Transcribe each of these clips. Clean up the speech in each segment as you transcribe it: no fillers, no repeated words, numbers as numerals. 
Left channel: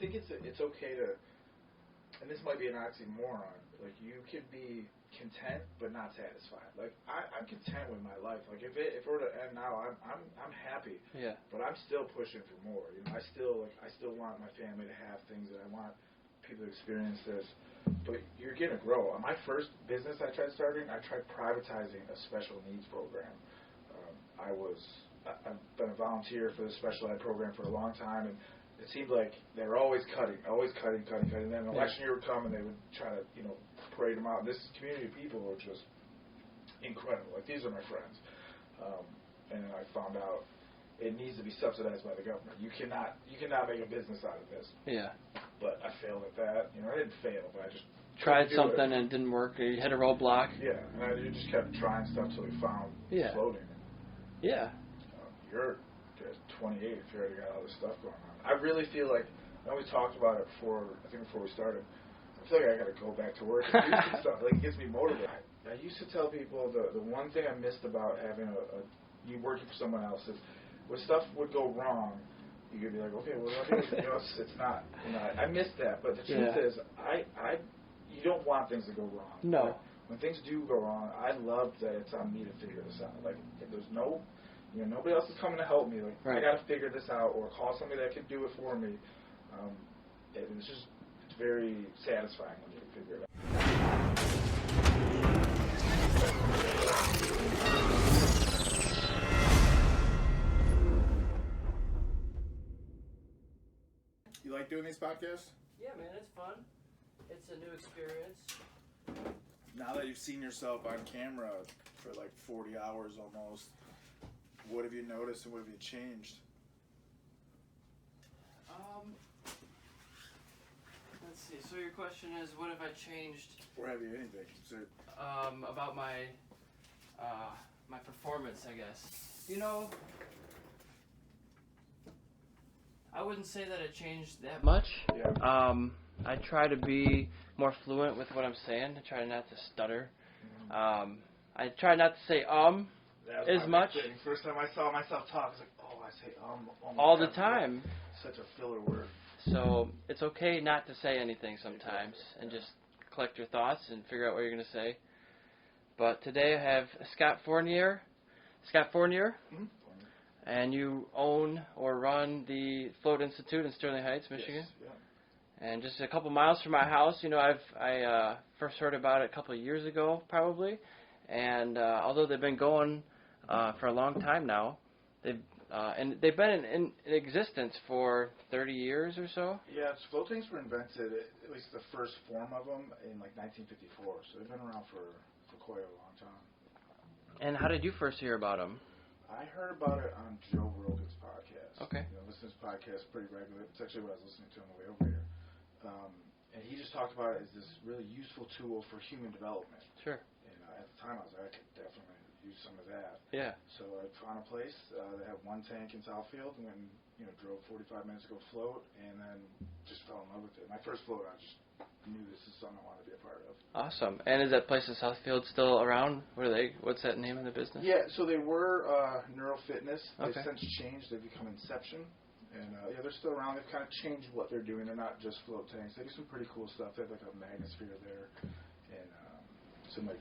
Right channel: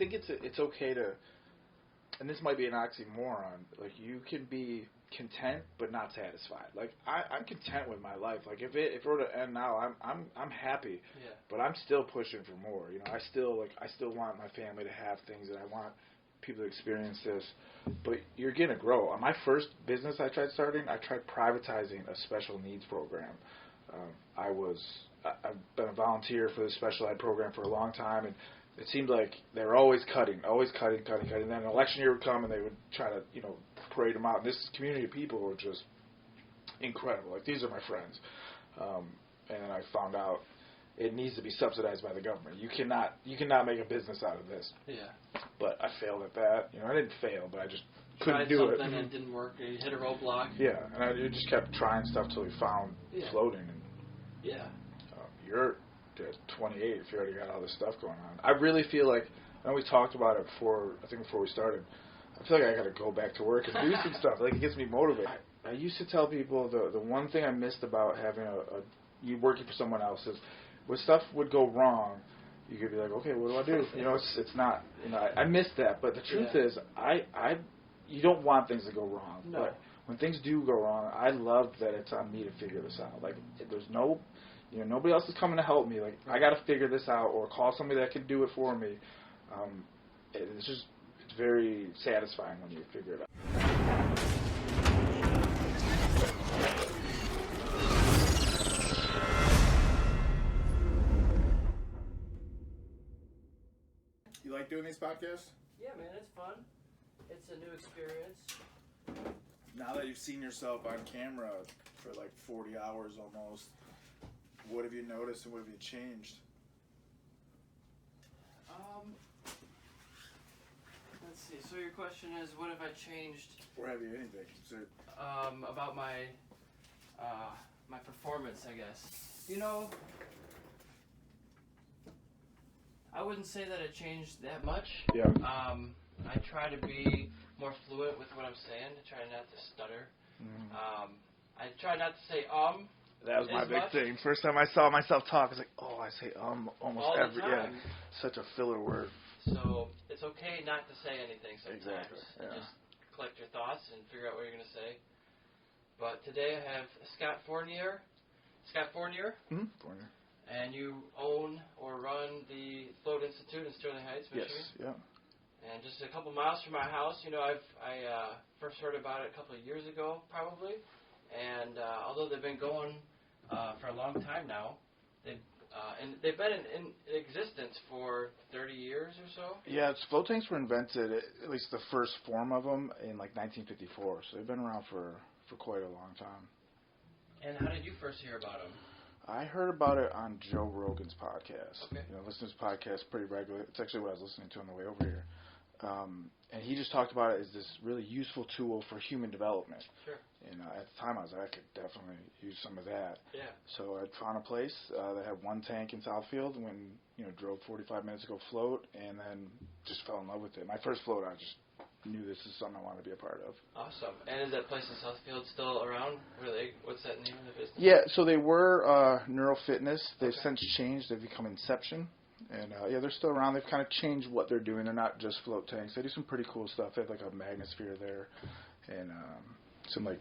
think it's okay to, and this might be an oxymoron. Like you can be content but not satisfied. Like I'm content with my life. Like if it were to end now, I'm happy. Yeah. But I'm still pushing for more. I still want my family to have things that I want people to experience this. But you're gonna grow. On my first business I tried starting, I tried privatizing a special needs program. I've been a volunteer for the special ed program for a long time, and it seemed like they were always cutting. And then an election year would come, and they would try to, parade them out. This community of people were just incredible. Like, these are my friends. And then I found out it needs to be subsidized by the government. You cannot make a business out of this. Yeah. But I failed at that. I didn't fail, but I just tried something and it didn't work. You hit a roadblock. Yeah, and I just kept trying stuff till we found floating. Yeah. You're at 28 if you already got all this stuff going on. I really feel like, I know we talked about it before we started, I feel like I got to go back to work and do some stuff. Like, it gets me motivated. I used to tell people the one thing I missed about having you working for someone else is when stuff would go wrong, you could be like, okay, what do I do? It's not, I missed that. But the truth is, you don't want things to go wrong. No. Like, when things do go wrong, I love that it's on me to figure this out. Like, there's no, nobody else is coming to help me. Like, I got to figure this out or call somebody that can do it for me. It's very satisfying when you figure it out. You like doing these podcasts? Yeah, man, it's fun. It's a new experience. Now that you've seen yourself on camera for like 40 hours almost, what have you noticed and what have you changed? Let's see. So your question is, what have I changed? Or have you anything? About my my performance, I guess. I wouldn't say that it changed that much. Yeah. I try to be more fluent with what I'm saying. I try not to stutter. Mm-hmm. I try not to say that was as my much. big thing. First time I saw myself talk, I was like, oh, I say almost all the every time. day. Such a filler word. So it's okay not to say anything sometimes, and just collect your thoughts and figure out what you're going to say. But today I have Scott Fournier. Mm-hmm. And you own or run the Float Institute in Sterling Heights, Michigan. Yes, yeah. And just a couple miles from my house. I first heard about it a couple of years ago, probably. And although they've been going for a long time now, they've been in existence for 30 years or so. Yeah, float tanks were invented, at least the first form of them, in like 1954. So they've been around for quite a long time. And how did you first hear about them? I heard about it on Joe Rogan's podcast. Okay. I listen to his podcast pretty regularly. It's actually what I was listening to on the way over here. And he just talked about it as this really useful tool for human development. Sure. And at the time, I was like, I could definitely use some of that. Yeah. So I found a place that had one tank in Southfield. When drove 45 minutes to go float, and then just fell in love with it. My first float, I just knew this is something I wanted to be a part of. Awesome. And is that place in Southfield still around? What's that name of the business? Yeah. So they were Neuro Fitness. They've since changed. They've become Inception. And, they're still around. They've kind of changed what they're doing. They're not just float tanks. They do some pretty cool stuff. They have, like, a magnosphere there and some, like,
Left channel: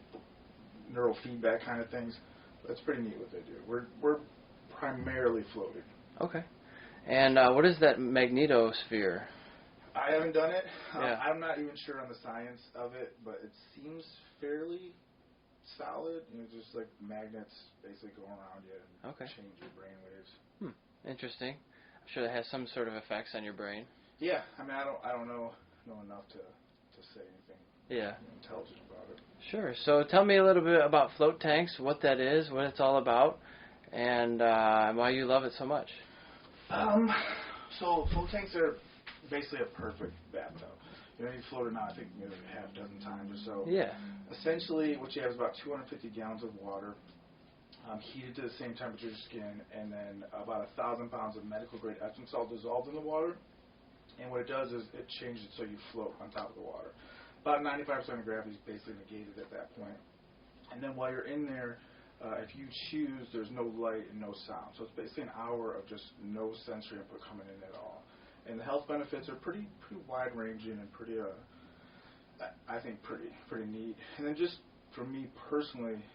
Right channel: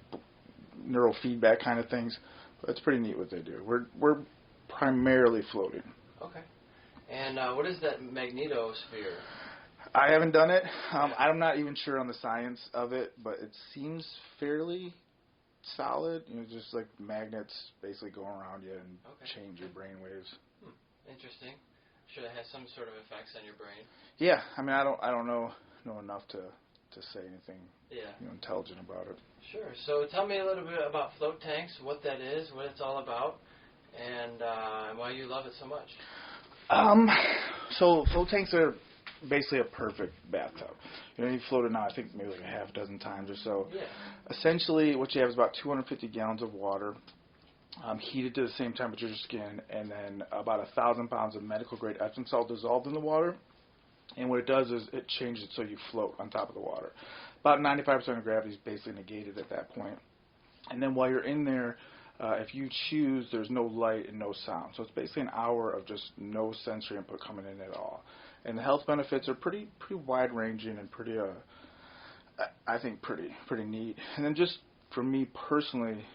neurofeedback kind of things. But it's pretty neat what they do. We're primarily floating. Okay. And what is that magnetosphere? I haven't done it. I'm not even sure on the science of it, but it seems fairly solid. Just like magnets basically going around you and change your brain waves. Interesting. I'm sure that has some sort of effects on your brain. Yeah, I mean, I don't know enough to say anything intelligent about it. Sure. So tell me a little bit about float tanks, what that is, what it's all about, and why you love it so much. So float tanks are basically a perfect bathtub. You've floated now, I think maybe like a half dozen times or so. Yeah. Essentially, what you have is about 250 gallons of water, heated to the same temperature as your skin, and then about 1,000 pounds of medical-grade Epsom salt dissolved in the water. And what it does is it changes it so you float on top of the water. About 95% of gravity is basically negated at that point. And then while you're in there, if you choose, there's no light and no sound. So it's basically an hour of just no sensory input coming in at all. And the health benefits are pretty wide ranging and pretty I think pretty neat. And then just for me personally,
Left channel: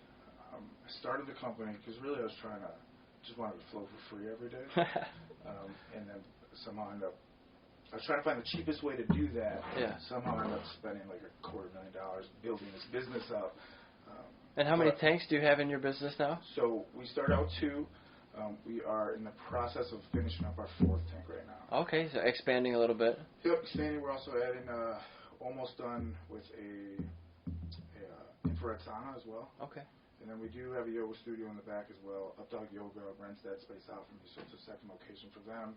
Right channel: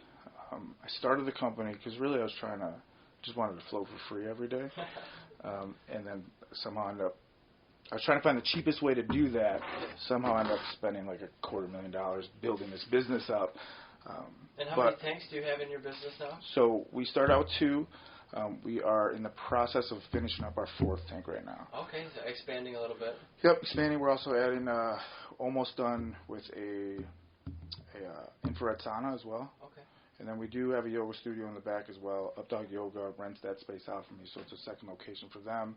I started the company because really I was just wanted to float for free every day. And then somehow I was trying to find the cheapest way to do that. Yeah. Somehow I ended up spending like $250,000 building this business up. And how many tanks do you have in your business now? So we started out with 2. We are in the process of finishing up our 4th tank right now. Okay, so expanding a little bit. Yep, expanding. We're also adding, almost done with a infrared sauna as well. Okay. And then we do have a yoga studio in the back as well. Updog Yoga rents that space out for me, so it's a second location for them.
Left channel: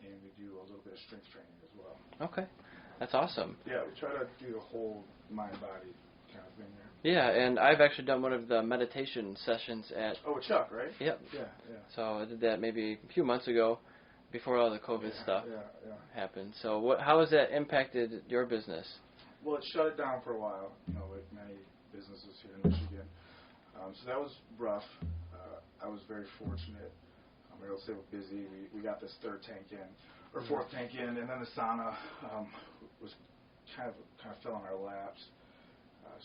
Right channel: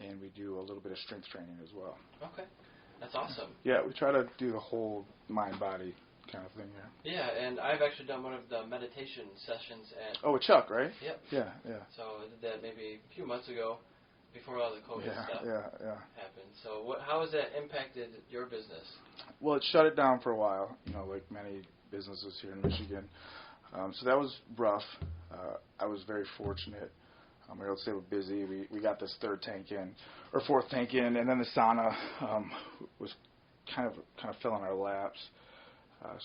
And we do a little bit of strength training as well. Okay, that's awesome. Yeah, we try to do the whole mind-body kind of thing here. Yeah, and I've actually done one of the meditation sessions at... Oh, with Chuck, right? Yep. Yeah. So I did that maybe a few months ago, before all the COVID stuff happened. So how has that impacted your business? Well, it shut it down for a while, like many businesses here in Michigan. So that was rough. I was very fortunate. I would say we're busy. We got this 3rd tank in, or 4th tank in, and then the sauna was kind of fell in our laps.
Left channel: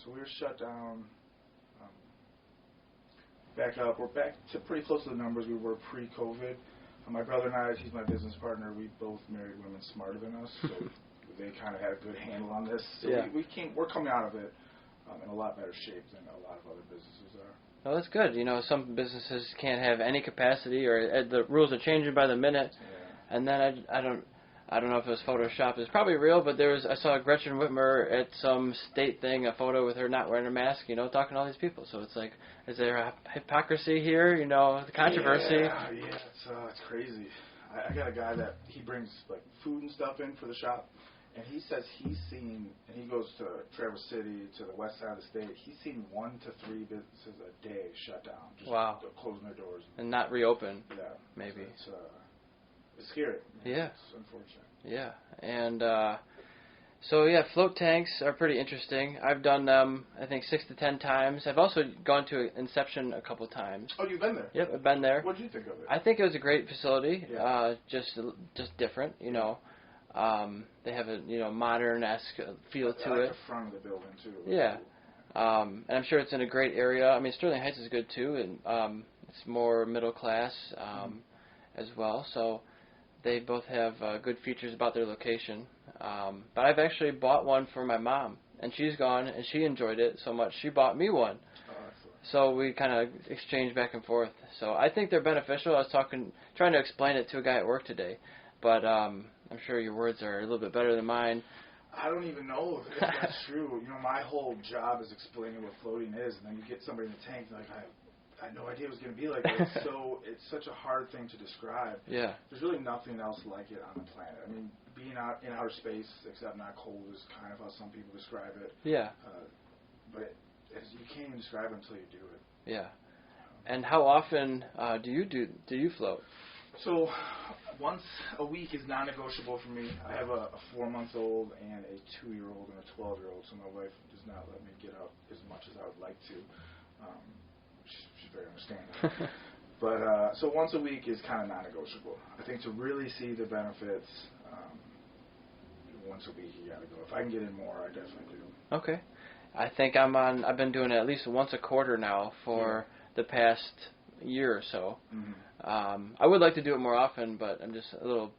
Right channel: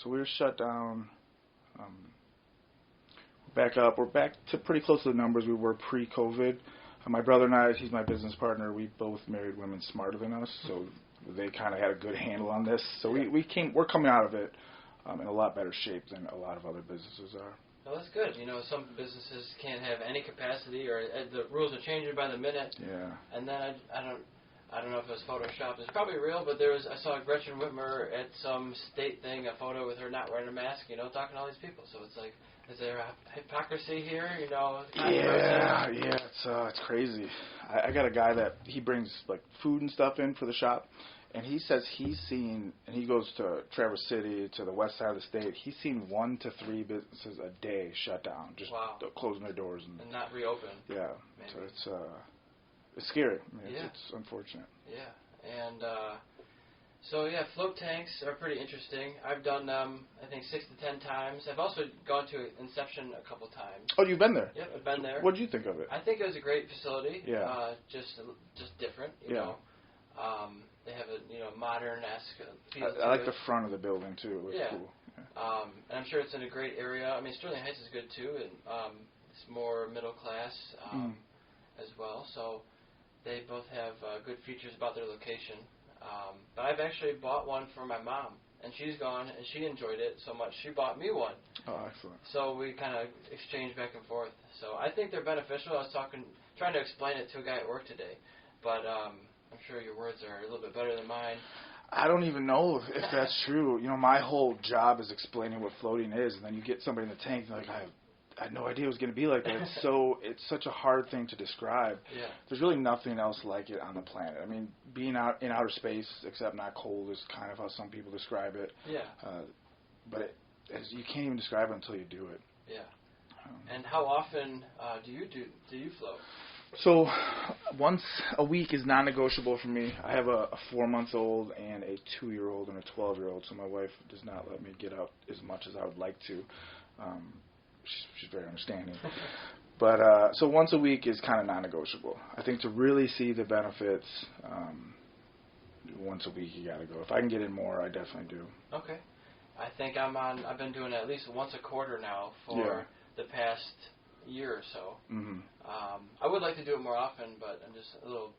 So we were shut down. Back up. We're back to pretty close to the numbers we were pre-COVID. My brother and I, he's my business partner. We both married women smarter than us, so they kind of had a good handle on this. So we're coming out of it in a lot better shape than a lot of other businesses are. Well, that's good. Some businesses can't have any capacity, or the rules are changing by the minute. Yeah. And then I don't know if it was Photoshop. It's probably real, but I saw Gretchen Whitmer at some state thing, a photo with her not wearing a mask, talking to all these people. So it's like, is there a hypocrisy here? The controversy. Yeah, it's crazy. I got a guy that he brings like food and stuff in for the shop. And he says he's seen, and he goes to Traverse City, to the west side of the state, he's seen 1 to 3 businesses a day shut down, just closing their doors. And not reopen. Yeah. Maybe. So it's scary. Yeah. It's unfortunate. Yeah. And float tanks are pretty interesting. I've done them, I think, 6 to 10 times. I've also gone to Inception a couple times. Oh, you've been there? Yep, I've been there. What did you think of it? I think it was a great facility. Yeah. Just different, you know. They have a modern-esque feel to it. I like the front of the building, too. Yeah. Cool. And I'm sure it's in a great area. I mean, Sterling Heights is good, too, and it's more middle class as well. So they both have good features about their location. But I've actually bought one for my mom, and she's gone, and she enjoyed it so much, she bought me one. Oh, excellent. So we kind of exchanged back and forth. So I think they're beneficial. I was trying to explain it to a guy at work today, but I'm sure your words are a little bit better than mine. I don't even know if that's true. My whole job is explaining what floating is, and then you get somebody in the tank, and they're like, I had no idea it was going to be like that. It's such a hard thing to describe. Yeah. There's really nothing else like it on the planet. I mean, being out in outer space, except not cold, is kind of how some people describe it. Yeah. But you can't even describe it until you do it. Yeah. And how often do you float? So once a week is non-negotiable for me. I have a 4-month-old and a 2-year-old and a 12-year-old, so my wife does not let me get out as much as I would like to. She's very understanding. But so once a week is kind of non-negotiable. I think to really see the benefits, once a week you got to go. If I can get in more, I definitely do. Okay. I think I've been doing it at least once a quarter now for the past year or so. Mm-hmm. I would like to do it more often, but I'm just a little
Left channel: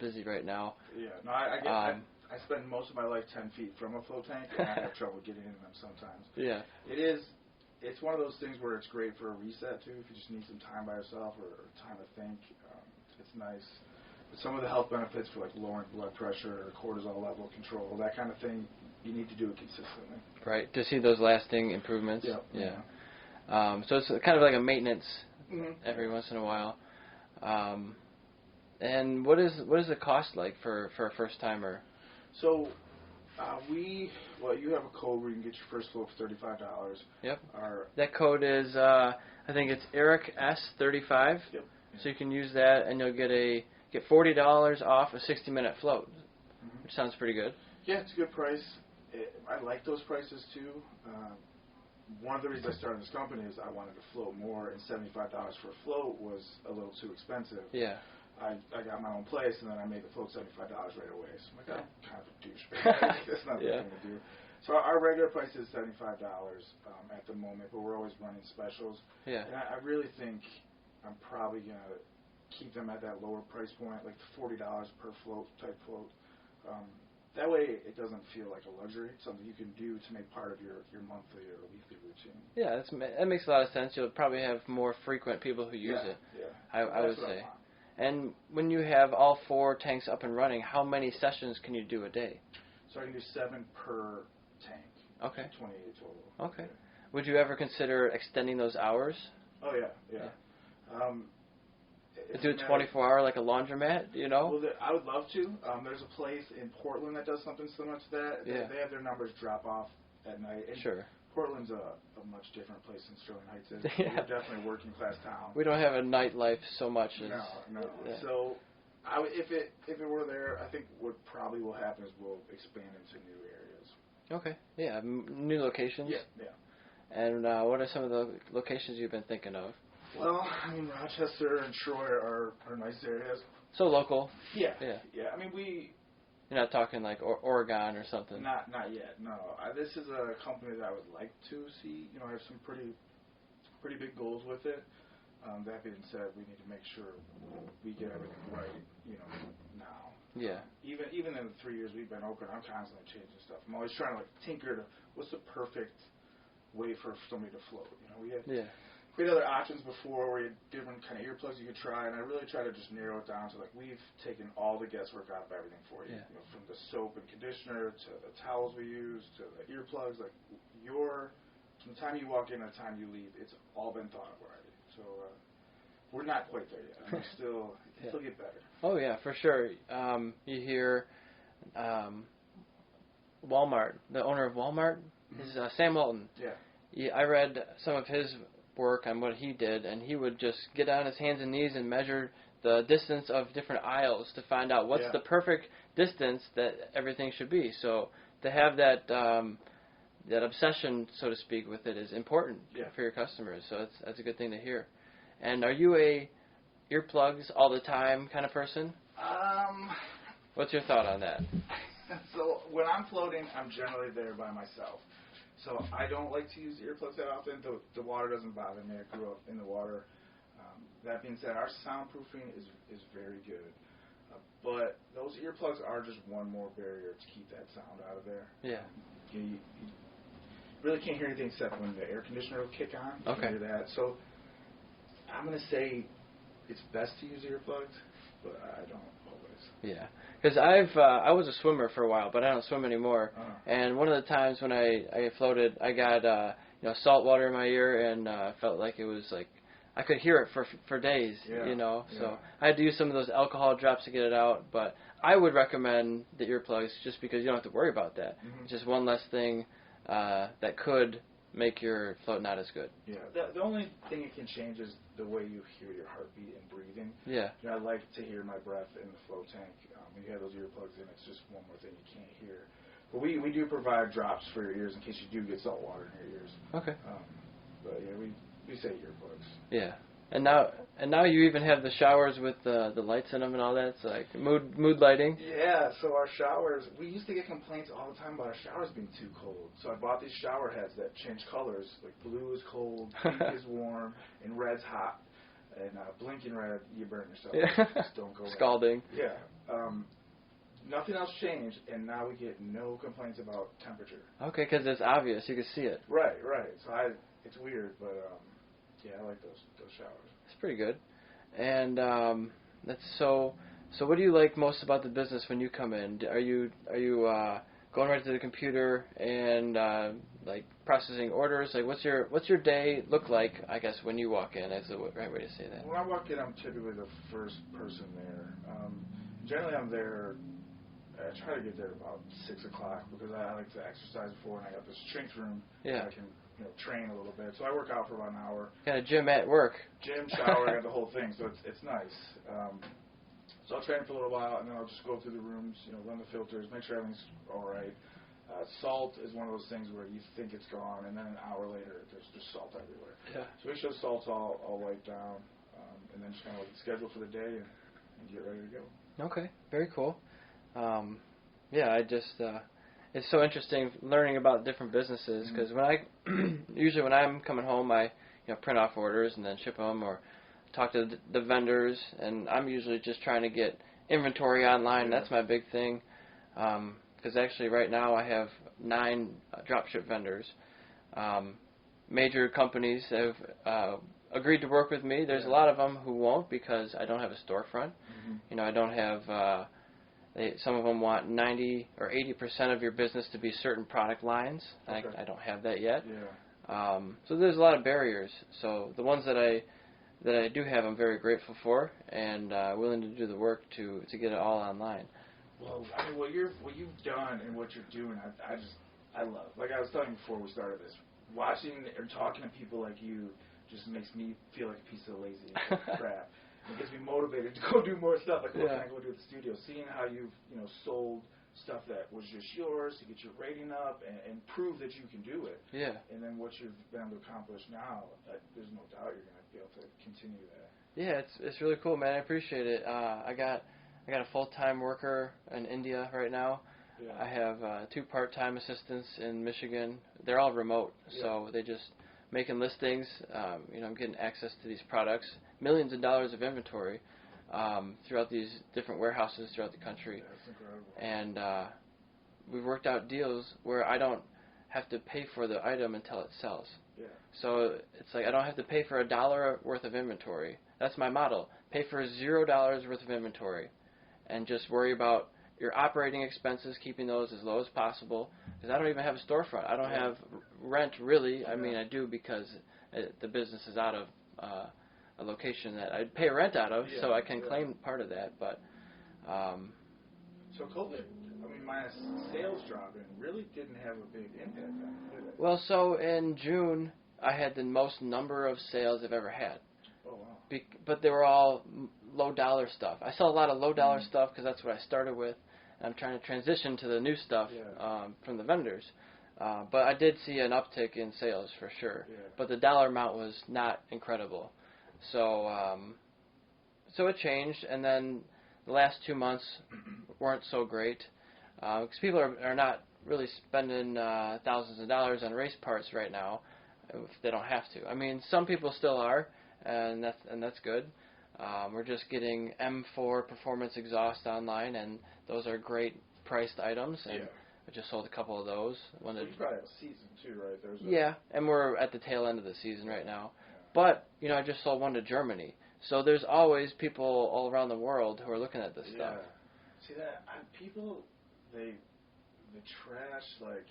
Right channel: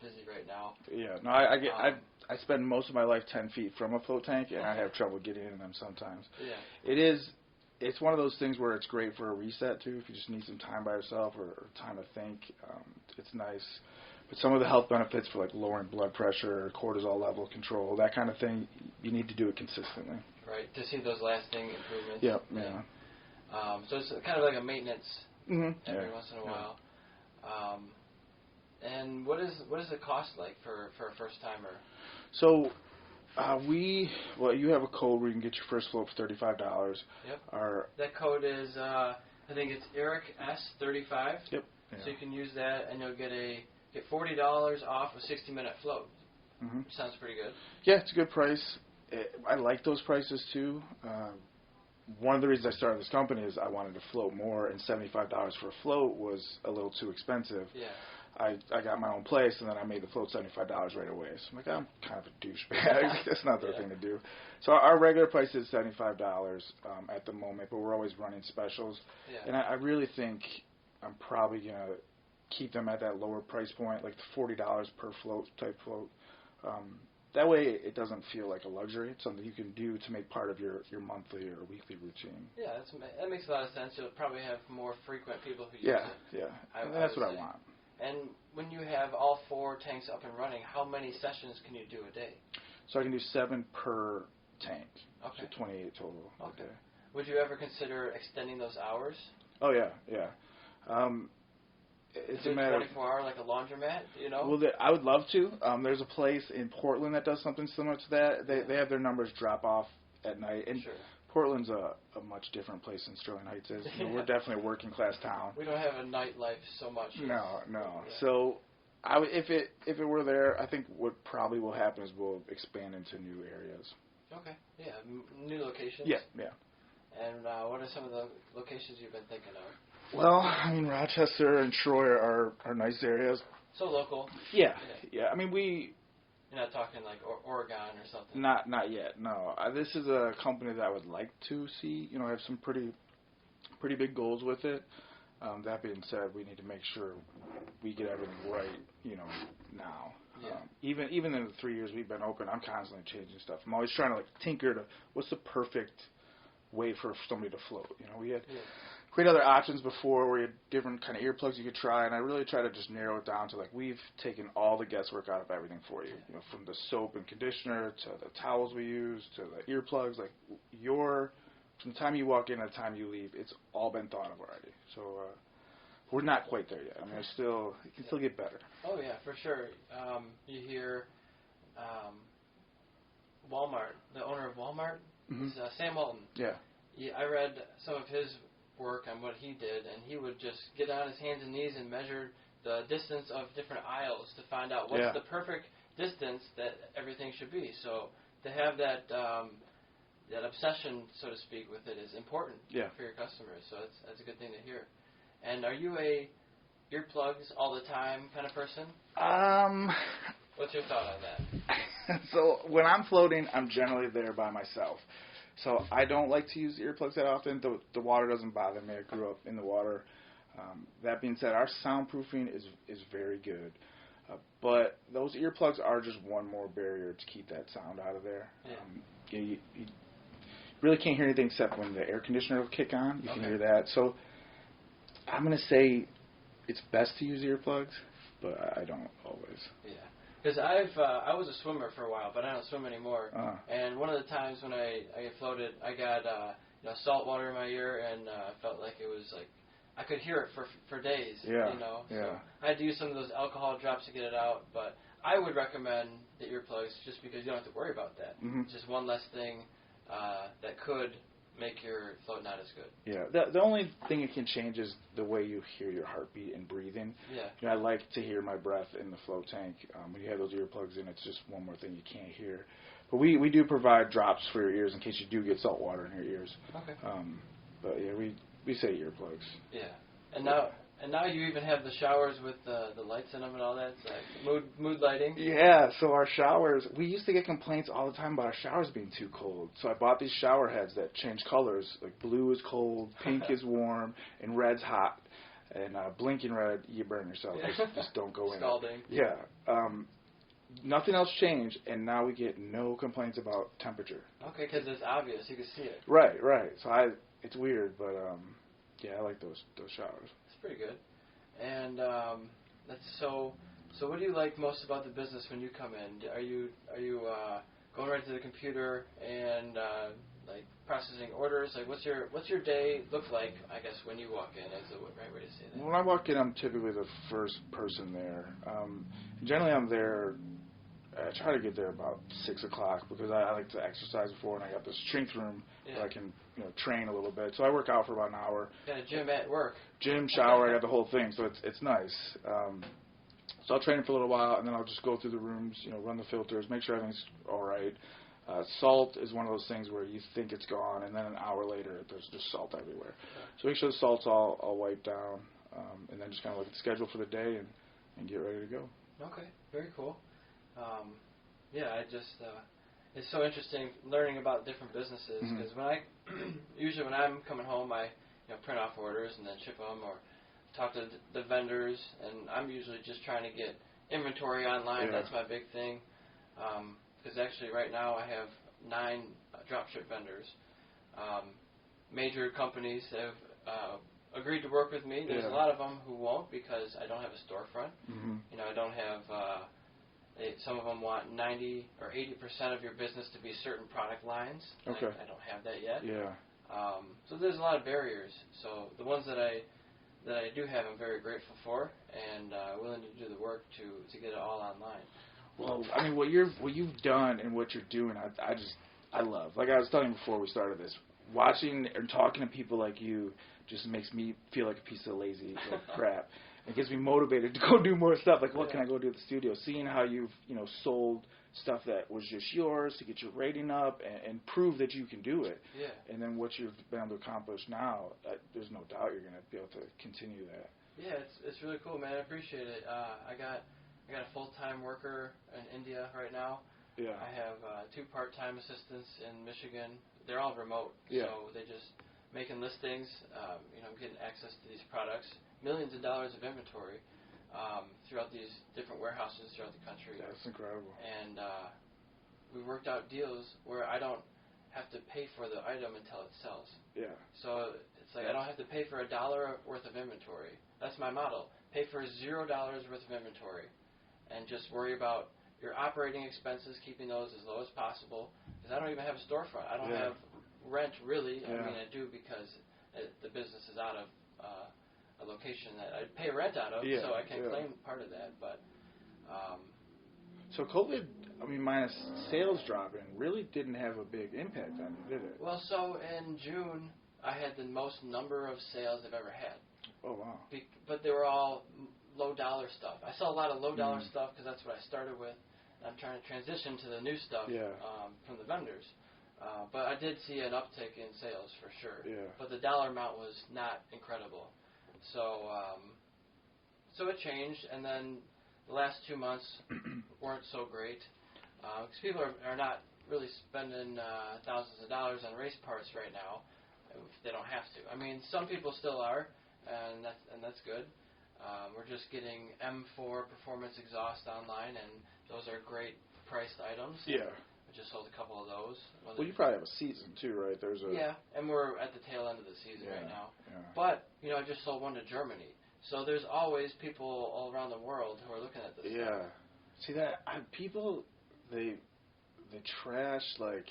busy right now. Yeah, no, I spend most of my life 10 feet from a float tank, and I have trouble getting in them sometimes. Yeah, it's one of those things where it's great for a reset too. If you just need some time by yourself or time to think, it's nice. But some of the health benefits for like lowering blood pressure, cortisol level control, that kind of thing, you need to do it consistently. Right, to see those lasting improvements. Yep. Yeah. So it's kind of like a maintenance every Yeah. once in a while. And what is the cost like for a first timer? So you have a code where you can get your first float for $35. Yep. That code is I think it's Eric S35. Yep. Yeah. So you can use that and you'll get $40 off a 60-minute float. Mm-hmm. Which sounds pretty good. Yeah, it's a good price. I like those prices too. One of the reasons I started this company is I wanted to float more, and $75 for a float was a little too expensive. Yeah. I got my own place, and then I made the float $75 right away. So I'm like, I'm kind of a douchebag. That's not the thing to do. So our regular price is $75 at the moment, but we're always running specials. Yeah. And I really think I'm probably going to keep them at that lower price point, like the $40 per float type float. That way it doesn't feel like a luxury. It's something you can do to make part of your monthly or weekly routine. Yeah, that makes a lot of sense. You'll probably have more frequent people who use it. Yeah, That's what I want. And when you have all 4 tanks up and running, how many sessions can you do a day? So I can do 7 per tank. Okay. So 28 total. Okay. Would you ever consider extending those hours? Oh, yeah. It's do a 24-hour like a laundromat, you know? Well, I would love to. There's a place in Portland that does something similar to that. They have their numbers drop off at night. And sure. Portland's a much different place than Sterling Heights is. Yeah. We're definitely a working-class town. We don't have a nightlife so much. No. Yeah. So if it were there, I think what probably will happen is we'll expand into new areas. Okay. Yeah, new locations? Yeah. And what are some of the locations you've been thinking of? Well, I mean, Rochester and Troy are nice areas. So local. Yeah. I mean, You're not talking like Oregon or something. Not yet. No. This is a company that I would like to see. You know, I have some pretty big goals with it. That being said, we need to make sure we get everything right. You know, now. Yeah. Even in the 3 years we've been open, I'm constantly changing stuff. I'm always trying to like tinker to what's the perfect way for somebody to float. You know, we had other options before where you had different kind of earplugs you could try, and I really try to just narrow it down to like we've taken all the guesswork out of everything for you. You know, from the soap and conditioner to the towels we use to the earplugs. Like from the time you walk in to the time you leave, it's all been thought of already. So we're not quite there yet. I mean, it can still get better. Oh yeah, for sure. You hear Walmart, the owner of Walmart, is Sam Walton. Yeah. I read some of his work on what he did, and he would just get on his hands and knees and measure the distance of different aisles to find out what's the perfect distance that everything should be. So to have that that obsession, so to speak, with it is important for your customers. So that's a good thing to hear. And are you a earplugs all the time kind of person? What's your thought on that? So when I'm floating, I'm generally there by myself. So I don't like to use earplugs that often. The water doesn't bother me. I grew up in the water. That being said, our soundproofing is very good. But those earplugs are just one more barrier to keep that sound out of there. Yeah. You really can't hear anything except when the air conditioner will kick on. You can hear that. So I'm going to say it's best to use earplugs, but I don't always. Yeah. Because I was a swimmer for a while, but I don't swim anymore. And one of the times when I floated, I got salt water in my ear, and I felt like it was like I could hear it for days. You know, so I had to use some of those alcohol drops to get it out. But I would recommend the earplugs just because you don't have to worry about that. It's just one less thing that could make your float not as good. Yeah, the only thing it can change is the way you hear your heartbeat and breathing. Yeah. You know, I like to hear my breath in the float tank. When you have those earplugs in, it's just one more thing you can't hear. But we do provide drops for your ears in case you do get salt water in your ears. Okay. But yeah, we say earplugs. Yeah. And now you even have the showers with the lights in them and all that. It's like mood lighting. Yeah, so our showers, we used to get complaints all the time about our showers being too cold. So I bought these shower heads that change colors. Like blue is cold, pink is warm, and red's hot. And blinking red, you burn yourself. Just don't go in. Scalding. Yeah. Nothing else changed, and now we get no complaints about temperature. Okay, because it's obvious. You can see it. Right. So it's weird, but yeah, I like those showers. It's pretty good. And that's so. So what do you like most about the business when you come in? Are you going right to the computer and like processing orders? Like what's your day look like? I guess when you walk in, that's the right way to say that. When I walk in, I'm typically the first person there. Generally, I'm there. I try to get there about 6 o'clock because I like to exercise before, and I got this strength room that I can train a little bit. So I work out for about an hour. Got a gym at work. Gym, shower, I got the whole thing. So it's nice. So I'll train for a little while, and then I'll just go through the rooms, run the filters, make sure everything's all right. Salt is one of those things where you think it's gone, and then an hour later, there's just salt everywhere. Yeah. So make sure the salt's all wiped down, and then just kind of look at the schedule for the day and and get ready to go. Okay, very cool. Yeah, I just it's so interesting learning about different businesses because when I usually when I'm coming home, I print off orders and then ship them or talk to the vendors, and I'm usually just trying to get inventory online. That's my big thing. Because actually right now I have 9 dropship vendors. Major companies have agreed to work with me. There's a lot of them who won't because I don't have a storefront. I don't have. Some of them want 90 or 80% of your business to be certain product lines. I don't have that yet. So there's a lot of barriers. So the ones that I do have, I'm very grateful for and willing to do the work to get it all online. Well, I mean, what you've done and what you're doing, I love. Like I was telling you before we started this, watching and talking to people like you just makes me feel like a piece of lazy crap. It gets me motivated to go do more stuff. Like, what can I go do at the studio? Seeing how you've sold stuff that was just yours to get your rating up and prove that you can do it. Yeah. And then what you've been able to accomplish now, there's no doubt you're going to be able to continue that. Yeah, it's really cool, man. I appreciate it. I got a full-time worker in India right now. Yeah. I have 2 part-time assistants in Michigan. They're all remote, so they just making listings. I'm getting access to these products, millions of dollars of inventory throughout these different warehouses throughout the country. That's incredible. And we've worked out deals where I don't have to pay for the item until it sells. Yeah. So it's like I don't have to pay for $1 worth of inventory. That's my model. Pay for $0 worth of inventory, and just worry about your operating expenses, keeping those as low as possible. Because I don't even have a storefront. I don't have rent really. I mean, I do because the business is out of a location that I pay rent out of, so I can claim part of that. But so COVID, I mean, minus sales dropping, really didn't have a big impact on it, did it? Well, so in June, I had the most number of sales I've ever had. Oh, wow. But they were all low-dollar stuff. I sell a lot of low-dollar stuff because that's what I started with. And I'm trying to transition to the new stuff from the vendors. But I did see an uptick in sales for sure. Yeah. But the dollar amount was not incredible. So so it changed, and then the last 2 months weren't so great because people are not really spending thousands of dollars on race parts right now if they don't have to. I mean, some people still are, and that's good. We're just getting M4 performance exhaust online, and those are great priced items. And I just sold a couple of those. Well, you probably have a season too, right? Yeah, and we're at the tail end of the season right now. Yeah. But I just sold one to Germany, so there's always people all around the world who are looking at this stuff. See that people they trash like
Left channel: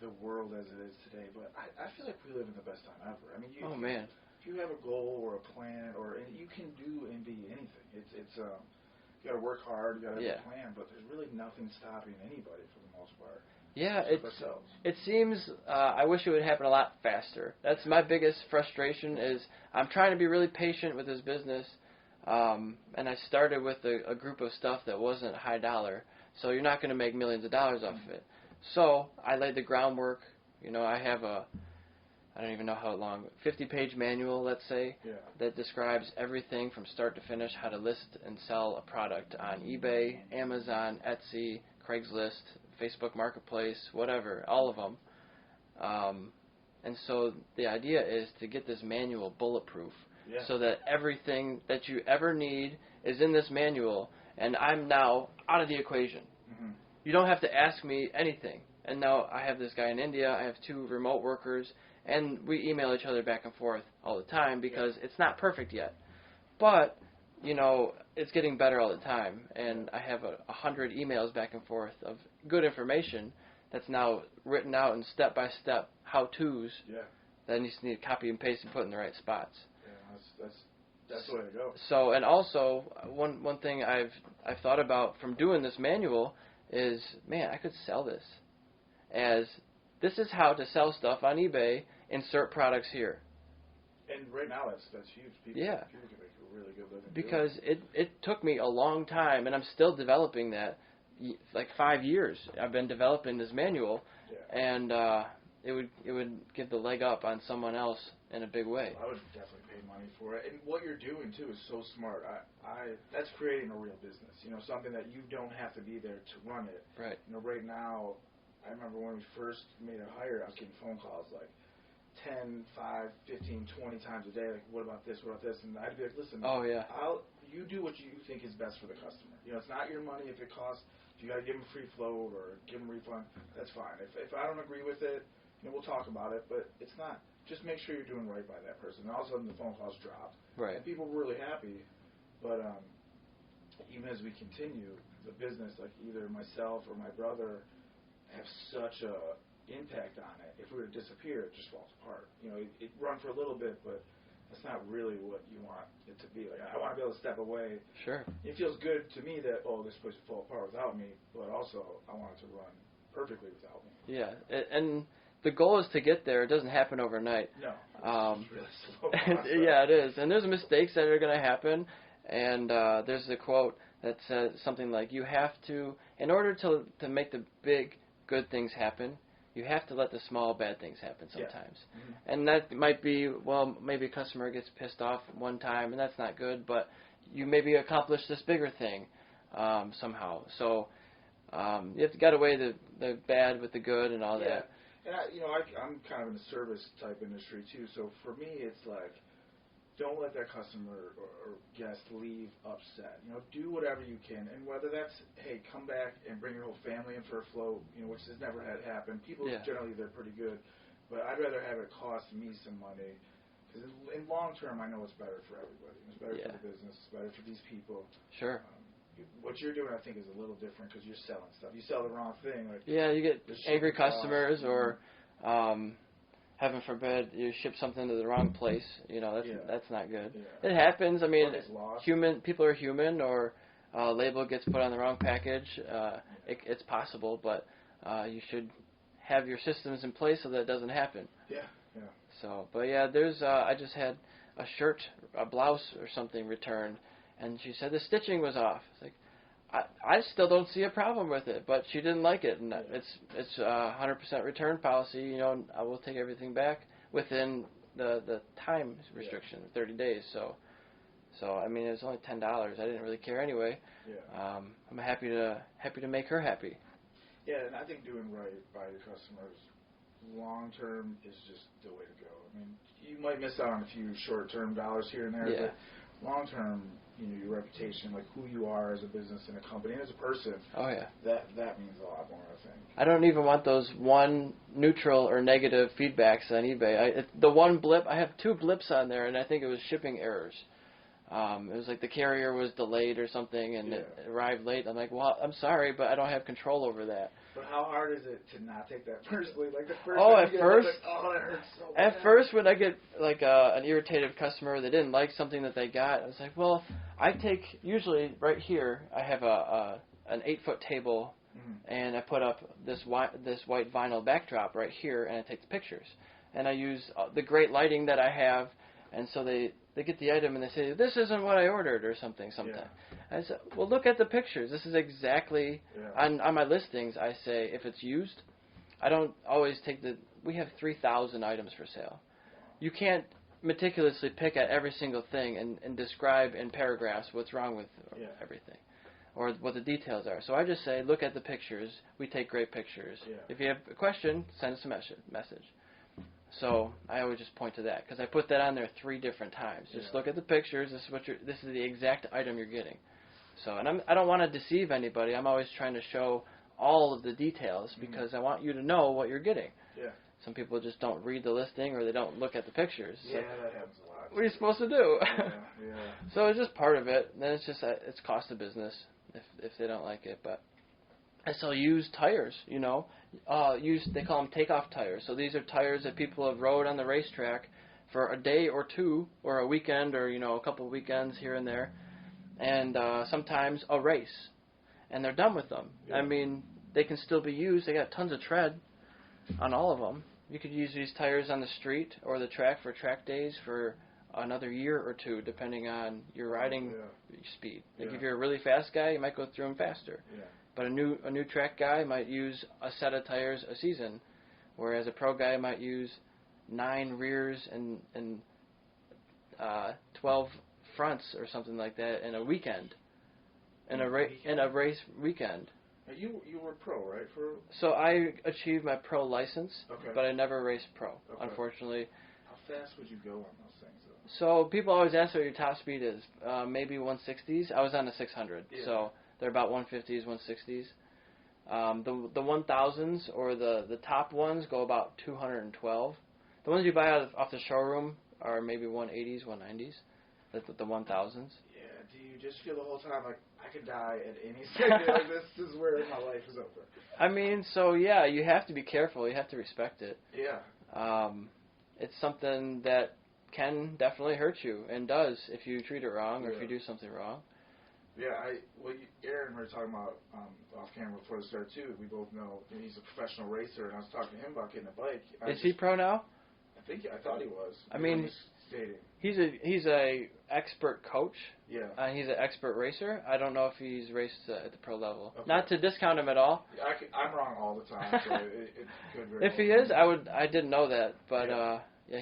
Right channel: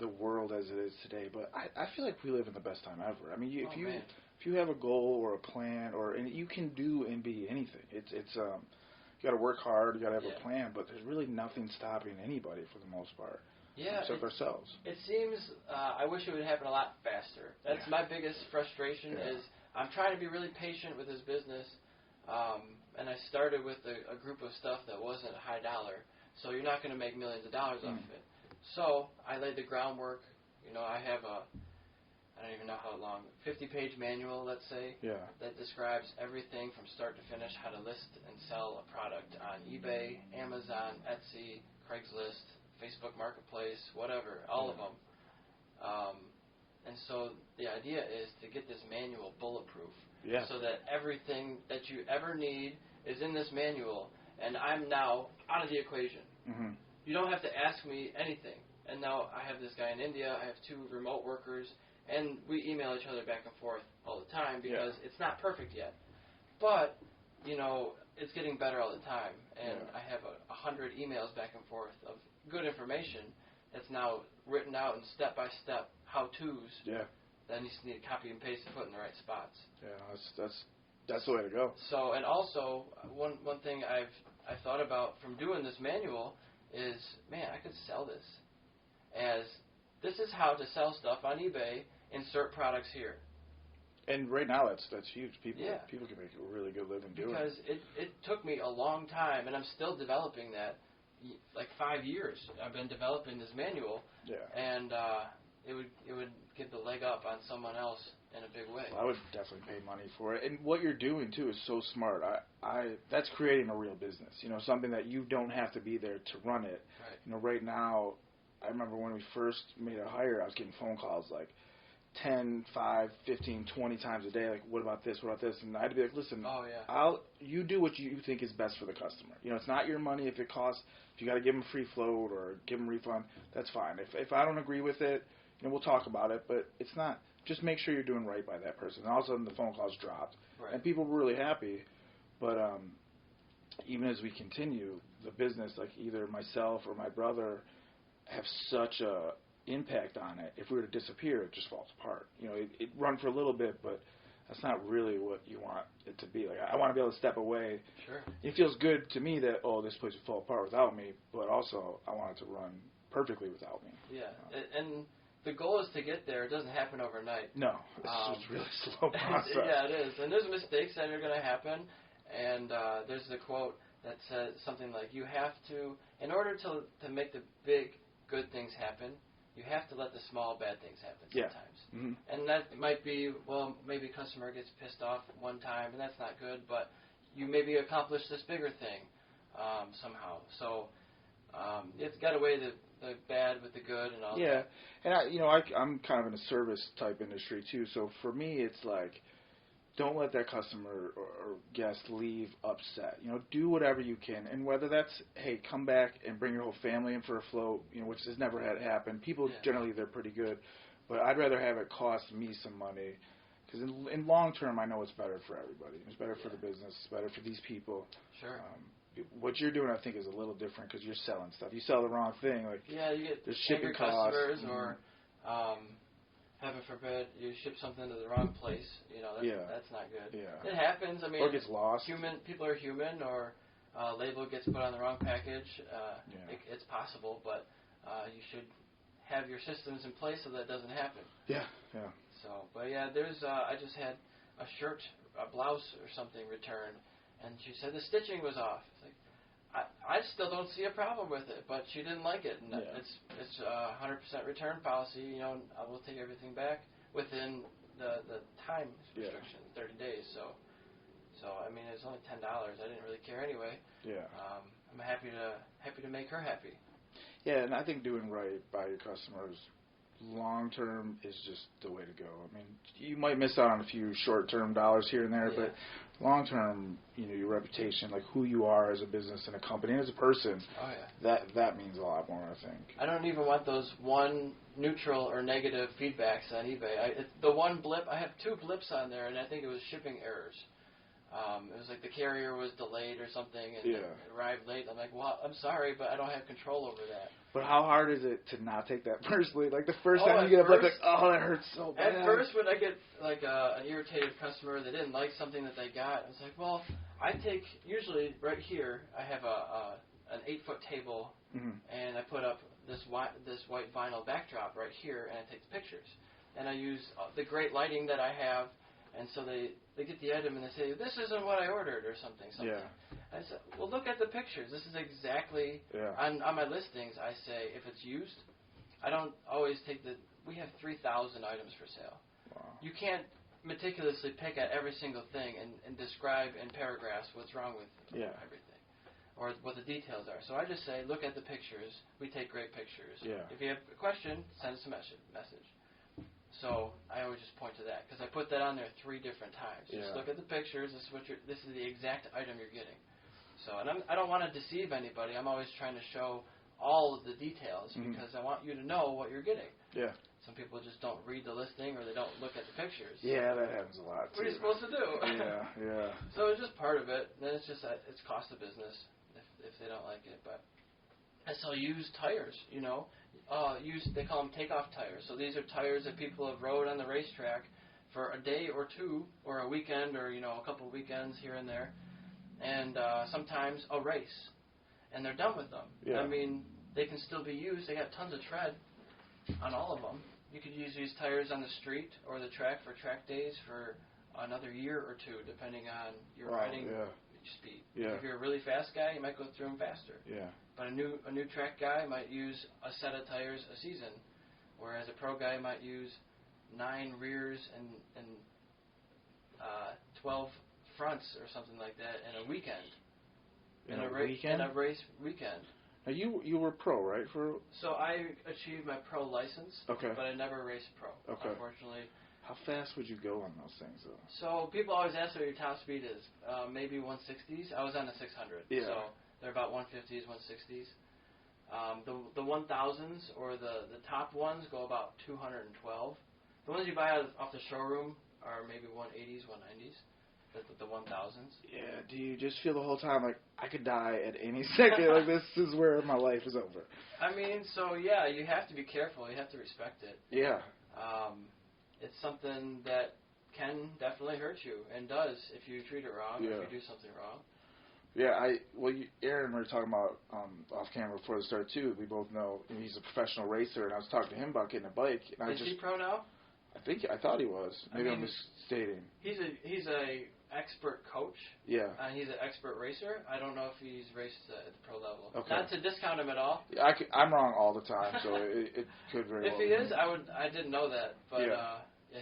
the world as it is today, but I feel like we live in the best time ever. I mean, if you have a goal or a plan, and you can do and be anything. It's you got to work hard, you got to have a plan, but there's really nothing stopping anybody for the most part. Yeah, except ourselves. It seems I wish it would happen a lot faster. That's my biggest frustration is I'm trying to be really patient with this business, and I started with a group of stuff that wasn't high dollar, so you're not going to make millions of dollars off of it. So I laid the groundwork. I have I don't even know how long, 50-page manual, let's say, that describes everything from start to finish, how to list and sell a product on eBay, Amazon, Etsy, Craigslist, Facebook Marketplace, whatever, all of them. And so the idea is to get this manual bulletproof so that everything that you ever need is in this manual, and I'm now out of the equation. Mm-hmm. You don't have to ask me anything. And now I have this guy in India, I have 2 remote workers, and we email each other back and forth all the time because it's not perfect yet. But, it's getting better all the time. And I have 100 emails back and forth of good information that's now written out in step-by-step how-tos that you just need to copy and paste and put in the right spots. Yeah, that's the way to go. So, and also, one thing I've thought about from doing this manual is, man, I could sell this as this is how to sell stuff on eBay. Insert products here. And right now, that's huge. People can make a really good living because it took me a long time, and I'm still developing that. Like 5 years, I've been developing this manual, and it would give the leg up on someone else in a big way. Well, I would definitely pay money for it. And what you're doing too is so smart. That's creating a real business. You know, something that you don't have to be there to run it. Right. You know, right now, I remember when we first made a hire, I was getting phone calls like 10, 5, 15, 20 times a day. Like, what about this? What about this? And I'd be like, listen. Oh yeah. You do what you think is best for the customer. You know, it's not your money. If it costs, if you got to give them free float or give them a refund, that's fine. If I don't agree with it, you know, we'll talk about it. But it's not. Just make sure you're doing right by that person. And all of a sudden, the phone calls dropped. Right. And people were really happy. But even as we continue, the business, like either myself or my brother, have such a impact on it. If we were to disappear, it just falls apart. You know, it run for a little bit, but that's not really what you want it to be. Like, I want to be able to step away. Sure. It feels good to me that, this place would fall apart without me, but also I want it to run perfectly without me. Yeah, and the goal is to get there. It doesn't happen overnight. No, it's just really slow process. Yeah, it is. And there's mistakes that are going to happen, and there's a quote that says something like, you have to, in order to make the big good things happen, you have to let the small bad things happen sometimes. Yeah. Mm-hmm. And that might be, well, maybe a customer gets pissed off one time, and that's not good, but you maybe accomplish this bigger thing somehow. So you have to get away the bad with the good and all that. And I'm kind of in a service type industry too, so for me it's like, don't let that customer or guest leave upset. You know, do whatever you can, and whether that's, hey, come back and bring your whole family in for a float, you know, which has never had happen. People generally, they're pretty good, but I'd rather have it cost me some money, because in long term, I know it's better for everybody. It's better for the business. It's better for these people. Sure. What you're doing, I think, is a little different because you're selling stuff. You sell the wrong thing. Like, you get angry customers, or heaven forbid, you ship something to the wrong place. You know, that's not good. Yeah. It happens. I mean, or gets lost. People are human, or a label gets put on the wrong package. It's possible, but you should have your systems in place so that it doesn't happen. Yeah. So, but there's. I just had a blouse or something returned, and she said the stitching was off. It's like, I still don't see a problem with it, but she didn't like it, and it's 100% return policy. You know, I will take everything back within the time restriction, 30 days. So I mean, it was only $10. I didn't really care anyway. Yeah. I'm happy to make her happy. Yeah, and I think doing right by your customers long term is just the way to go. I mean, you might miss out on a few short term dollars here and there, but long term, you know, your reputation, like who you are as a business and a company and as a person. Oh yeah. That means a lot more, I think. I don't even want those one neutral or negative feedbacks on eBay. The one blip, I have 2 blips on there, and I think it was shipping errors. It was like the carrier was delayed or something, and it arrived late. I'm like, well, I'm sorry, but I don't have control over that. But how hard is it to not take that personally? Like the first time you get like, that hurts so bad. At first, when I get like an irritated customer that didn't like something that they got, I was like, well, I take, usually right here, I have an 8-foot table, and I put up this white vinyl backdrop right here, and I take the pictures. And I use the great lighting that I have, and so they get the item and they say, this isn't what I ordered, or something. Yeah. I said, well, look at the pictures. This is exactly, on my listings, I say, if it's used, I don't always take we have 3,000 items for sale. Wow. You can't meticulously pick at every single thing and describe in paragraphs what's wrong with everything, or what the details are. So I just say, look at the pictures. We take great pictures. Yeah. If you have a question, send us a message. So I always just point to that, because I put that on there 3 different times. Just look at the pictures. This is the exact item you're getting. So, and I don't want to deceive anybody. I'm always trying to show all of the details because I want you to know what you're getting. Yeah. Some people just don't read the listing, or they don't look at the pictures. Yeah, that happens a lot. What are you supposed to do? Yeah. So it's just part of it. Then it's just it's cost of business if they don't like it. But I sell used tires. You know, they call them takeoff tires. So these are tires that people have rode on the racetrack for a day or 2, or a weekend, or a couple of weekends here and there, and sometimes a race, and they're done with them. Yeah. I mean, they can still be used. They got tons of tread on all of them. You could use these tires on the street or the track for track days for another year or 2, depending on your riding speed. Yeah. If you're a really fast guy, you might go through them faster. Yeah. But a new track guy might use a set of tires a season, whereas a pro guy might use 9 rears and 12 fronts or something like that in a weekend. In a race weekend. Now you were pro, right? So I achieved my pro license, but I never raced pro, unfortunately. How fast would you go on those things, though? So people always ask what your top speed is. Maybe 160s. I was on a 600, so they're about 150s, 160s. The 1000s or the top ones go about 212. The ones you buy off the showroom are maybe 180s, 190s. The 1000s. Yeah. Do you just feel the whole time like I could die at any second? Like this is where my life is over. I mean, so yeah, you have to be careful. You have to respect it. Yeah. It's something that can definitely hurt you and does if you treat it wrong or if you do something wrong. Yeah, Aaron, we were talking about off camera before the start too. We both know he's a professional racer, and I was talking to him about getting a bike. Is he pro now? I thought he was. Maybe I'm misstating. He's a expert coach. Yeah. He's an expert racer. I don't know if he's raced at the pro level. Okay. Not to discount him at all. I'm wrong all the time, so it could very well. If he is, I didn't know that, but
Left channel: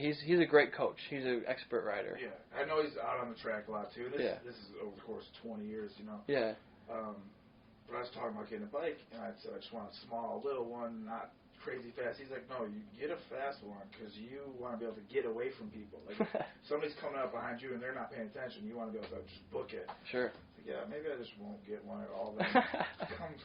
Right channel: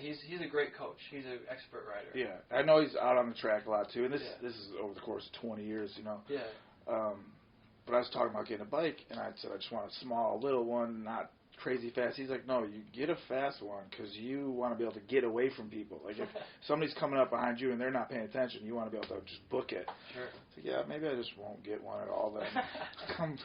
he's a great coach. He's an expert rider. Yeah, I know he's out on the track a lot too. And this is over the course of 20 years, you know. Yeah. But I was talking about getting a bike, and I said I just want a small, little one, not crazy fast. He's like, no, you get a fast one because you want to be able to get away from people. Like if somebody's coming up behind you and they're not paying attention, you want to be able to just book it. Sure. So yeah, maybe I just won't get one at all. Then I can't.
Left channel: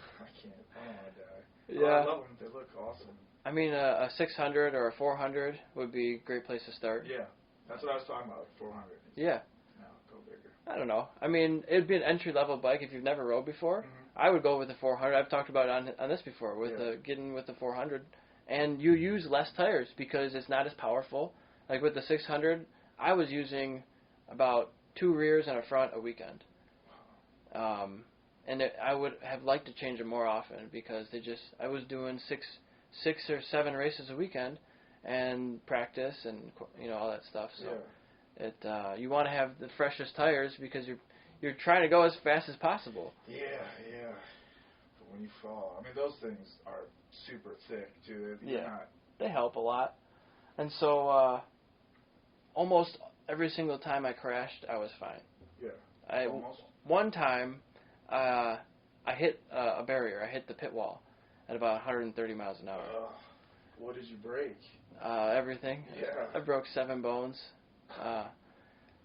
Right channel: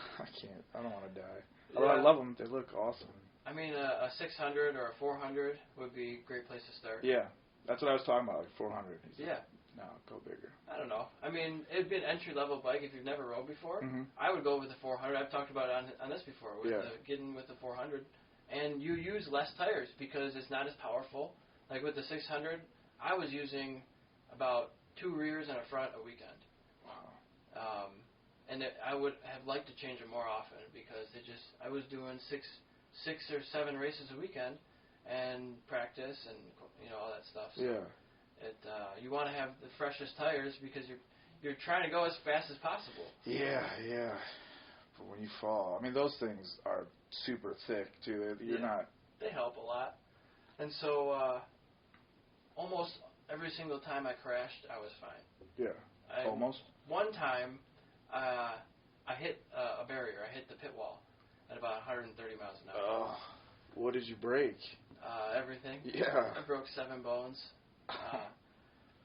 I don't want to die. Yeah. Oh, I love them. They look awesome. I mean, a 600 or a 400 would be a great place to start. Yeah, that's what I was talking about. Like 400. Yeah. No, go bigger. I don't know. I mean, it'd be an entry-level bike if you've never rode before. Mm-hmm. I would go with the 400. I've talked about it on this before, with getting with the 400. And you use less tires because it's not as powerful. Like with the 600, I was using about 2 rears and a front a weekend. Wow. I would have liked to change them more often because I was doing six or 7 races a weekend and practice and all that stuff. So you want to have the freshest tires because you're trying to go as fast as possible. Yeah. But when you fall, I mean, those things are super thick too. They help a lot. And so almost every single time I crashed, I was fine. Yeah. Almost. One time, I hit a barrier. I hit the pit wall at about 130 miles an hour. What did you break? Everything. Yeah. I broke 7 bones.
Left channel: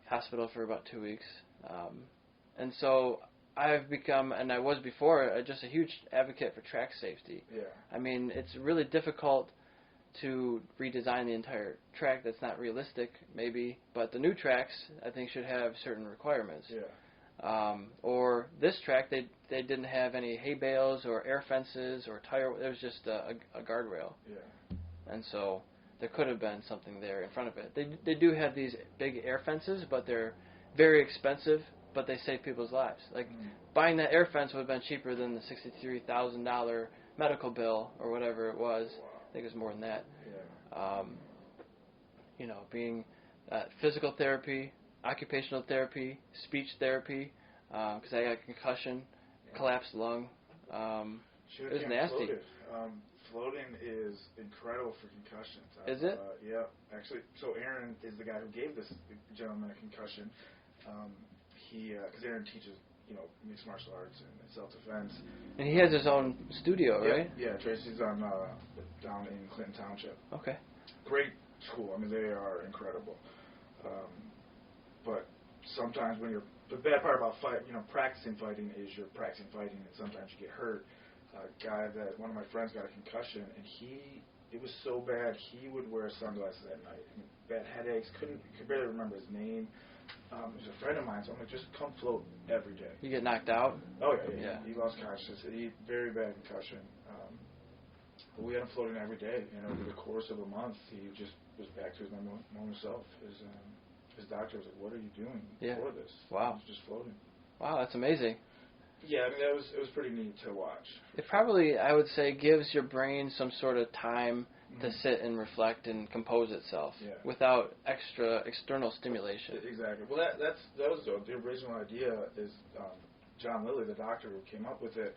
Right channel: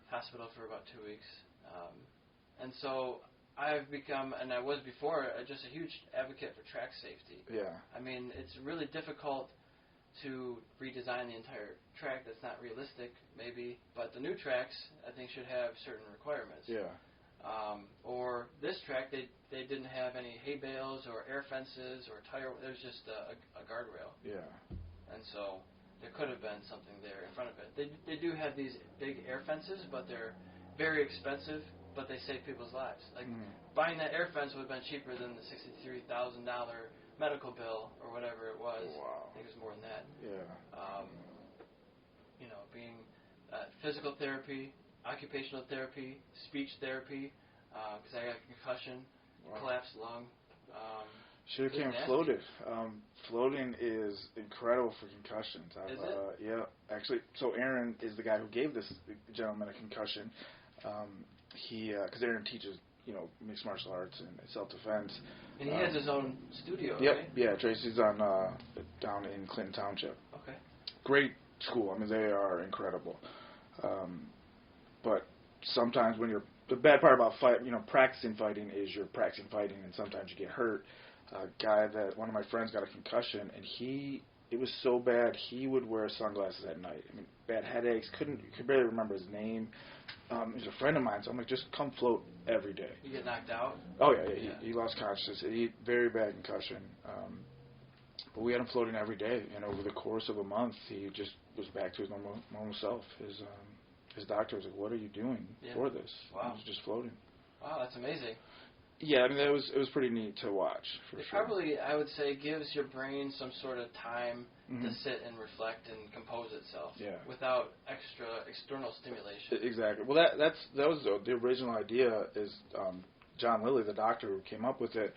Hospital for about 2 weeks. And so I've become, and I was before, just a huge advocate for track safety. Yeah. I mean, it's really difficult to redesign the entire track. That's not realistic, maybe, but the new tracks, I think, should have certain requirements. Yeah. Or this track, they didn't have any hay bales or air fences or tire. It was just a guardrail. Yeah. And so there could have been something there in front of it. They do have these big air fences, but they're very expensive, but they save people's lives. Like, buying that air fence would have been cheaper than the $63,000 medical bill or whatever it was. Wow. I think it was more than that. Yeah. Being physical therapy, occupational therapy, speech therapy, because I got a concussion, collapsed lung. Should have came floated. Floating is incredible for concussions. Is it? Yeah. Actually, so Aaron is the guy who gave this gentleman a concussion. Because Aaron teaches, mixed martial arts and self-defense. And he has his own studio, right? Yeah, Tracy's down in Clinton Township. Okay. Great school. I mean, they are incredible. But sometimes the bad part about practicing fighting is you're practicing fighting and sometimes you get hurt. One of my friends got a concussion and it was so bad he would wear sunglasses at night. I mean, bad headaches, could barely remember his name. He was a friend of mine, so I'm like, just come float every day. You get knocked out? Oh, yeah. He lost consciousness. Very bad concussion. But we had him floating every day, and over the course of a month, he just was back to his normal self. His doctor was like, what are you doing for this? Wow. He was just floating. Wow, that's amazing. Yeah, I mean, it was pretty neat to watch. Probably, I would say, gives your brain some sort of time to sit and reflect and compose itself without external stimulation. Exactly. Well, that was the original idea. Is John Lilly, the doctor who came up with it.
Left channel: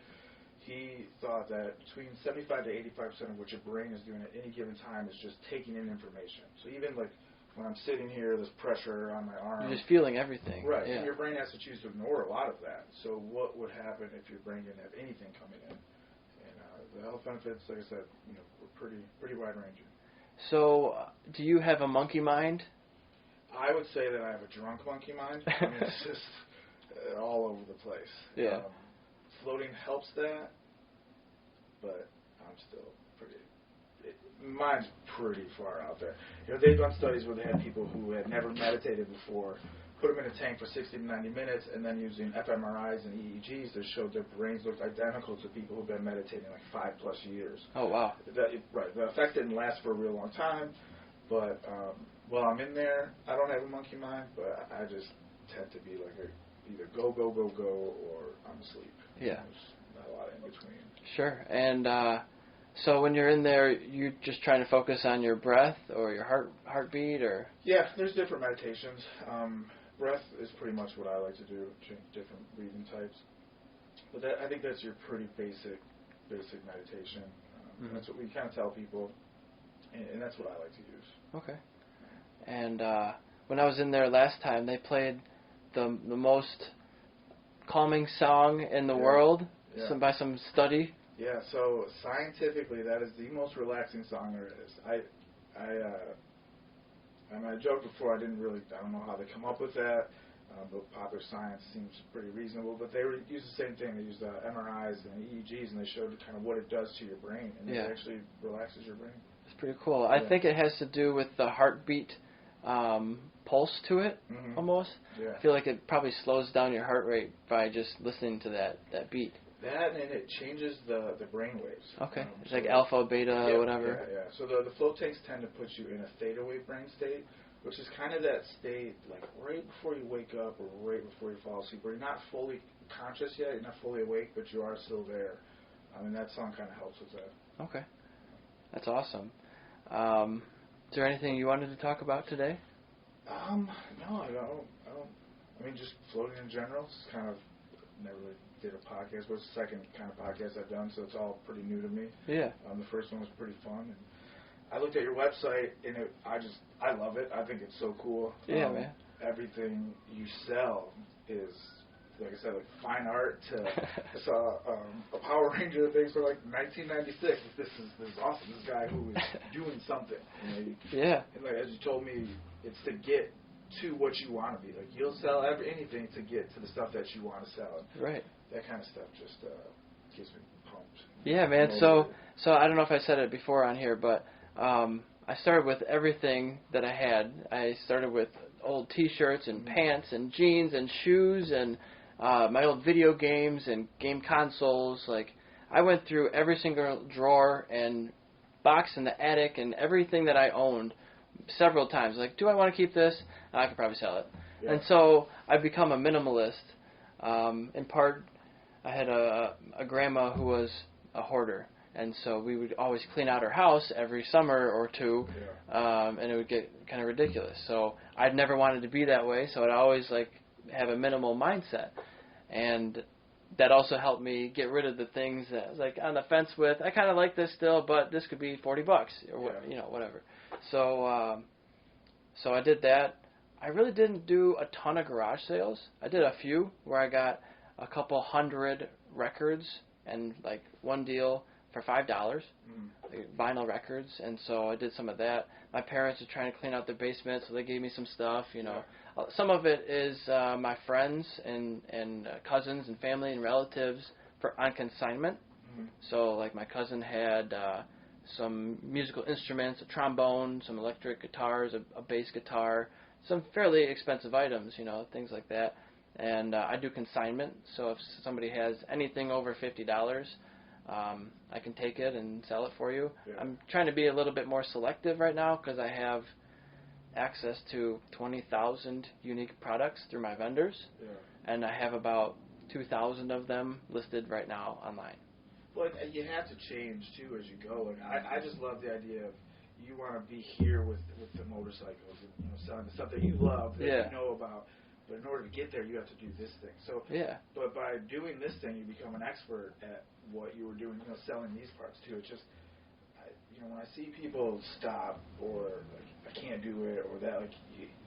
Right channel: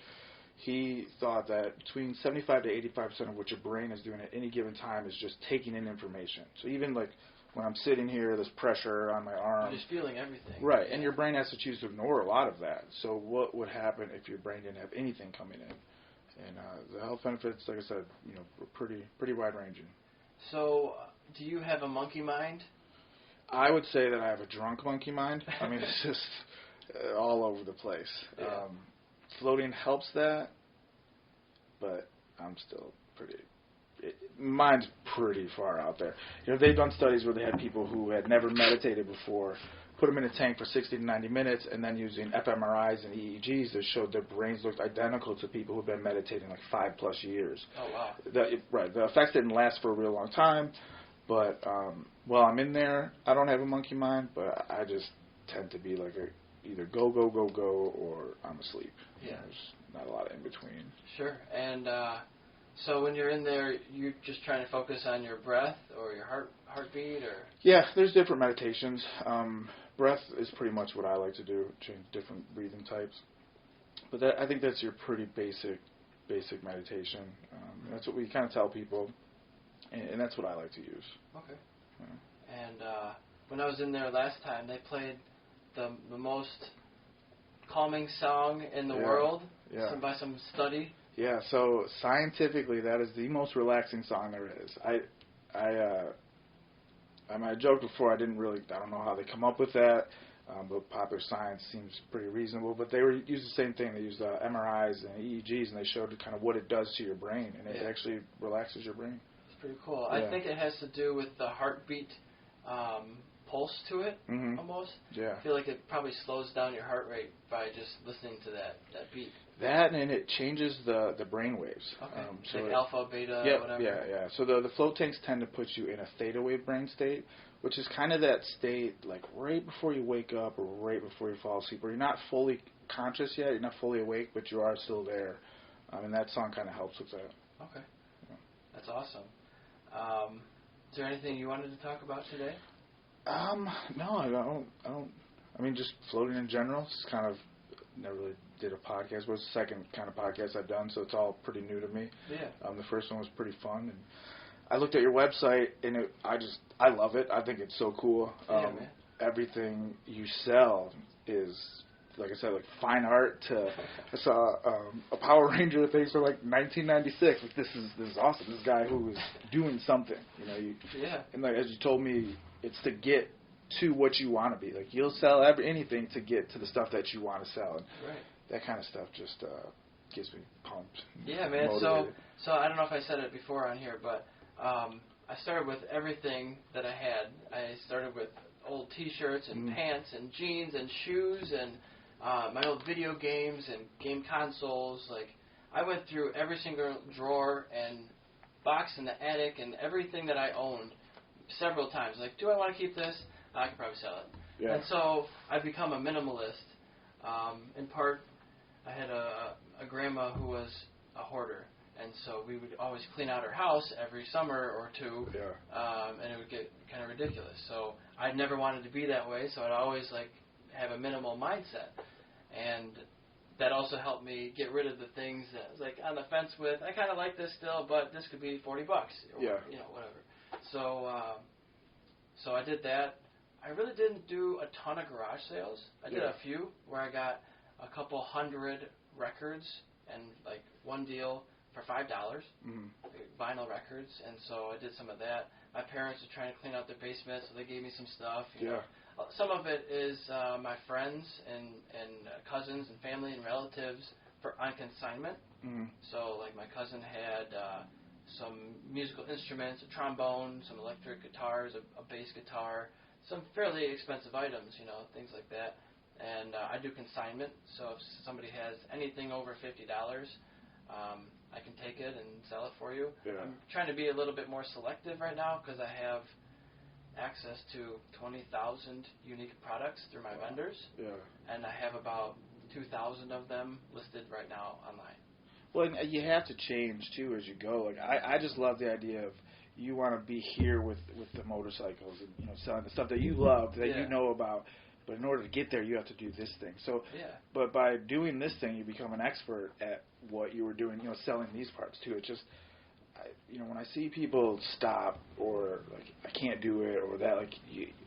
he thought that between 75 to 85% of what your brain is doing at any given time is just taking in information. So even like when I'm sitting here, there's pressure on my arm. You're just feeling everything. Right, yeah. and your brain has to choose to ignore a lot of that. So what would happen if your brain didn't have anything coming in? And the health benefits, like I said, were pretty wide-ranging. So do you have a monkey mind? I would say that I have a drunk monkey mind. I mean, it's just all over the place. Yeah. Floating helps that, but I'm still mine's pretty far out there. They've done studies where they had people who had never meditated before, put them in a tank for 60 to 90 minutes, and then using fMRIs and EEGs that showed their brains looked identical to people who've been meditating like 5+ years. Oh, wow. The effects didn't last for a real long time, but while I'm in there, I don't have a monkey mind, but I just tend to be like either go, or I'm asleep. Yeah. There's not a lot in between. Sure. And so when you're in there, you're just trying to focus on your breath or your heartbeat, or? Yeah, there's different meditations. Breath is pretty much what I like to do, change different breathing types. But I think that's your pretty basic meditation. That's what we kind of tell people, and that's what I like to use. Okay. Yeah. And when I was in there last time, they played the most calming song in the world by some study. Yeah, so scientifically, that is the most relaxing song there is. I joked before, I don't know how they come up with that, but popular science seems pretty reasonable. But they used the same thing. They used MRIs and EEGs, and they showed kind of what it does to your brain, and it actually relaxes your brain. It's pretty cool. Yeah. I think it has to do with the heartbeat pulse to it, almost. Yeah. I feel like it probably slows down your heart rate by just listening to that beat. That, and it changes the brain waves. Okay. It's like alpha, beta, whatever. Yeah. So the float tanks tend to put you in a theta wave brain state, which is kind of that state like right before you wake up or right before you fall asleep, where you're not fully conscious yet, you're not fully awake, but you are still there. And that song kind of helps with that. Okay. That's awesome. Is there anything you wanted to talk about today? No, I don't. I mean, just floating in general. It's kind of never really did a podcast. It was the second kind of podcast I've done, so it's all pretty new to me. Yeah. The first one was pretty fun. And I looked at your website, and I love it. I think it's so cool. Yeah, man. Everything you sell is, like I said, like fine art to. I saw a Power Ranger thing from like 1996. Like, this is awesome. This guy who is doing something. Yeah. And like as you told me, it's to get to what you want to be. Like, you'll sell anything to get to the stuff that you want to sell. And right. That kind of stuff just gets me pumped. Yeah, man. Motivated. So I don't know if I said it before on here, but I started with everything that I had. I started with old T-shirts and pants and jeans and shoes and my old video games and game consoles. Like, I went through every single drawer and box in the attic and everything that I owned several times. Like, do I want to keep this? I could probably sell it. Yeah. And so I've become a minimalist. In part, I had a grandma who was a hoarder, and so we would always clean out her house every summer or two, and it would get kind of ridiculous. So I'd never wanted to be that way, so I'd always like have a minimal mindset, and that also helped me get rid of the things that I was like on the fence with. I kind of like this still, but this could be $40 or whatever. So so I did that. I really didn't do a ton of garage sales. I did a few where I got a couple hundred records and like one deal for $5, like vinyl records, and so I did some of that. My parents were trying to clean out their basement, so they gave me some stuff. Some of it is my friends and cousins and family and relatives on consignment. So like my cousin had some musical instruments, a trombone, some electric guitars, a bass guitar, some fairly expensive items, things like that. And I do consignment, so if somebody has anything over $50, I can take it and sell it for you. Yeah. I'm trying to be a little bit more selective right now because I have access to 20,000 unique products through my vendors, and I have about 2,000 of them listed right now online. Well, and you have to change, too, as you go. Like, I just love the idea of you want to be here with the motorcycles and selling the stuff that you love, that you know about. but in order to get there, you have to do this thing. So, Yeah. but by doing this thing, you become an expert at what you were doing, selling these parts too. It just, when I see people stop or like, I can't do it or that, like,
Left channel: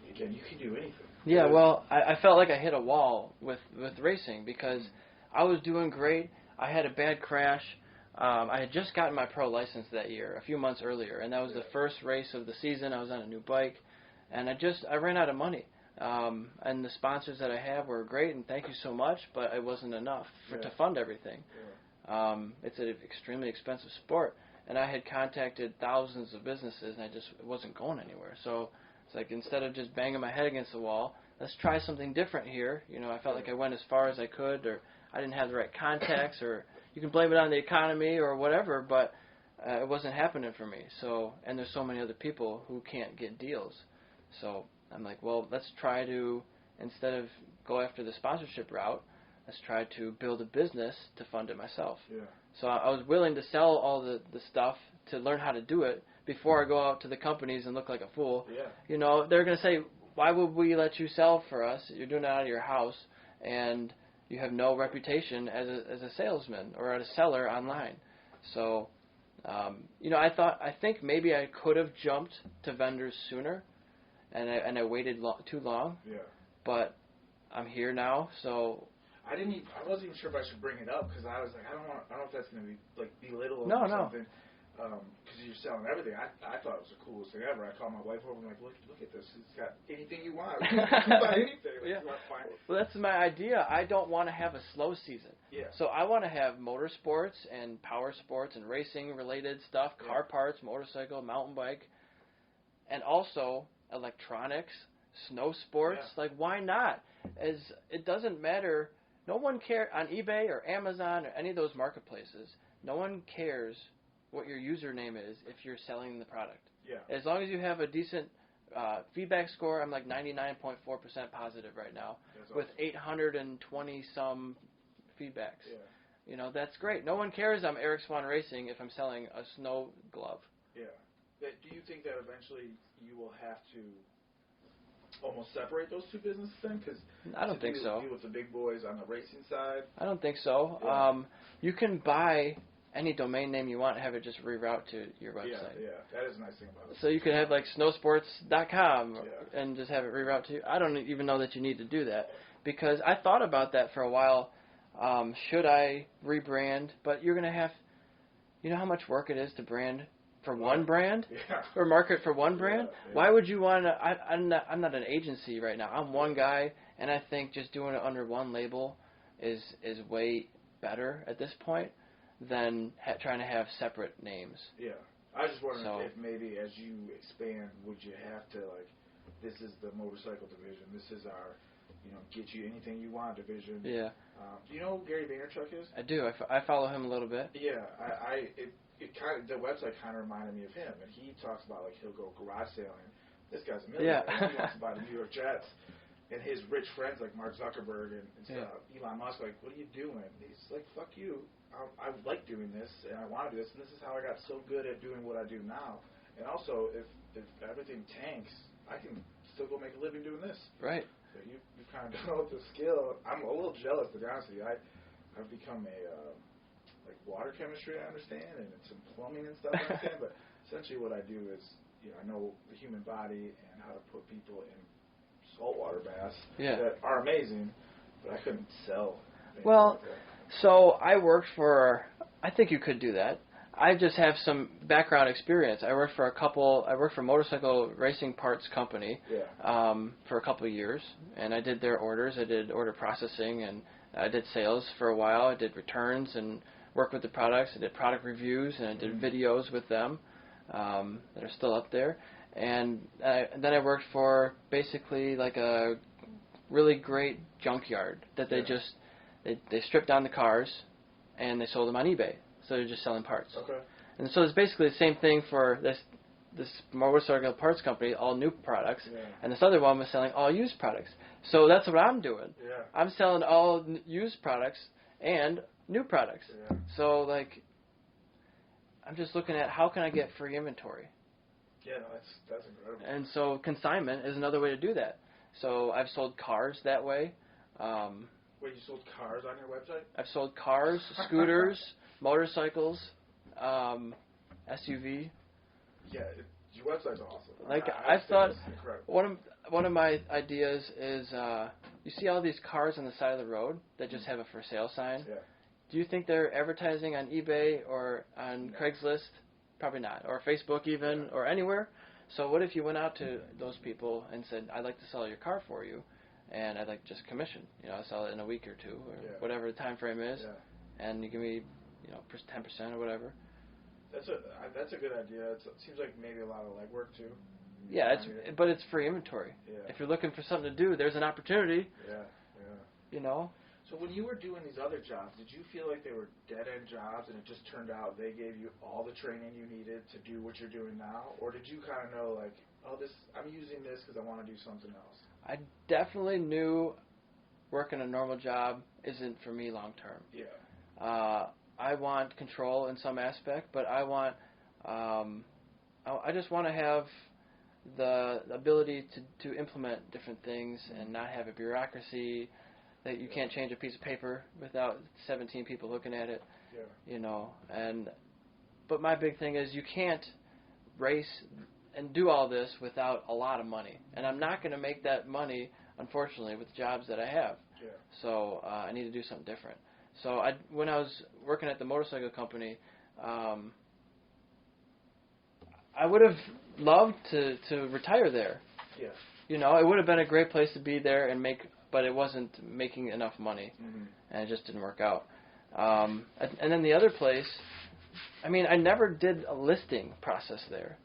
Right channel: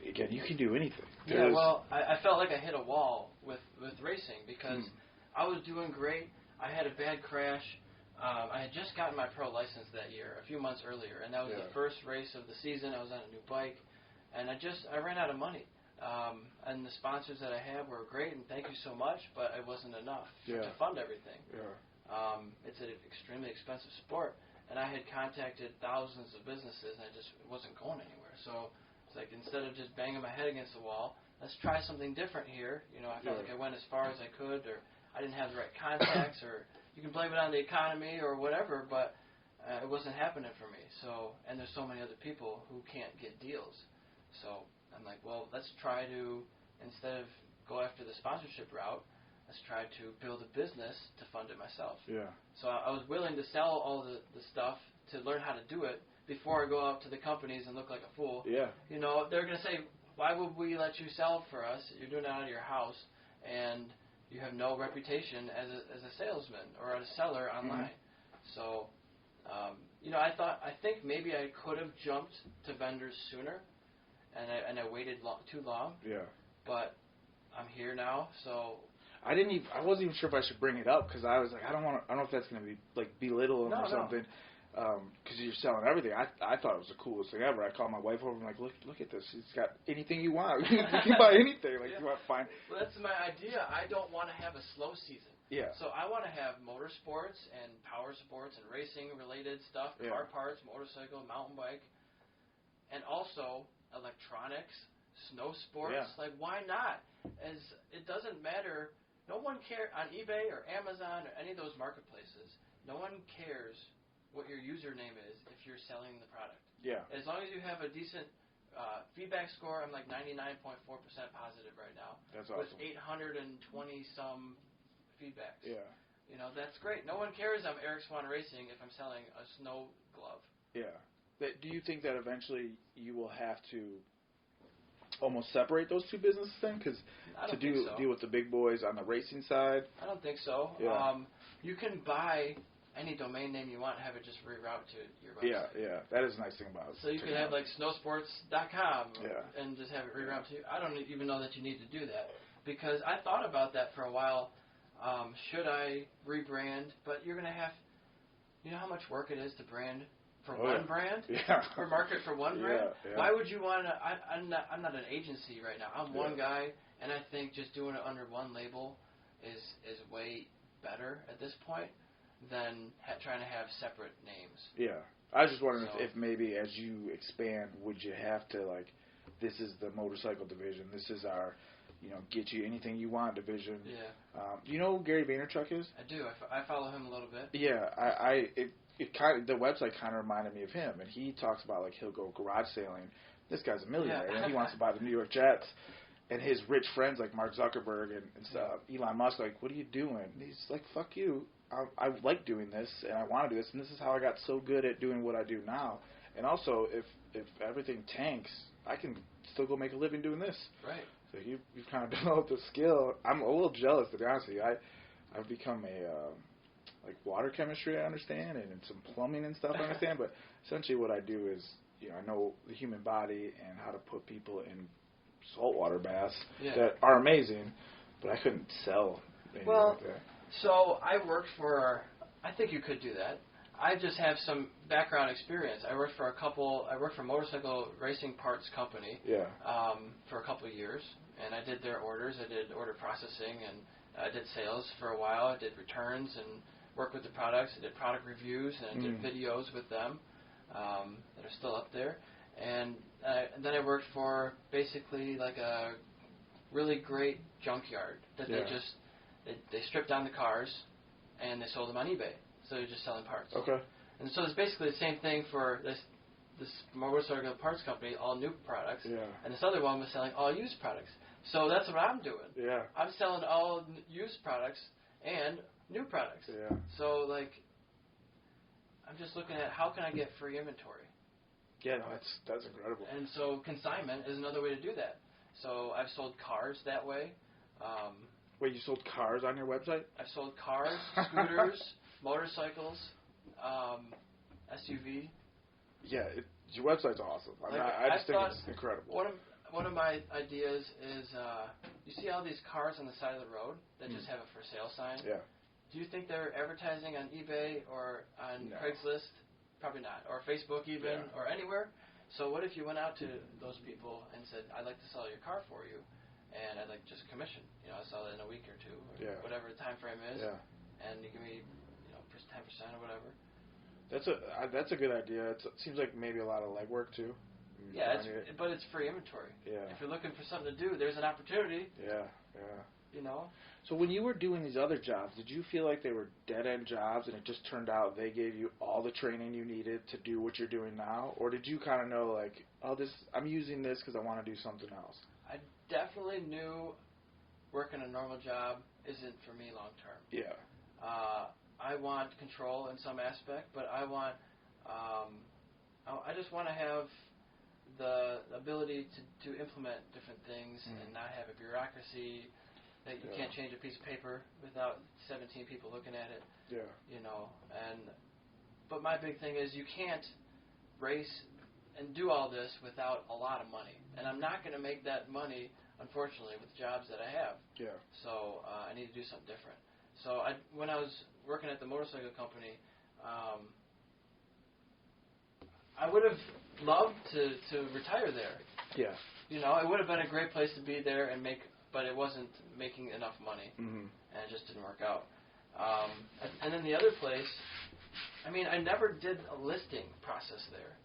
again, you can do anything. Yeah, well, I felt like I hit a wall with racing because I was doing great. I had a bad crash. I had just gotten my pro license that year, a few months earlier, and that was the first race of the season. I was on a new bike, and I ran out of money. And the sponsors that I have were great, and thank you so much, but it wasn't enough to fund everything. Yeah. It's an extremely expensive sport, and I had contacted thousands of businesses, and it wasn't going anywhere. So it's like, instead of just banging my head against the wall, let's try something different here. I felt like I went as far as I could, or I didn't have the right contacts, or you can blame it on the economy or whatever, but it wasn't happening for me. So, and there's so many other people who can't get deals. So I'm like, well, let's try to, instead of go after the sponsorship route, let's try to build a business to fund it myself. Yeah. So I was willing to sell all the stuff to learn how to do it before I go out to the companies and look like a fool. Yeah. They're going to say, why would we let you sell for us? You're doing it out of your house, and you have no reputation as a salesman or as a seller online. So, I think maybe I could have jumped to vendors sooner, and I waited too long. Yeah. But I'm here now, so I wasn't even sure if I should bring it up because I was like, I don't know if that's going to be like belittle or something. Because you're selling everything. I thought it was the coolest thing ever. I called my wife over and I'm like, look at this. It's got anything you want. You can buy anything. Like, you want to find. Well, that's my idea. I don't want to have a slow season. Yeah. So I want to have motorsports and power sports and racing related stuff, car parts, motorcycle, mountain bike, and also electronics, snow sports. Yeah. Like, why not? It doesn't matter. No one cares on eBay or Amazon or any of those marketplaces. No one cares what your username is if you're selling the product. Yeah. As long as you have a decent feedback score, I'm like 99.4% positive right now. That's awesome. With 820 some feedbacks. Yeah. That's great. No one cares I'm Eric Swahn Racing if I'm selling a snow glove. Yeah. Do you think that eventually you will have to almost separate those two businesses then? Because I don't think so. Deal with the big boys on the racing side. I don't think so. Yeah. You can buy any domain name you want and have it just reroute to your website. Yeah, that is a nice thing about it. So you could have like snowsports.com and just have it reroute to you. I don't even know that you need to do that because I thought about that for a while. Should I rebrand? But you're going to have, how much work it is to brand for one brand? Yeah. Or market for one brand? Yeah. Why would you want to? I'm not an agency right now. I'm one guy, and I think just doing it under one label is way better at this point than trying to have separate names. Yeah. I was just wondering if maybe as you expand, would you have to, like, this is the motorcycle division, this is our, get you anything you want division. Yeah. Do you know who Gary Vaynerchuk is? I do. I follow him a little bit. Yeah. The website kind of reminded me of him, and he talks about, like, he'll go garage sailing. This guy's a millionaire, and he wants to buy the New York Jets. And his rich friends like Mark Zuckerberg and stuff, Elon Musk, like, what are you doing? And he's like, fuck you. I like doing this, and I want to do this, and this is how I got so good at doing what I do now. And also, if everything tanks, I can still go make a living doing this. Right. So you've kind of developed a skill. I'm a little jealous, to be honest with you. I've become like water chemistry, I understand, and some plumbing and stuff, I understand. But essentially what I do is, I know the human body and how to put people in saltwater baths that are amazing, but I couldn't sell anything like that. So I worked for, I think you could do that. I just have some background experience. I worked for a motorcycle racing parts company for a couple of years, and I did their orders. I did order processing, and I did sales for a while. I did returns and worked with the products. I did product reviews, and I did videos with them that are still up there. And then I worked for basically like a really great junkyard that they stripped down the cars and they sold them on eBay. So they're just selling parts. Okay. And so it's basically the same thing for this motorcycle parts company, all new products. Yeah. And this other one was selling all used products. So that's what I'm doing. Yeah. I'm selling all used products and new products. Yeah. So, like, I'm just looking at how can I get free inventory. Yeah, no, that's incredible. And so consignment is another way to do that. So I've sold cars that way. Wait, you sold cars on your website? I've sold cars, scooters, motorcycles, SUV. Yeah, your website's awesome. Like I I thought, it's incredible. one of my ideas is, you see all these cars on the side of the road that just have a for sale sign. Yeah. Do you think they're advertising on eBay or on Craigslist? Probably not. Or Facebook even, or anywhere. So what if you went out to those people and said, I'd like to sell your car for you, and I'd like just commission. I'll sell it in a week or two, or whatever the time frame is, and you give me, 10% or whatever. That's a good idea. It seems like maybe a lot of legwork too. Yeah, but it's free inventory. Yeah. If you're looking for something to do, there's an opportunity. Yeah. So when you were doing these other jobs, did you feel like they were dead-end jobs and it just turned out they gave you all the training you needed to do what you're doing now? Or did you kind of know, like, I'm using this because I want to do something else? I definitely knew working a normal job isn't for me long term. Yeah. I want control in some aspect, but I just want to have the ability to implement different things and not have a bureaucracy that you can't change a piece of paper without 17 people looking at it. Yeah. But my big thing is you can't race and do all this without a lot of money. And I'm not going to make that money, unfortunately, with jobs that I have. Yeah. So I need to do something different. So when I was working at the motorcycle company, I would have loved to retire there. Yeah. It would have been a great place to be there and but it wasn't making enough money, and it just didn't work out. And then the other place, I never did a listing process there,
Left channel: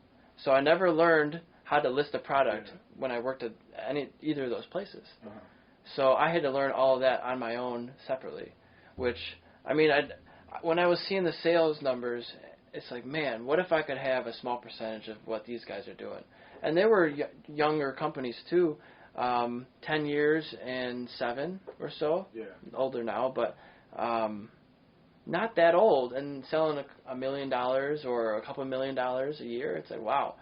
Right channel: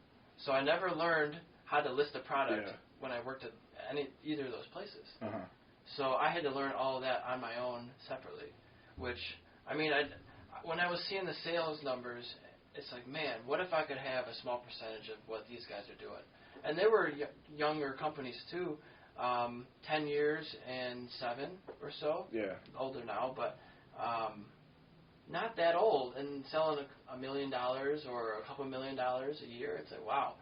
so I never learned how to list a product when I worked at either of those places. So I had to learn all of that on my own separately, which, when I was seeing the sales numbers, it's like, man, what if I could have a small percentage of what these guys are doing? And they were younger companies too, 10 years and 7 or so. Yeah. Older now, but not that old, and selling $1 million or a couple $1 million a year. It's like, wow.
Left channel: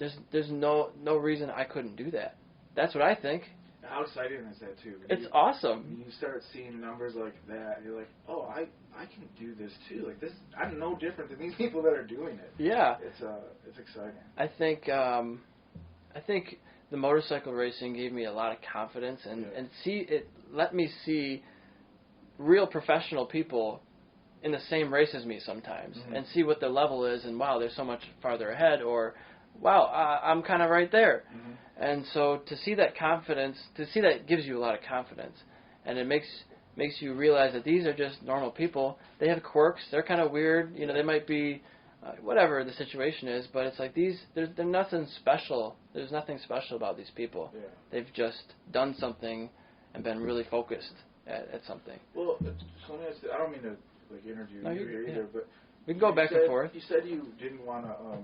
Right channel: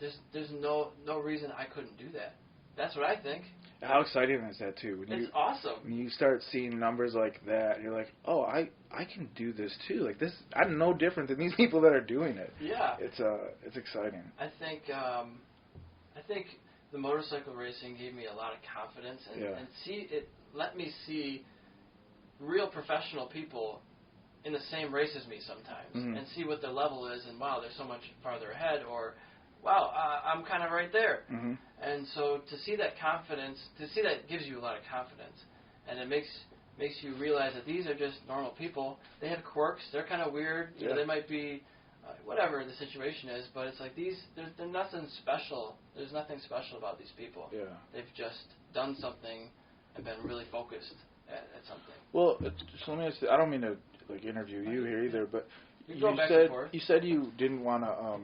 There's no reason I couldn't do that. That's what I think. How exciting is that too? It's awesome. When you start seeing numbers like that, you're like, oh, I can do this too. Like this, I'm no different than these people that are doing it. Yeah. It's exciting. I think the motorcycle racing gave me a lot of confidence and let me see real professional people in the same race as me sometimes and see what their level is, and wow, they're so much farther ahead, or wow, I'm kind of right there. And so to see that confidence, gives you a lot of confidence, and it makes you realize that these are just normal people. They have quirks. They're kind of weird. They might be whatever the situation is, but it's like they're nothing special. There's nothing special about these people. Yeah. They've just done something and been really focused at something. Well, so let me ask you, I don't mean to interview you here either, but we can go back and forth. You said you didn't want to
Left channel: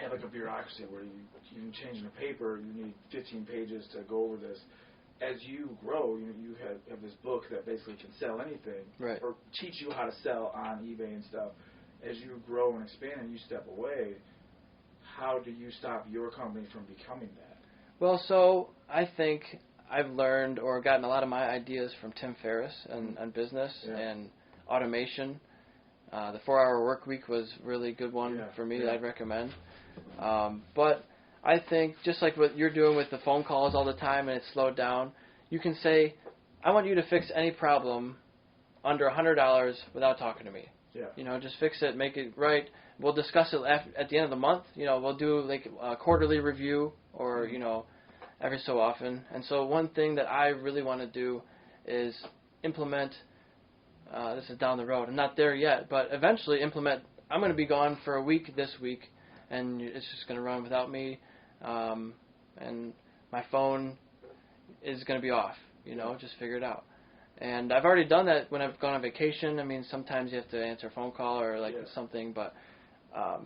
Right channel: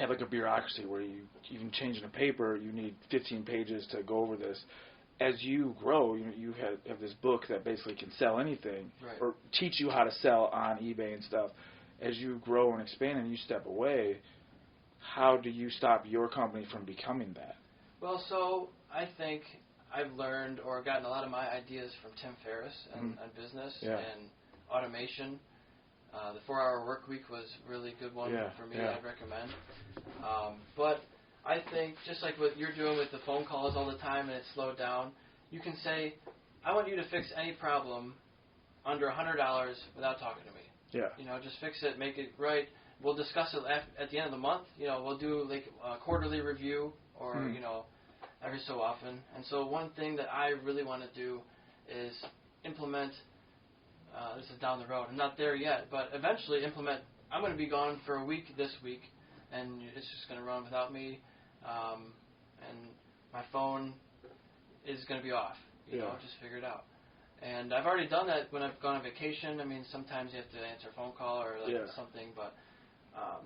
have a bureaucracy where you even changing a paper, you need 15 pages to go over this. As you grow, you have this book that basically can sell anything, or teach you how to sell on eBay and stuff. As you grow and expand and you step away, how do you stop your company from becoming that? Well, so I think I've learned or gotten a lot of my ideas from Tim Ferriss on business and automation. The 4-Hour Work Week was a really good one for me that I'd recommend. But I think just like what you're doing with the phone calls all the time and it's slowed down, you can say, I want you to fix any problem under $100 without talking to me. Yeah. Just fix it, make it right. We'll discuss it at the end of the month. We'll do like a quarterly review or, every so often. And so one thing that I really want to do is implement, this is down the road, I'm not there yet, but eventually implement, I'm going to be gone for a week this week, and it's just going to run without me, and my phone is going to be off, just figure it out. And I've already done that when I've gone on vacation. Sometimes you have to answer a phone call or something, but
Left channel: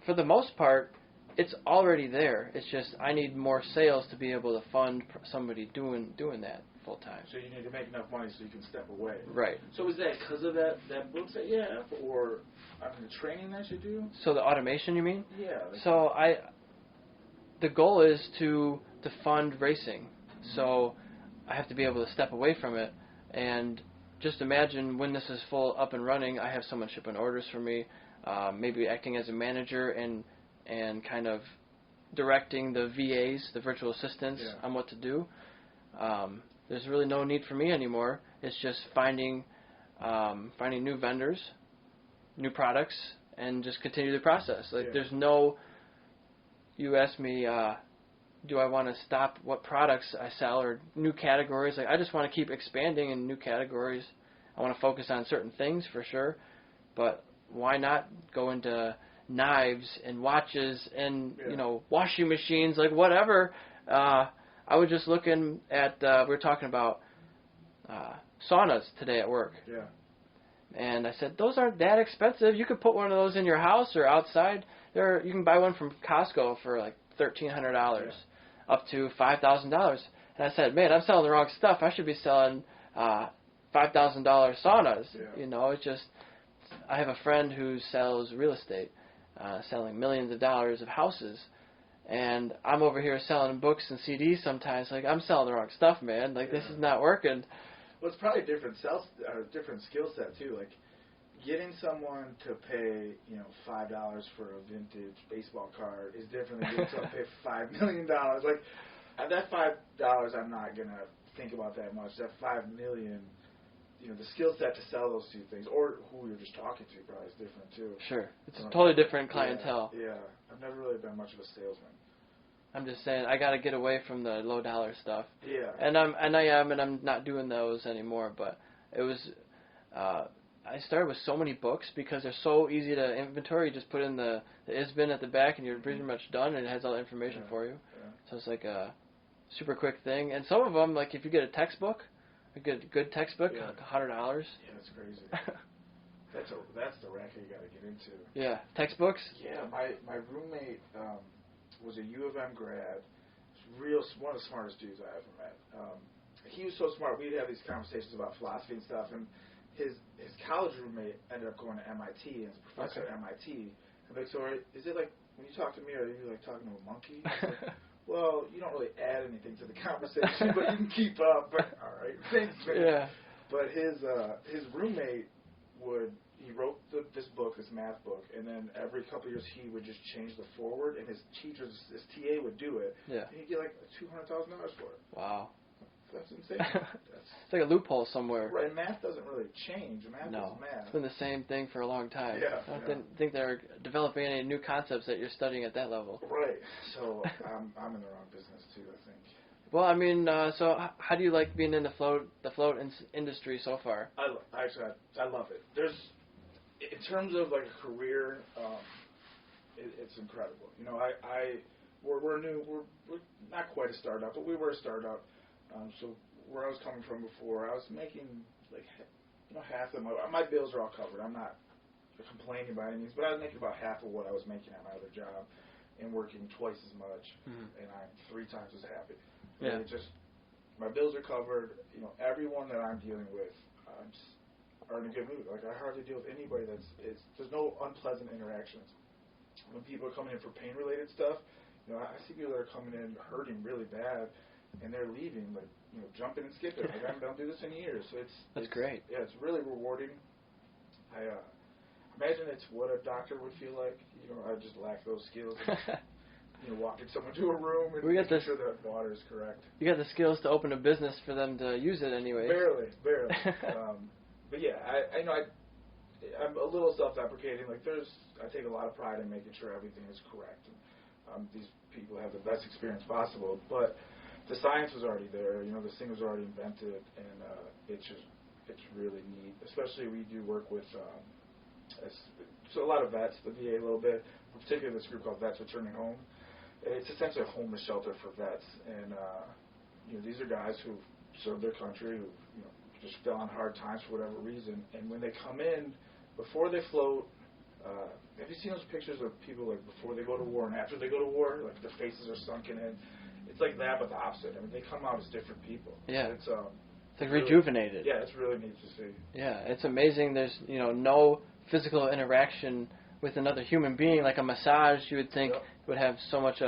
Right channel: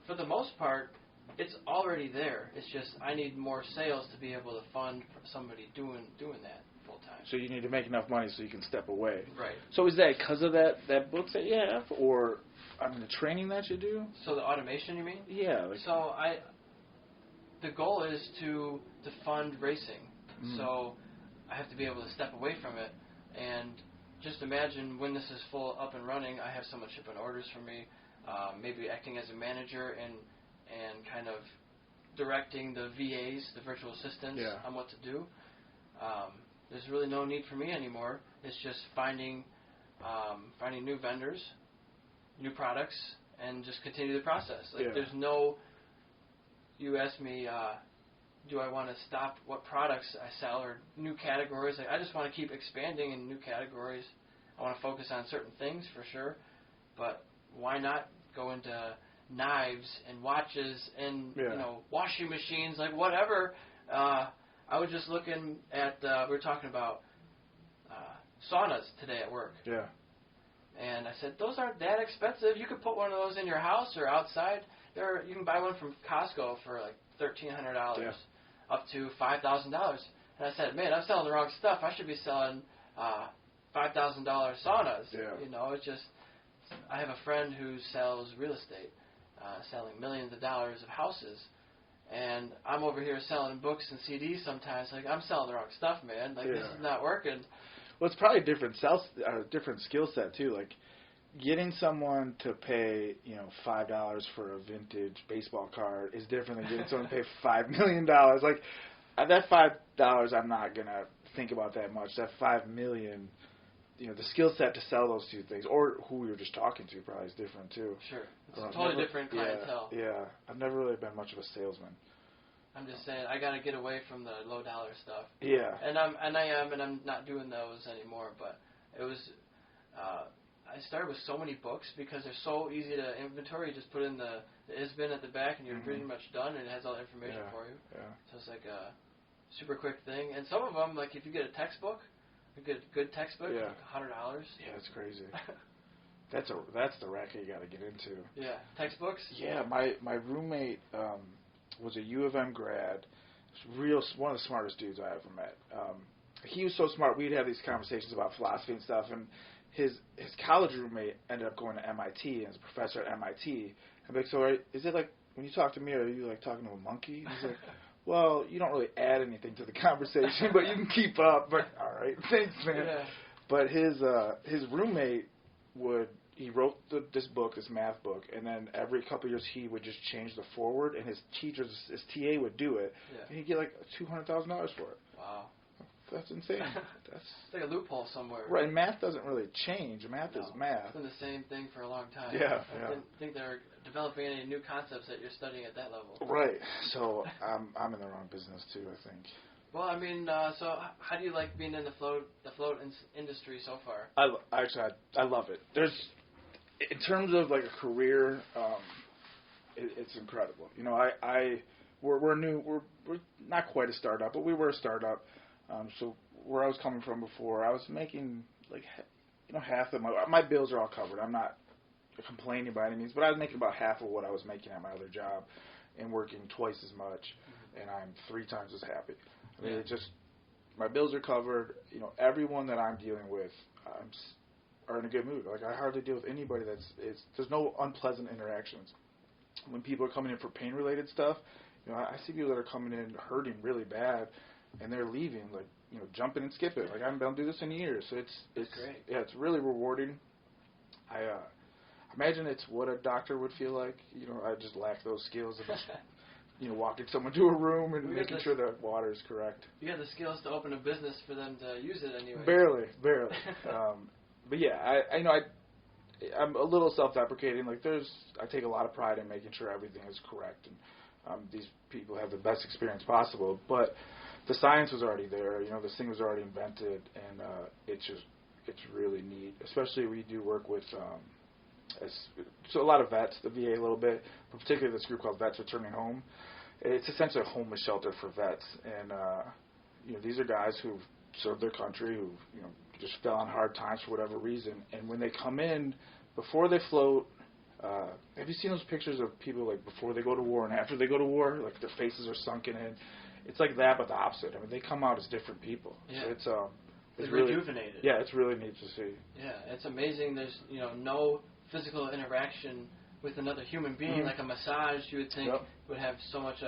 for the most part, it's already there. It's just I need more sales to be able to fund somebody doing that full time. So you need to make enough money so you can step away. Right. So is that because of that book that you have, or the training that you do? So the automation, you mean? Yeah. So the goal is to fund racing. Mm-hmm. So I have to be able to step away from it. And just imagine when this is full up and running, I have someone shipping orders for me, maybe acting as a manager and kind of directing the VAs, the virtual assistants, on what to do. There's really no need for me anymore. It's just finding new vendors, new products, and just continue the process. There's no. You asked me, do I want to stop what products I sell or new categories? I just want to keep expanding in new categories. I want to focus on certain things for sure, but why not go into knives and watches and washing machines, like whatever. I was just looking at we were talking about saunas today at work. Yeah. And I said, those aren't that expensive. You could put one of those in your house or outside. You can buy one from Costco for like $1,300 up to $5,000. And I said, man, I'm selling the wrong stuff. I should be selling $5,000 saunas. Yeah. It's just, I have a friend who sells real estate, selling millions of dollars of houses. And I'm over here selling books and CDs sometimes. Like, I'm selling the wrong stuff, man. Like, this is not working. Well, it's probably a different skill set too. Like, getting someone to pay $5 for a vintage baseball card is different than getting someone to pay $5 million. Like, that $5, I'm not gonna think about that much. That $5 million, the skill set to sell those two things, or who you're just talking to, probably is different too. Sure, it's a totally different clientele. Yeah, I've never really been much of a salesman. I'm just saying, I gotta get away from the low dollar stuff. Yeah. And I'm not doing those anymore. But it was, I started with so many books because they're so easy to inventory. You just put in the ISBN at the back, and you're pretty much done, and it has all the information for you. Yeah. So it's like a super quick thing. And some of them, like if you get a textbook, a good textbook, like $100. Yeah, it's crazy. That's the racket you got to get into. Yeah, textbooks. Yeah, my roommate was a U of M grad. One of the smartest dudes I ever met. He was so smart. We'd have these conversations about philosophy and stuff. And his college roommate ended up going to MIT and is a professor at MIT. I'm like, so is it like when you talk to me, are you like talking to a monkey? I was like, well, you don't really add anything to the conversation, but you can keep up. But all right, thanks, man. Yeah. But his roommate he wrote this math book, and then every couple of years he would just change the forward, and his TA would do it, and he'd get like $200,000 for it. Wow. That's insane. It's like a loophole somewhere. Right, and math doesn't really change. Math is math. It's been the same thing for a long time. Yeah. I didn't think they're developing any new concepts that you're studying at that level. Right. So I'm in the wrong business too, I think. Well, I mean, so how do you like being in the float industry so far? I love it. In terms of like a career, it's incredible. We're new. We're not quite a startup, but we were a startup. So where I was coming from before, I was making like half of my bills are all covered. I'm not complaining by any means, but I was making about half of what I was making at my other job, and working twice as much, and I'm 3 times as happy. I mean, my bills are covered. Everyone that I'm dealing with, are in a good mood. Like, I hardly deal with anybody there's no unpleasant interactions. When people are coming in for pain-related stuff, I see people that are coming in hurting really bad, and they're leaving, like, jumping and skipping. Like, I haven't done this in years. So it's great. Yeah, it's really rewarding. I imagine it's what a doctor would feel like. I just lack those skills. Walking someone to a room and making sure that water is correct. You got the skills to open a business for them to use it anyway. Barely. But yeah, I'm a little self-deprecating. Like, I take a lot of pride in making sure everything is correct, and these people have the best experience possible. But the science was already there. This thing was already invented, and it's really neat. Especially we do work with so a lot of vets, the VA a little bit, but particularly this group called Vets Returning Home. It's essentially a homeless shelter for vets, and these are guys who've served their country, who just fell on hard times for whatever reason, and when they come in, before they float, have you seen those pictures of people like before they go to war and after they go to war, like their faces are sunken in? It's like that, but the opposite. I mean, they come out as different people. Yeah. So it's really rejuvenated. Yeah, it's really neat to see. Yeah, it's amazing. There's no physical interaction with another human being. Like a massage, you would think would have so much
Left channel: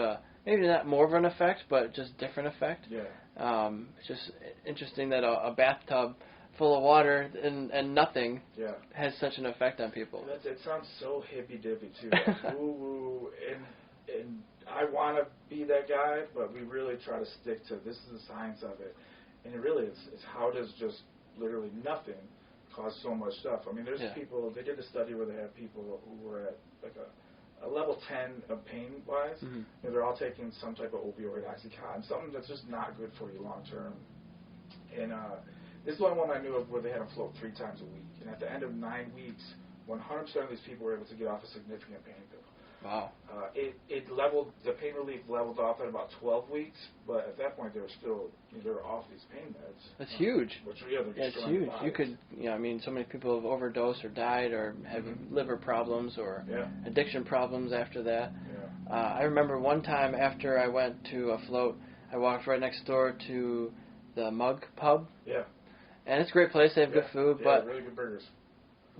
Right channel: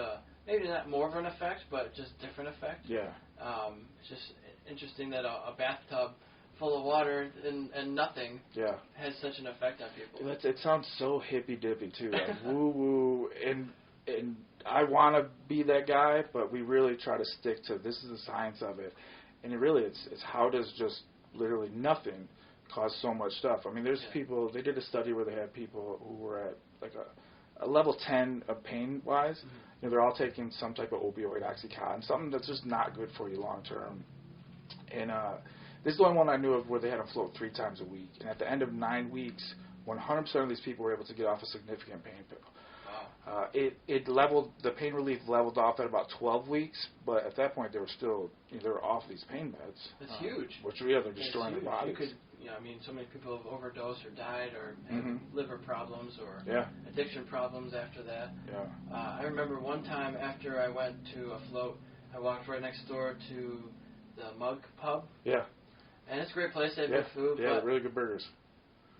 maybe not more of an effect, but just different effect. Yeah. It's just interesting that a bathtub full of water and nothing has such an effect on people. It sounds so hippy-dippy, too. Like woo-woo. And I want to be that guy, but we really try to stick to this is the science of it. And it really it's how does just literally nothing cause so much stuff. I mean, there's people, they did a study where they had people who were at like a level 10 of pain-wise. Mm-hmm. You know, they're all taking some type of opioid, Oxycontin, something that's just not good for you long-term. And this is the only one I knew of where they had them float 3 times a week. And at the end of 9 weeks, 100% of these people were able to get off a significant pain pill. Wow. It leveled, the pain relief leveled off at about 12 weeks, but at that point they were still, they were off these pain meds. That's huge. Which they're destroying their bodies. You could, I mean, so many people have overdosed or died or had liver problems or addiction problems after that. Yeah. I remember one time after I went to a float, I walked right next door to the Mug Pub. Yeah. And it's a great place. They have good food. Yeah, but really good burgers.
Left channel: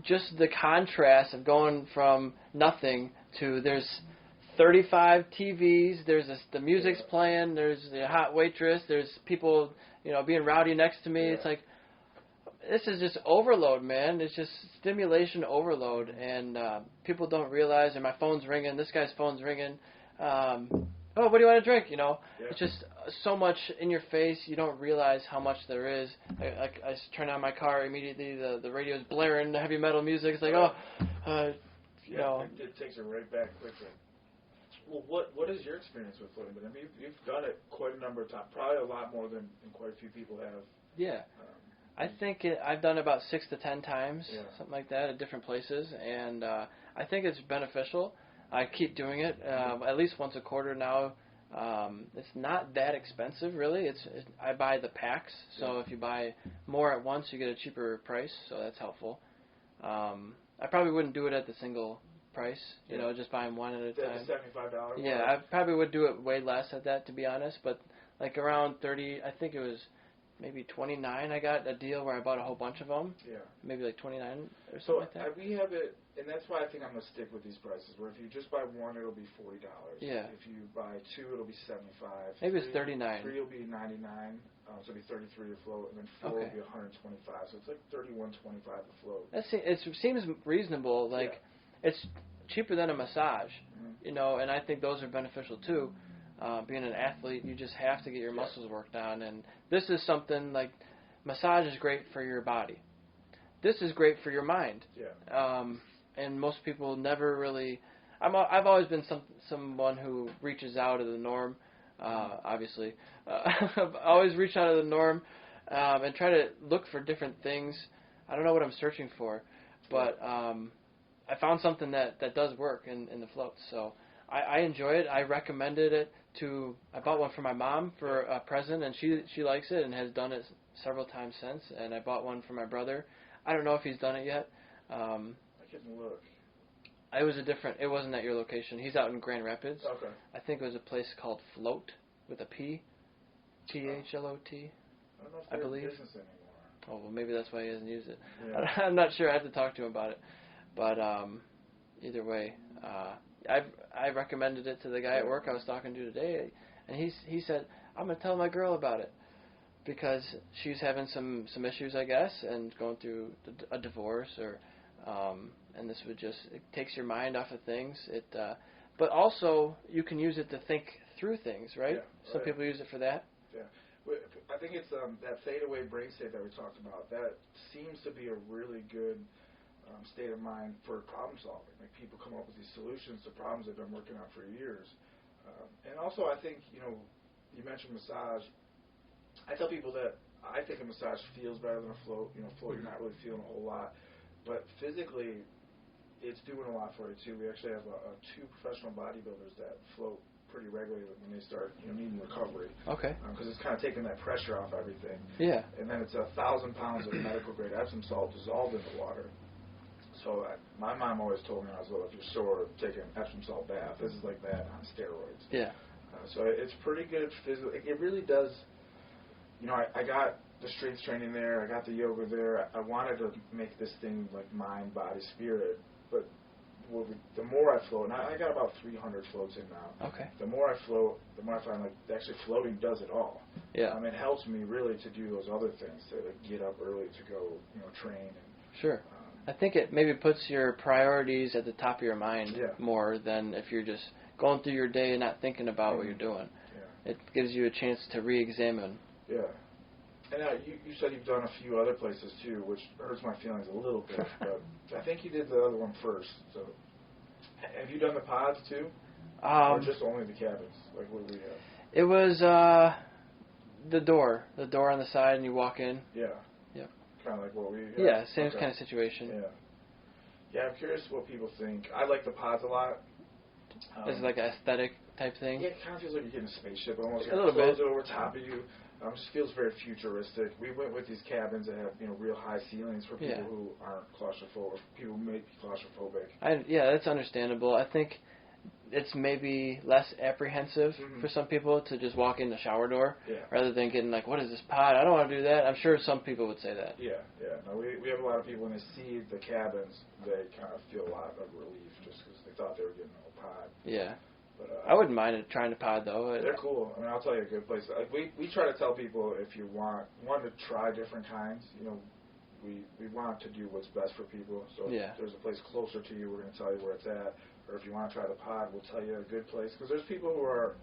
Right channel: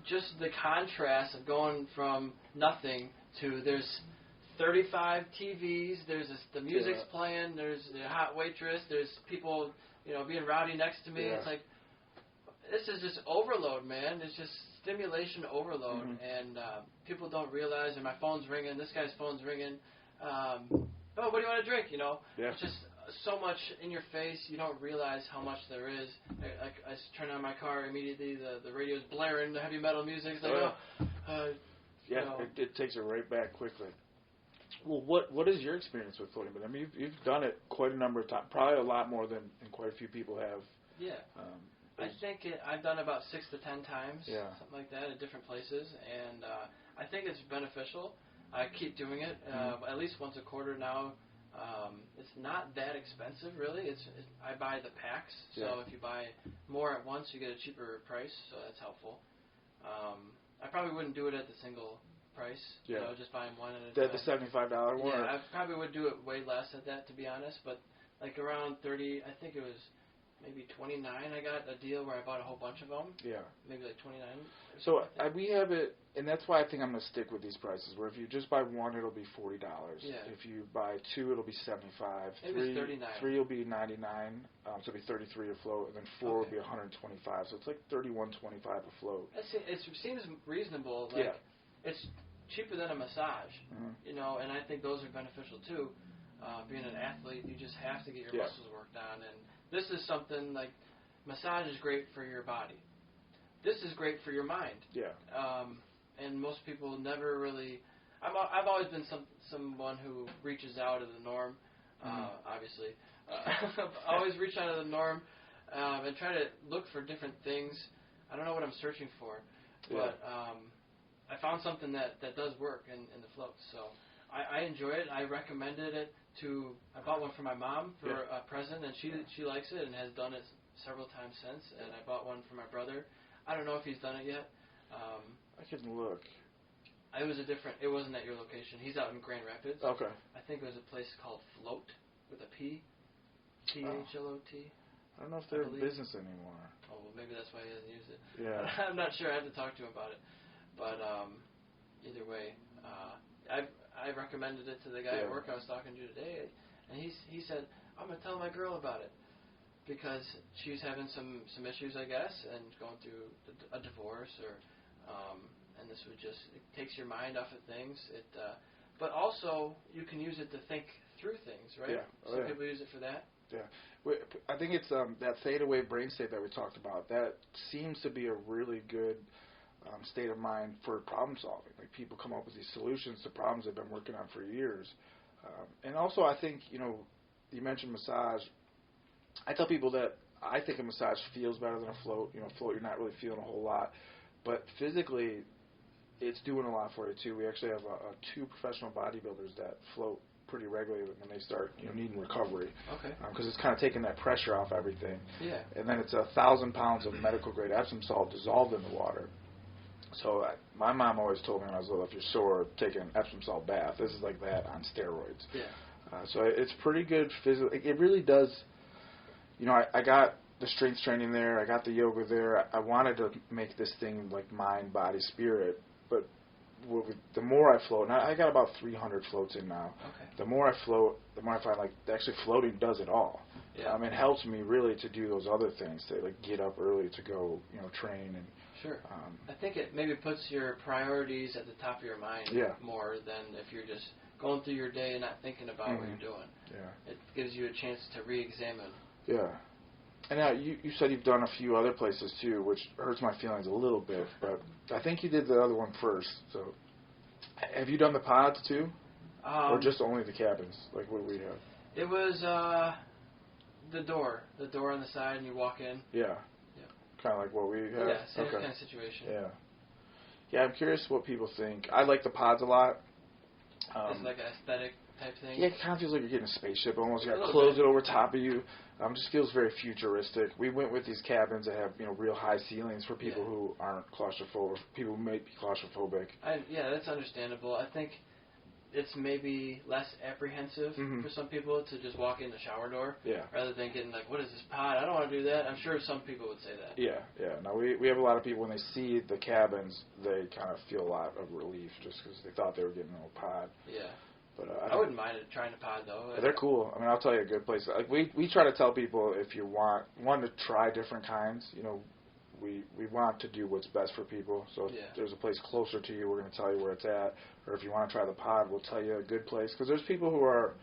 Just the contrast of going from nothing to there's 35 TVs, there's the music's playing, there's the hot waitress, there's people, being rowdy next to me. Yeah. It's like, this is just overload, man. It's just stimulation overload, and people don't realize, and my phone's ringing, this guy's phone's ringing. Oh, what do you want to drink? It's just so much in your face. You don't realize how much there is. I just turn on my car immediately. The radio's blaring the heavy metal music. It's like, it takes it right back quickly. Well, what is your experience with floating? I mean, you've done it quite a number of times, probably a lot more than quite a few people have. Yeah. I think I've done about 6 to 10 times, something like that, at different places, and I think it's beneficial. I keep doing it at least once a quarter now. It's not that expensive, really. I buy the packs, so if you buy more at once, you get a cheaper price, so that's helpful. I probably wouldn't do it at the single price, just buying one at a time. The $75 one? Yeah, I probably would do it way less at that, to be honest, but like around 30, I think it was maybe 29, I got a deal where I bought a whole bunch of them. Yeah. Maybe like 29 or something like that. We have it, and that's why I think I'm going to stick with these prices, where if you just buy one, it'll be $40. Yeah. If you buy 2, it'll be $75. Maybe it's 39. 3 will be $99, so it'll be $33 a float, and then 4 will be $125, so it's like $31.25 a float. It seems reasonable. It's cheaper than a massage, and I think those are beneficial too. Being an athlete, you just have to get your muscles worked on, and this is something like massage is great for your body. This is great for your mind. Yeah. And most people never really. I've always been someone who reaches out of the norm. Obviously, I've always reached out of the norm and try to look for different things. I don't know what I'm searching for, but I found something that does work in the floats. So I enjoy it. I recommended it I bought one for my mom for a present, and she likes it and has done it several times since. And I bought one for my brother. I don't know if he's done it yet. I can look. It wasn't at your location. He's out in Grand Rapids. Okay. I think it was a place called Float with a P. THLOT. I don't know if they're in business anymore. Oh, well, maybe that's why he hasn't used it. Yeah. I'm not sure. I have to talk to him about it. But either way, I recommended it to the guy at work I was talking to today, and he said, I'm going to tell my girl about it because she's having some issues, I guess, and going through a divorce and this would it takes your mind off of things. But also you can use it to think through things, right? Yeah. Some people use it for that. Yeah. I think it's that theta wave brain state that we talked about. That seems to be a really good state of mind for problem solving. Like people come up with these solutions to problems they've been working on for years. And also I think, you mentioned massage. I tell people that I think a massage feels better than a float. Float you're not really feeling a whole lot. But physically, it's doing a lot for you too. We actually have 2 professional bodybuilders that float pretty regularly when they start needing recovery. Okay. Because it's kind of taking that pressure off everything. Yeah. And then it's 1,000 pounds of medical grade Epsom salt dissolved in the water. So my mom always told me when I was little, if you're sore, take an Epsom salt bath. This is like that on steroids. Yeah. So it's pretty good physically. It really does. I got the strength training there. I got the yoga there. I wanted to make this thing like mind, body, spirit. But the more I float, and I got about 300 floats in now. Okay. The more I float, the more I find like actually floating does it all. Yeah. It helps me really to do those other things, to like get up early to go, train and. Sure. I think it maybe puts your priorities at the top of your mind more than if you're just going through your day and not thinking about what you're doing. Yeah. It gives you a chance to re-examine. Yeah. And now you said you've done a few other places too, which hurts my feelings a little bit. But I think you did the other one first. So, have you done the pods too, or just only the cabins? Like what do we have? It was the door on the side, and you walk in. Yeah. Yeah. Kind of like what we have. Yeah, same kind of situation. Yeah. Yeah, I'm curious what people think. I like the pods a lot. It's like an aesthetic type thing. Yeah, it kind of feels like you're getting a spaceship almost. A You little close bit. it over top of you. Just feels very futuristic. We went with these cabins that have real high ceilings for people who aren't claustrophobic. People who may be claustrophobic. That's understandable. I think it's maybe less apprehensive for some people to just walk in the shower door rather than getting like, what is this pod? I don't want to do that. I'm sure some people would say that. Yeah. No, we have a lot of people when they see the cabins, they kind of feel a lot of relief just because they thought they were getting a pod. Yeah. But I wouldn't mind trying to pod though. They're cool. I'll tell you a good place. Like we try to tell people if you want to try different kinds, we want to do what's best for people. So if there's a place closer to you, we're going to tell you where it's at. Or if you want to try the pod, we'll tell you a good place. Because there's people who are,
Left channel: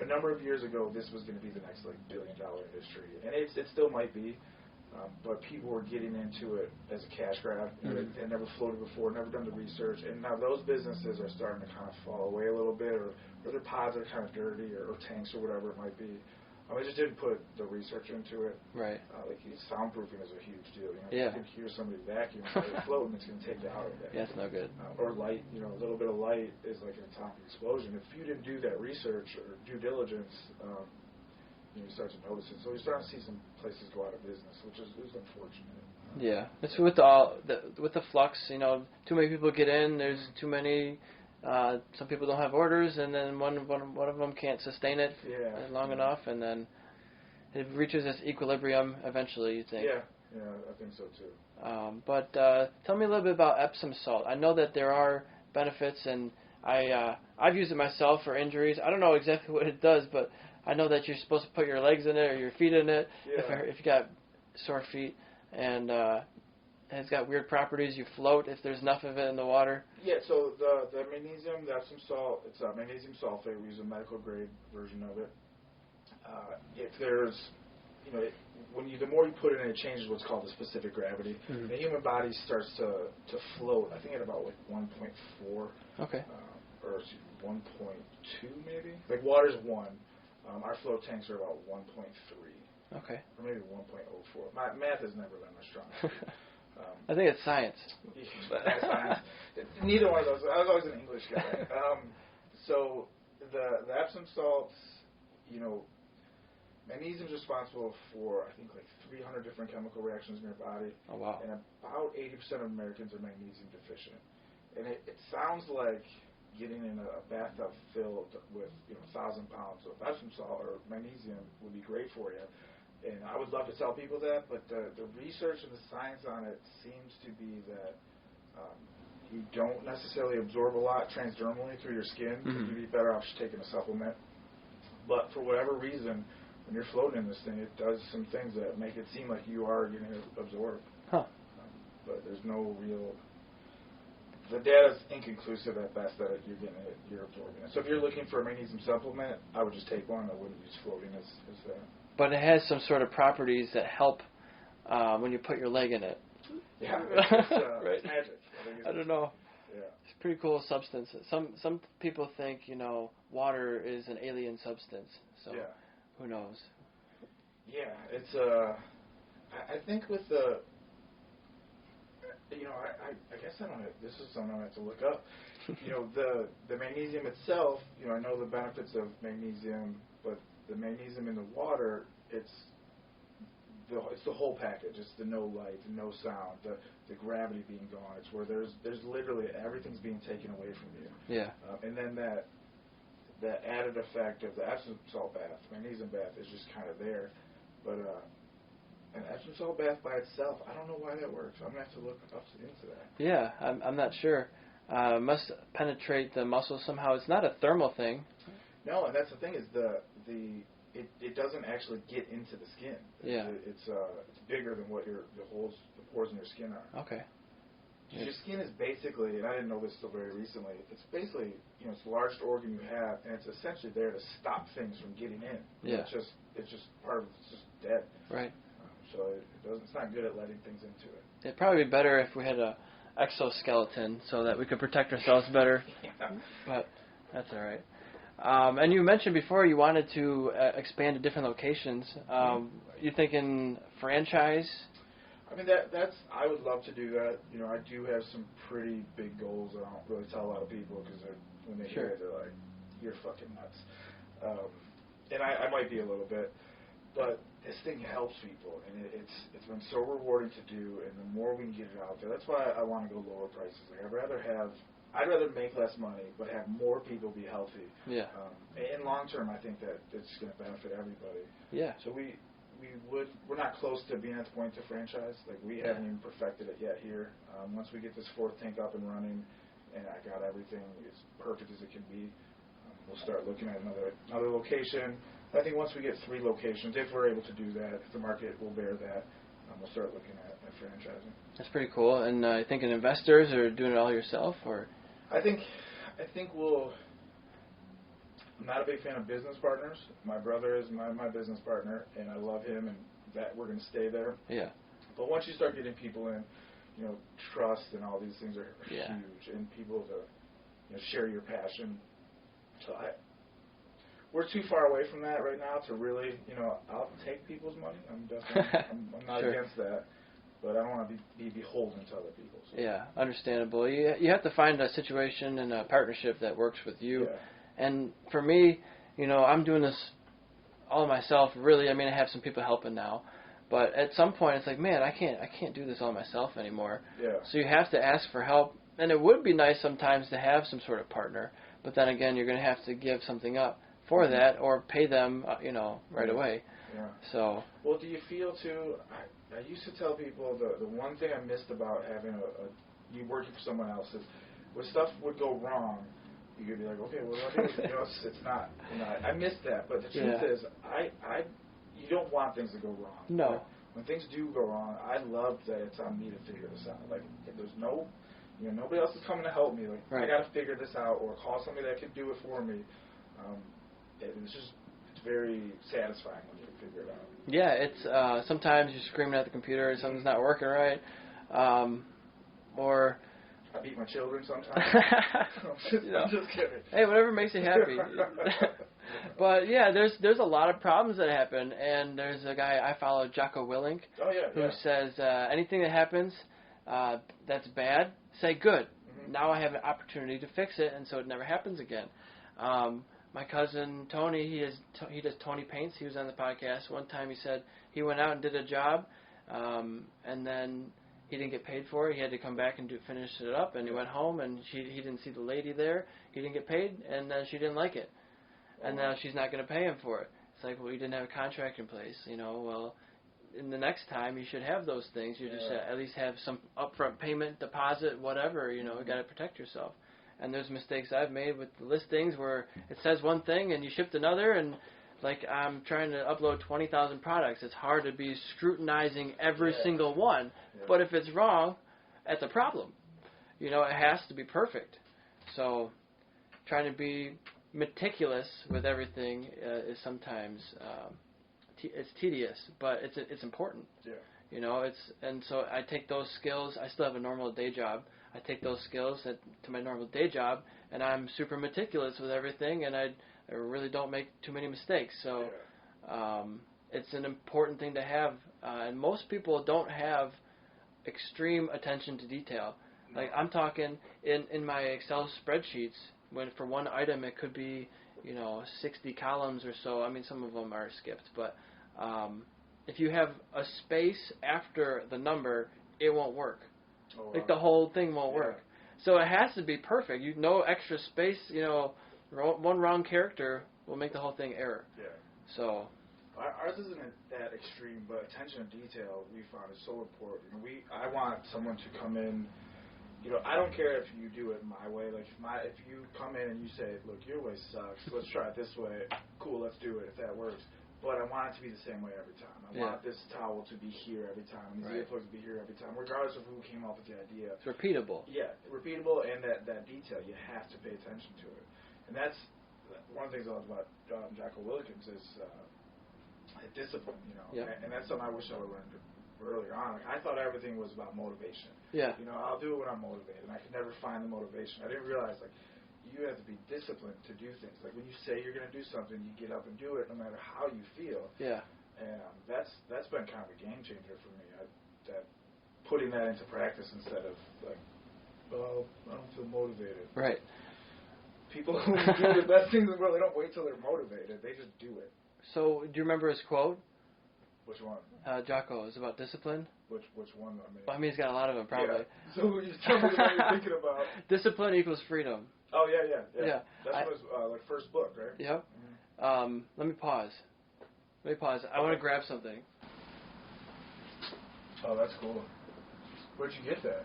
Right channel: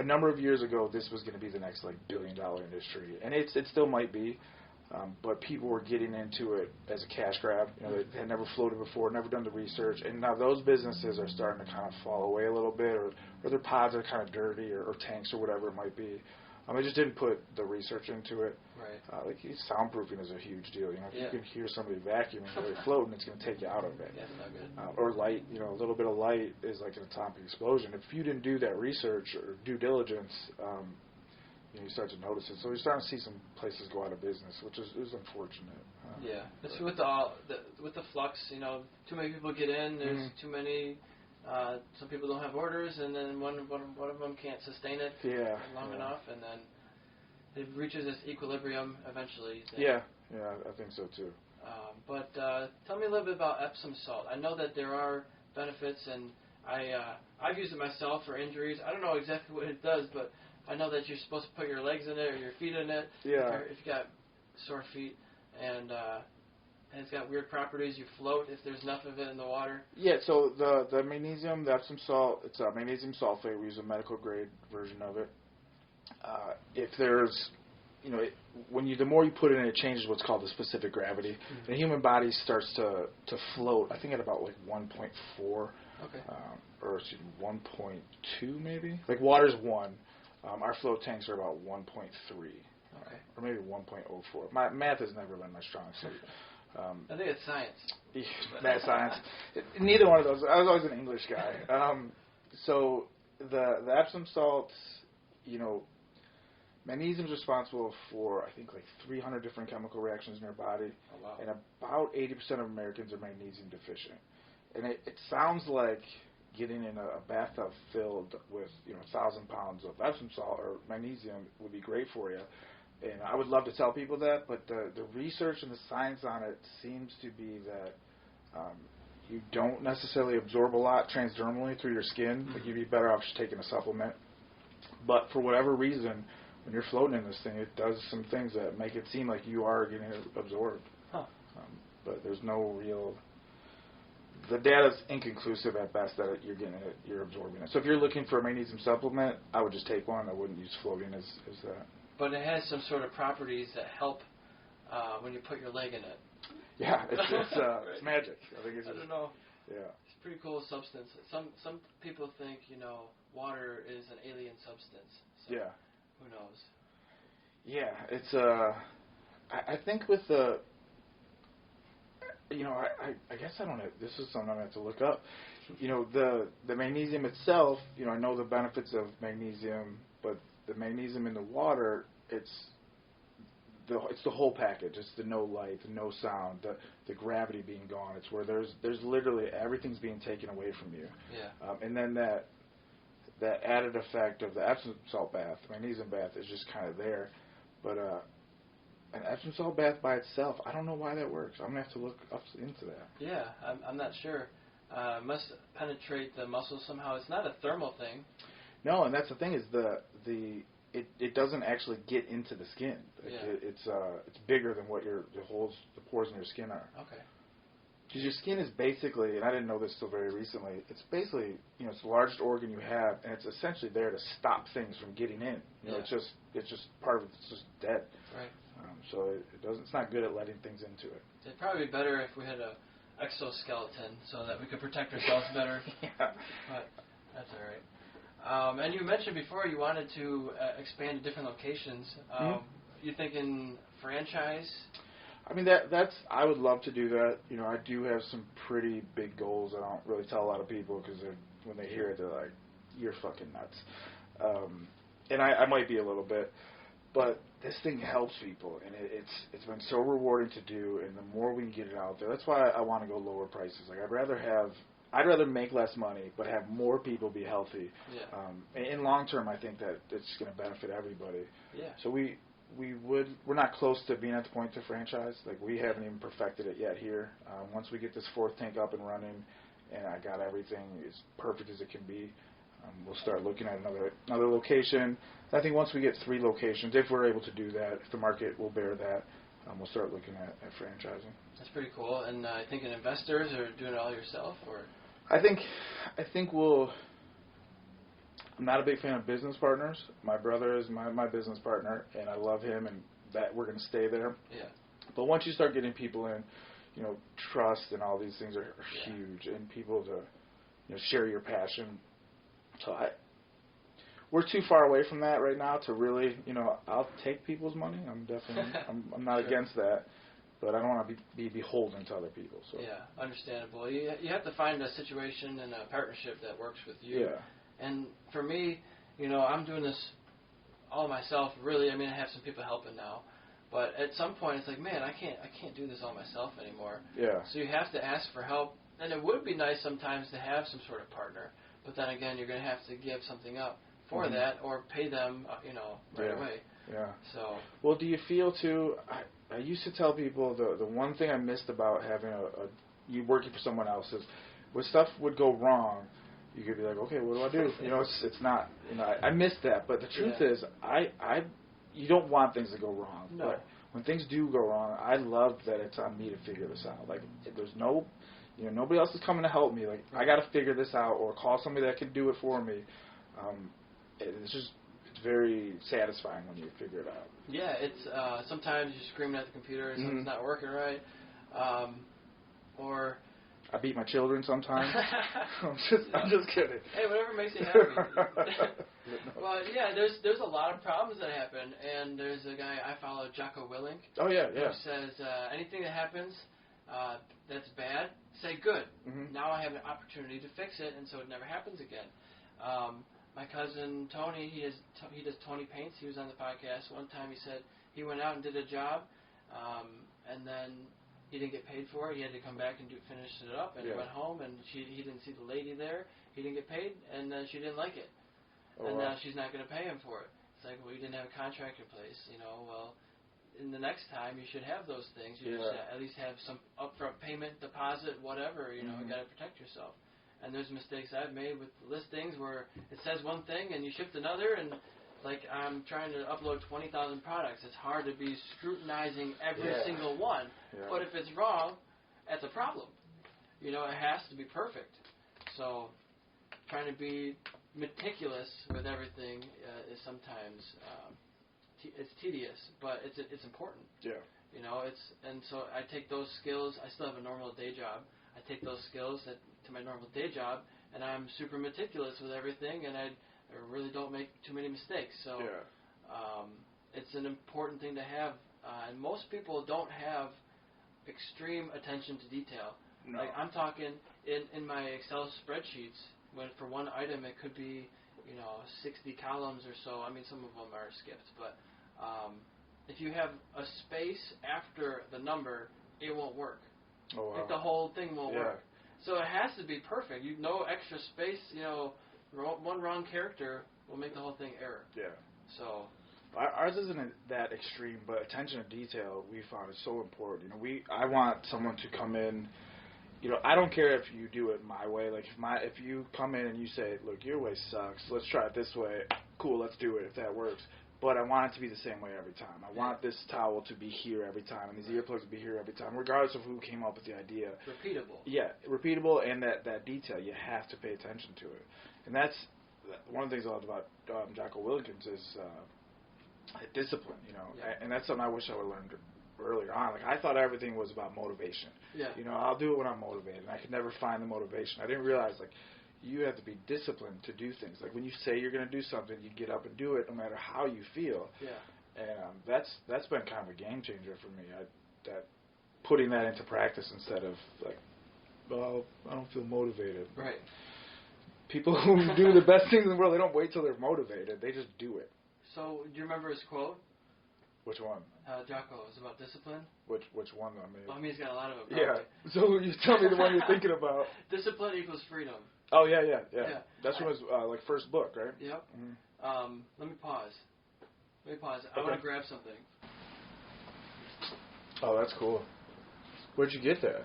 a number of years ago, this was going to be the next billion-dollar industry, and it still might be. But people were getting into it as a cash grab. They had never floated before, never done the research, and now those businesses are starting to kind of fall away a little bit, or their pods are kind of dirty, or tanks, or whatever it might be. I just didn't put the research into it. Right. Soundproofing is a huge deal. If you can hear somebody vacuuming while they're floating, it's going to take you out of it. Yeah, it's not good. Or light, a little bit of light is like an atomic explosion. If you didn't do that research or due diligence, you start to notice it. So you're starting to see some places go out of business, which is unfortunate. It's with the flux. Too many people get in. There's too many. Some people don't have orders, and then one of them can't sustain it long enough, and then it reaches this equilibrium eventually. You think? Yeah, I think so too. But tell me a little bit about Epsom salt. I know that there are benefits, and I've used it myself for injuries. I don't know exactly what it does, but I know that you're supposed to put your legs in it or your feet in it if you got sore feet, and it's got weird properties. You float if there's enough of it in the water. Yeah, so the magnesium, the Epsom salt, it's a magnesium sulfate. We use a medical grade version of it. If there's, the more you put it in, it changes what's called the specific gravity. The human body starts to float, I think at about 1.4. Okay. Or 1.2 maybe. Like water's 1. Our float tanks are about 1.3. Okay. Or maybe 1.04. My math has never been my strong suit. I think it's science. That's science. Neither one of those. I was always an English guy. So the Epsom salts, magnesium is responsible for, I think, 300 different chemical reactions in your body. Oh, wow. And about 80% of Americans are magnesium deficient. And it sounds like getting in a bathtub filled with 1,000 pounds of Epsom salt or magnesium would be great for you. And I would love to tell people that, but the research and the science on it seems to be that you don't necessarily absorb a lot transdermally through your skin. You'd be better off just taking a supplement. But for whatever reason, when you're floating in this thing, it does some things that make it seem like you are getting it absorbed. But there's no real... The data's inconclusive at best that you're absorbing it. So if you're looking for a magnesium supplement, I would just take one. I wouldn't use floating as that. But it has some sort of properties that help when you put your leg in it. Yeah, it's magic. I don't know. Yeah. It's a pretty cool substance. Some people think, water is an alien substance. So who knows? Yeah, it's I think with the I guess I don't know. This is something I have to look up. The magnesium itself, I know the benefits of magnesium, but the magnesium in the water, it's the whole package. It's the no light, the no sound, the gravity being gone. It's where there's literally everything's being taken away from you. Yeah. And then that added effect of the Epsom salt bath, magnesium bath, is just kind of there. But an Epsom salt bath by itself, I don't know why that works. I'm going to have to look up into that. Yeah, I'm not sure. It must penetrate the muscles somehow. It's not a thermal thing. No, and that's the thing is it doesn't actually get into the skin. Yeah. It's bigger than what the pores in your skin are. Okay. Because your skin is basically, and I didn't know this till very recently, it's basically, it's the largest organ you have, and it's essentially there to stop things from getting in. Yeah. It's just part of it's just dead. Right. So it's not good at letting things into it. It'd probably be better if we had a exoskeleton so that we could protect ourselves better. Yeah. But that's all right. And you mentioned before you wanted to expand to different locations. You thinking franchise? I mean, that's I would love to do that. I do have some pretty big goals. I don't really tell a lot of people because when they hear it, they're like, "You're fucking nuts." And I might be a little bit, but this thing helps people, and it's been so rewarding to do. And the more we can get it out there, that's why I want to go lower prices. Like I'd rather make less money, but have more people be healthy. Yeah. In long term, I think that it's going to benefit everybody. Yeah. So we're not close to being at the point to franchise. Like we haven't even perfected it yet here. Once we get this fourth tank up and running, and I got everything as perfect as it can be, we'll start looking at another location. I think once we get 3 locations, if we're able to do that, if the market will bear that, we'll start looking at franchising. That's pretty cool. And thinking investors or doing it all yourself, or? I think we'll. I'm not a big fan of business partners. My brother is my business partner, and I love him, and that we're going to stay there. Yeah. But once you start getting people in, trust and all these things are huge, and people to share your passion. So we're too far away from that right now to really, I'll take people's money. I'm definitely, I'm not sure. against that, but I don't want to be beholden to other people. So. Yeah, understandable. You have to find a situation and a partnership that works with you. Yeah. And for me, I'm doing this all myself. Really, I mean, I have some people helping now, but at some point, it's like, man, I can't do this all myself anymore. Yeah. So you have to ask for help, and it would be nice sometimes to have some sort of partner. But then again, you're going to have to give something up for that, or pay them, right away. Yeah. So. Well, do you feel too? I used to tell people the one thing I missed about having you working for someone else is when stuff would go wrong, you could be like, okay, what do I do? It's not. I missed that. But the truth is, you don't want things to go wrong. No. Like, when things do go wrong, I love that it's on me to figure this out. Like, if there's nobody else is coming to help me. Like, right. I got to figure this out, or call somebody that can do it for me. It's very satisfying when you figure it out. Yeah, it's sometimes you're screaming at the computer and something's not working right, or I beat my children sometimes. I'm just kidding. Hey, whatever makes you happy. But yeah, there's a lot of problems that happen, and there's a guy I follow, Jocko Willink, who says anything that happens that's bad, say good. Mm-hmm. Now I have an opportunity to fix it, and so it never happens again. My cousin Tony, he does Tony Paints. He was on the podcast one time. He said he went out and did a job, and then he didn't get paid for it. He had to come back and finish it up, and he went home, and he didn't see the lady there. He didn't get paid, and she didn't like it, and now she's not going to pay him for it. It's like, well, you didn't have a contract in place, Well, in the next time, you should have those things. You just at least have some upfront payment, deposit, whatever. You got to protect yourself. And there's mistakes I've made with listings where it says one thing and you shipped another, and like I'm trying to upload 20,000 products. It's hard to be scrutinizing every single one. Yeah. But if it's wrong, that's a problem. It has to be perfect. So trying to be meticulous with everything is sometimes it's tedious, but it's important. Yeah. And so I take those skills. I still have a normal day job. I take those skills to my normal day job, and I'm super meticulous with everything, and I really don't make too many mistakes. So it's an important thing to have, and most people don't have extreme attention to detail. No. Like I'm talking in my Excel spreadsheets, when for one item it could be 60 columns or so. I mean, some of them are skipped, but if you have a space after the number, it won't work. Oh, wow. Like the whole thing won't work. So it has to be perfect. No extra space. One wrong character will make the whole thing error. Yeah. So Ours isn't that extreme, but attention to detail we found is so important. You know, I want someone to come in. You know, I don't care if you do it my way. Like if you come in and you say, look, your way sucks. Let's try it this way. Cool, let's do it if that works. But I want it to be the same way every time. I want this towel to be here every time, and these earplugs to be here every time, regardless of who came up with the idea. Repeatable. Yeah, repeatable, and that detail. You have to pay attention to it, and that's one of the things I love about Jocko Willikins is discipline. You know, and that's something I wish I would have learned earlier on. Like I thought everything was about motivation. Yeah. You know, I'll do it when I'm motivated. And I could never find the motivation. I didn't realize like you have to be disciplined to do things. Like when you say you're going to do something, you get up and do it no matter how you feel. Yeah. And that's been kind of a game changer for me. That putting that into practice instead of like, well, I don't feel motivated. Right. People who do the best things in the world, they don't wait till they're motivated. They just do it. So, do you remember his quote? Which one? Jocko, is about discipline. Which one? I mean, he's got a lot of them, probably. Yeah. So you tell me the one you're thinking about. Discipline equals freedom. Oh yeah. That's from his like first book, right? Yep. Mm-hmm. Let me pause. I want to grab something. Oh, that's cool. Where'd you get that?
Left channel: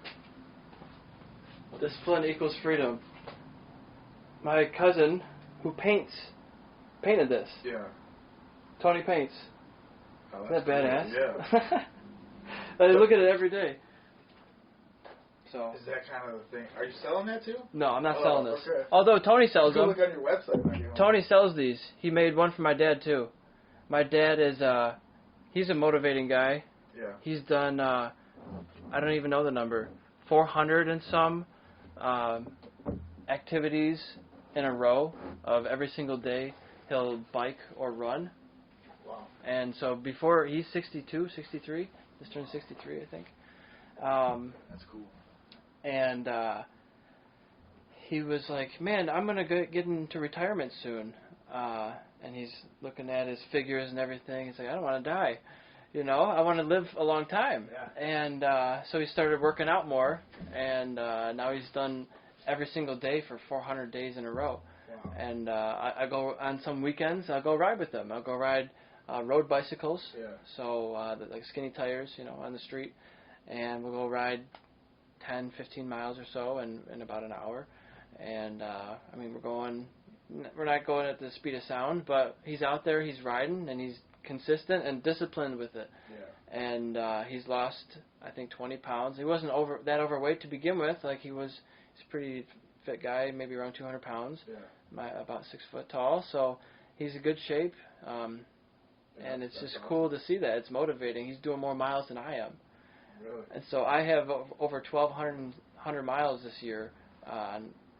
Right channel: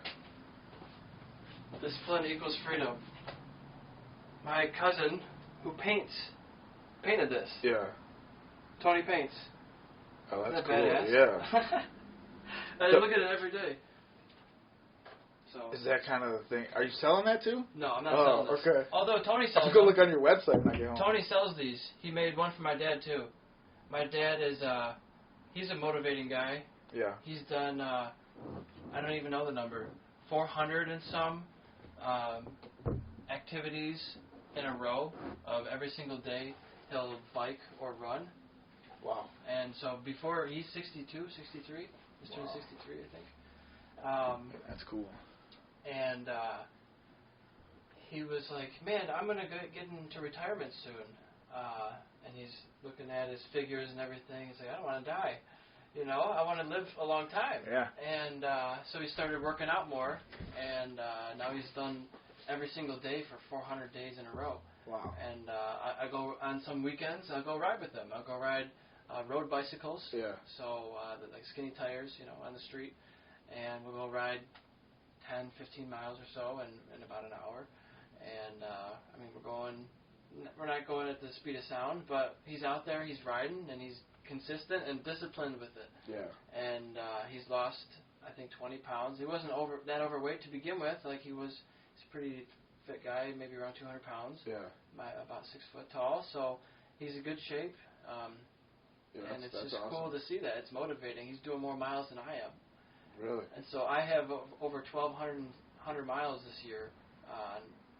Discipline equals freedom. My cousin, who painted this. Yeah. Tony paints. Oh, Isn't that cool. badass? Yeah. I look at it every day. So. Is that kind of the thing? Are you selling that too? No, I'm not selling this. Okay. Although Tony sells them. Go look on your website when I get home. Tony sells these. He made one for my dad too. My dad is he's a motivating guy. Yeah. He's done I don't even know the number, 400 and some activities in a row of every single day he'll bike or run. Wow. And so before, he's 62, 63. He's turned 63, I think. That's cool. And he was like, man, I'm going to get into retirement soon. And he's looking at his figures and everything. He's like, I don't want to die. You know, I want to live a long time. Yeah. And so he started working out more. And now he's done every single day for 400 days in a row. Wow. And I go on some weekends, I'll go ride with him. I'll go ride road bicycles. Yeah. So like skinny tires, you know, on the street. And we'll go ride 10, 15 miles or so in about an hour. And I mean, we're not going at the speed of sound, but he's out there, he's riding, and he's consistent and disciplined with it. Yeah. And he's lost, I think, 20 pounds. He wasn't that overweight to begin with. Like he's a pretty fit guy, maybe around 200 pounds. Yeah. About 6 foot tall, so he's in good shape. And it's just awesome. Cool to see that. It's motivating. He's doing more miles than I am. Really? And so I have over 1,200 miles this year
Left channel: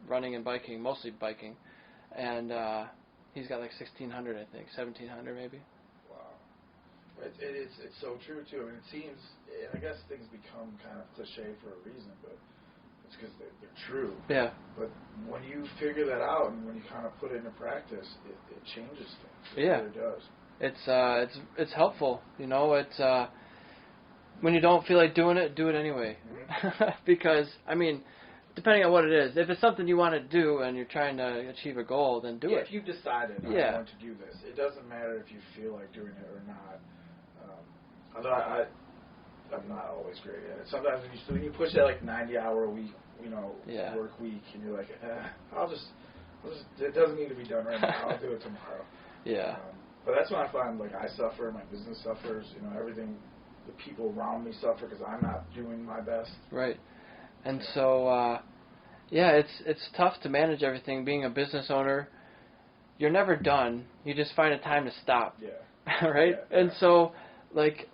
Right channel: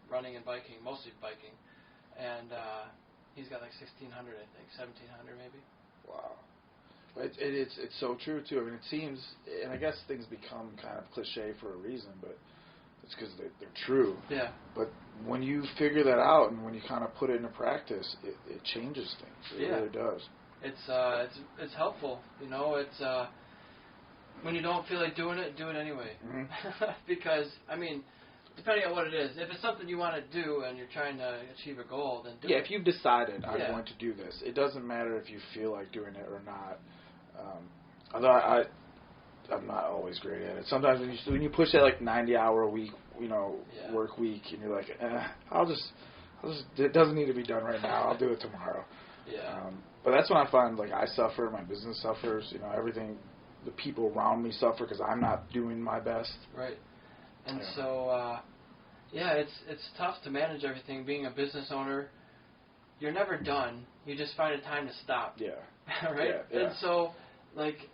running and biking, mostly biking. And he's got like 1,600, I think, 1,700 maybe. Wow. It's so true, too. I mean, it seems, and I guess things become kind of cliche for a reason, but it's because they're true. Yeah. But when you figure that out and when you kind of put it into practice, it changes things. It really does. It's helpful, you know. It's when you don't feel like doing it, do it anyway. Mm-hmm. Because I mean, depending on what it is, if it's something you want to do and you're trying to achieve a goal, then do it. Yeah, if you've decided I'm going to do this, it doesn't matter if you feel like doing it or not. Although I'm not always great at it. Sometimes when you push that like 90-hour week, you know, work week, and you're like, I'll just it doesn't need to be done right now. I'll do it tomorrow. Yeah. But that's when I find like I suffer, my business suffers, you know, everything, the people around me suffer because I'm not doing my best. Right. And so, it's tough to manage everything. Being a business owner, you're never done. You just find a time to stop. Yeah. Right? Yeah. And so, like,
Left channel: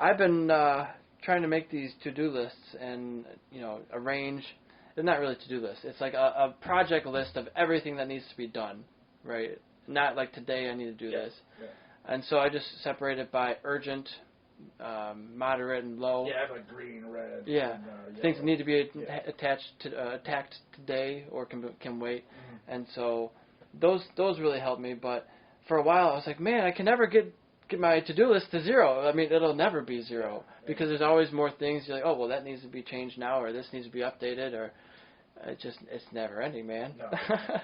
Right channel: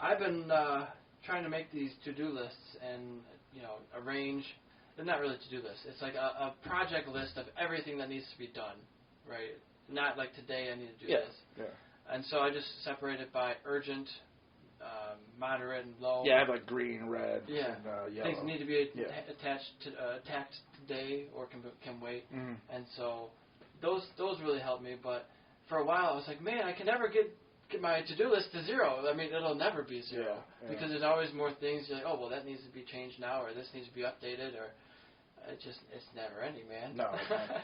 I've been trying to make these to-do lists and, you know, arrange. They're not really to-do lists. It's like a project list of everything that needs to be done, right? Not like today I need to do this. Yeah. And so I just separate it by urgent, moderate, and low. Yeah, I have like green, red, yeah. and yellow. Things need to be attacked today or can wait. Mm-hmm. And so those really help me. But for a while I was like, man, I can never get my to-do list to zero. I mean, it'll never be zero because there's always more things. You're like, oh, well, that needs to be changed now, or this needs to be updated, or it's never ending, man. No,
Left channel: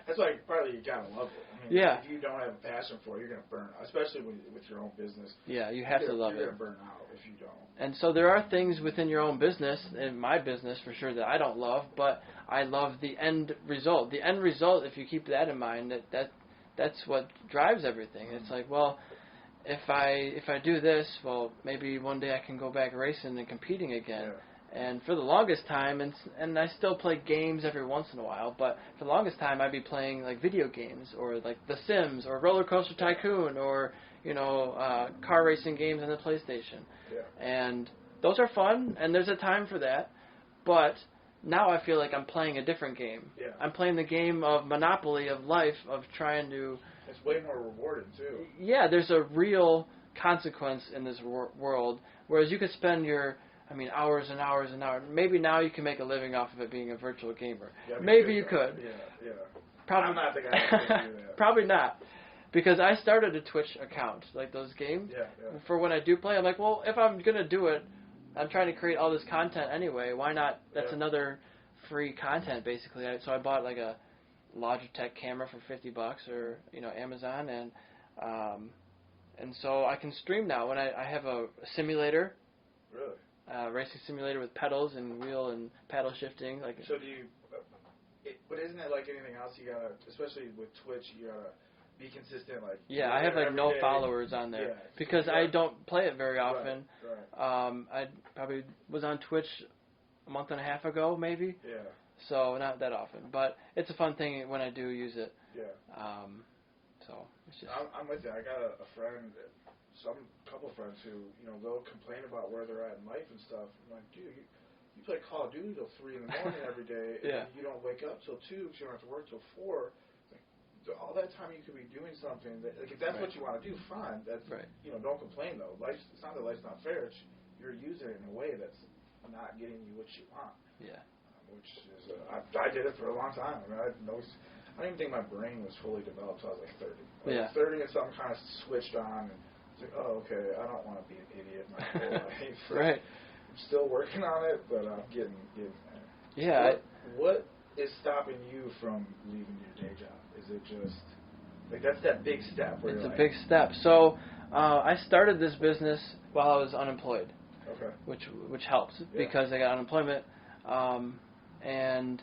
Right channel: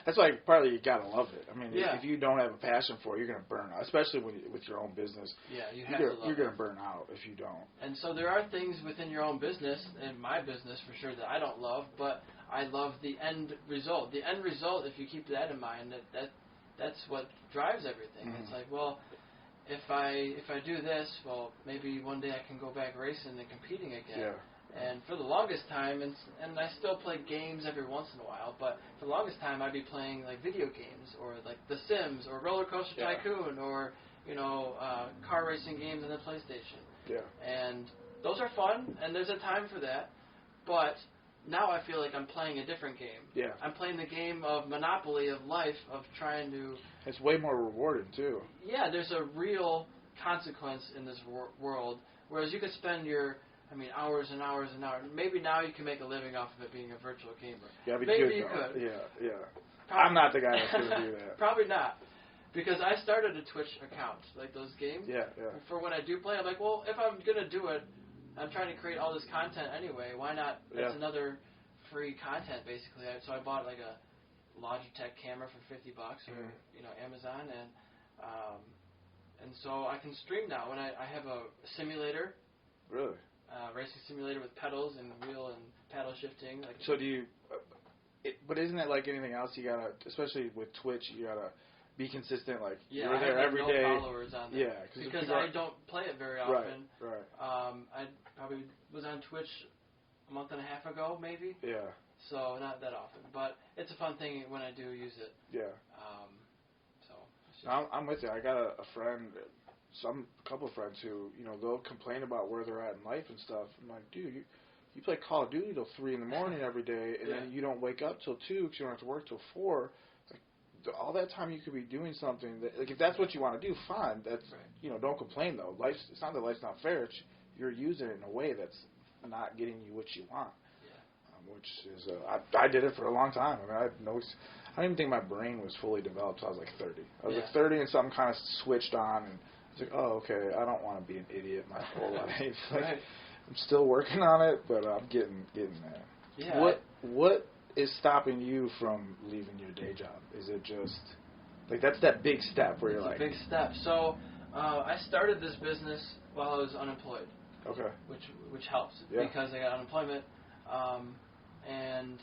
that's why partly you gotta love it. I mean, yeah. if you don't have a passion for it, you're gonna burn out, especially with your own business. Yeah, you have to love it. You're gonna burn out if you don't. And so there are things within your own business, in my business for sure, that I don't love, but I love the end result. The end result, if you keep that in mind, that's what drives everything. Mm-hmm. It's like, well, if I do this, well, maybe one day I can go back racing and competing again. Yeah. And for the longest time, and I still play games every once in a while, but for the longest time I'd be playing like video games or like The Sims or Roller Coaster Tycoon or car racing games on the PlayStation. Yeah. And those are fun, and there's a time for that. But now I feel like I'm playing a different game. Yeah. I'm playing the game of Monopoly of life, of trying to... It's way more rewarding, too. Yeah, there's a real consequence in this world, whereas you could spend hours and hours and hours. Maybe now you can make a living off of it being a virtual gamer. Yeah, maybe you could. Yeah. I'm not the guy that's going to do that. Probably not. Because I started a Twitch account, like those games. Yeah. For when I do play, I'm like, well, if I'm going to do it, I'm trying to create all this content anyway. Why not? That's another free content, basically. So I bought like a Logitech camera for $50 or Amazon, and so I can stream now. And I have a simulator. Really? Racing simulator with pedals and wheel and paddle shifting. So do you? But isn't it like anything else? You gotta, especially with Twitch, you gotta be consistent. Like I have like no followers on there because I don't play it very often. Right. I probably was on Twitch a month and a half ago, maybe. Yeah. So not that often, but it's a fun thing when I do use it. Yeah. So it's just I'm with you. I got a friend. Couple of friends who, they'll complain about where they're at in life and stuff. I'm like, dude, you play Call of Duty till 3 in the morning every day, and then you don't wake up till 2 because you don't have to work till 4. It's like, all that time you could be doing something. If that's what you want to do, fine. That's don't complain though. It's not that life's not fair. It's you're using it in a way that's not getting you what you want. Yeah. Which is I did it for a long time. I don't even think my brain was fully developed until I was like 30. I was like 30 and something kind of switched on. And it's like, oh, okay, I don't want to be an idiot my whole life. Right. I'm still working on it, but I'm getting there. Yeah. What is stopping you from leaving your day job? Is it just like that's that big step where it's you're a big step. So I started this business while I was unemployed. Okay. Which helps because I got unemployment, and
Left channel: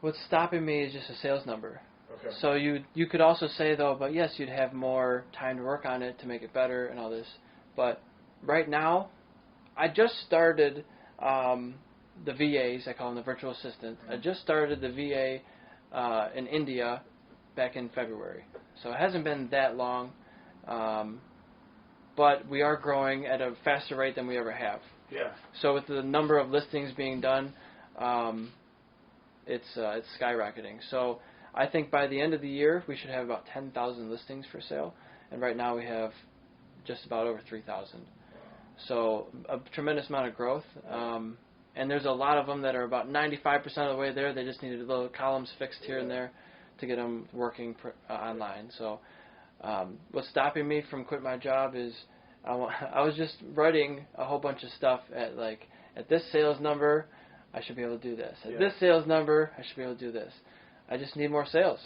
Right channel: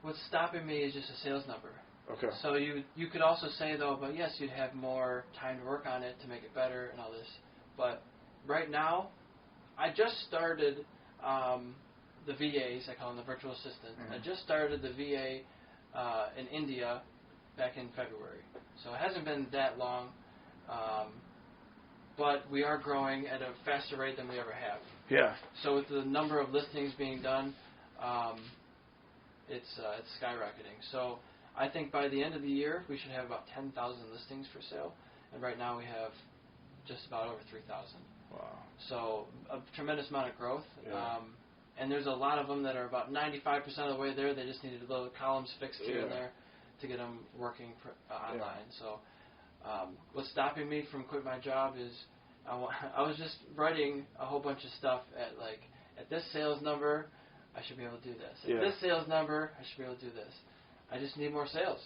what's stopping me is just a sales number. Okay. So you could also say though, but yes, you'd have more time to work on it to make it better and all this. But right now, I just started the VAs. I call them the virtual assistant. Mm-hmm. I just started the VA in India back in February. So it hasn't been that long, but we are growing at a faster rate than we ever have. Yeah. So with the number of listings being done, it's skyrocketing. So I think by the end of the year, we should have about 10,000 listings for sale. And right now we have just about over 3,000. Wow. So a tremendous amount of growth. And there's a lot of them that are about 95% of the way there. They just needed little columns fixed here and there to get them working online. So what's stopping me from quitting my job is I was just writing a whole bunch of stuff at this sales number, I should be able to do this. At this sales number, I should be able to do this. I just need more sales.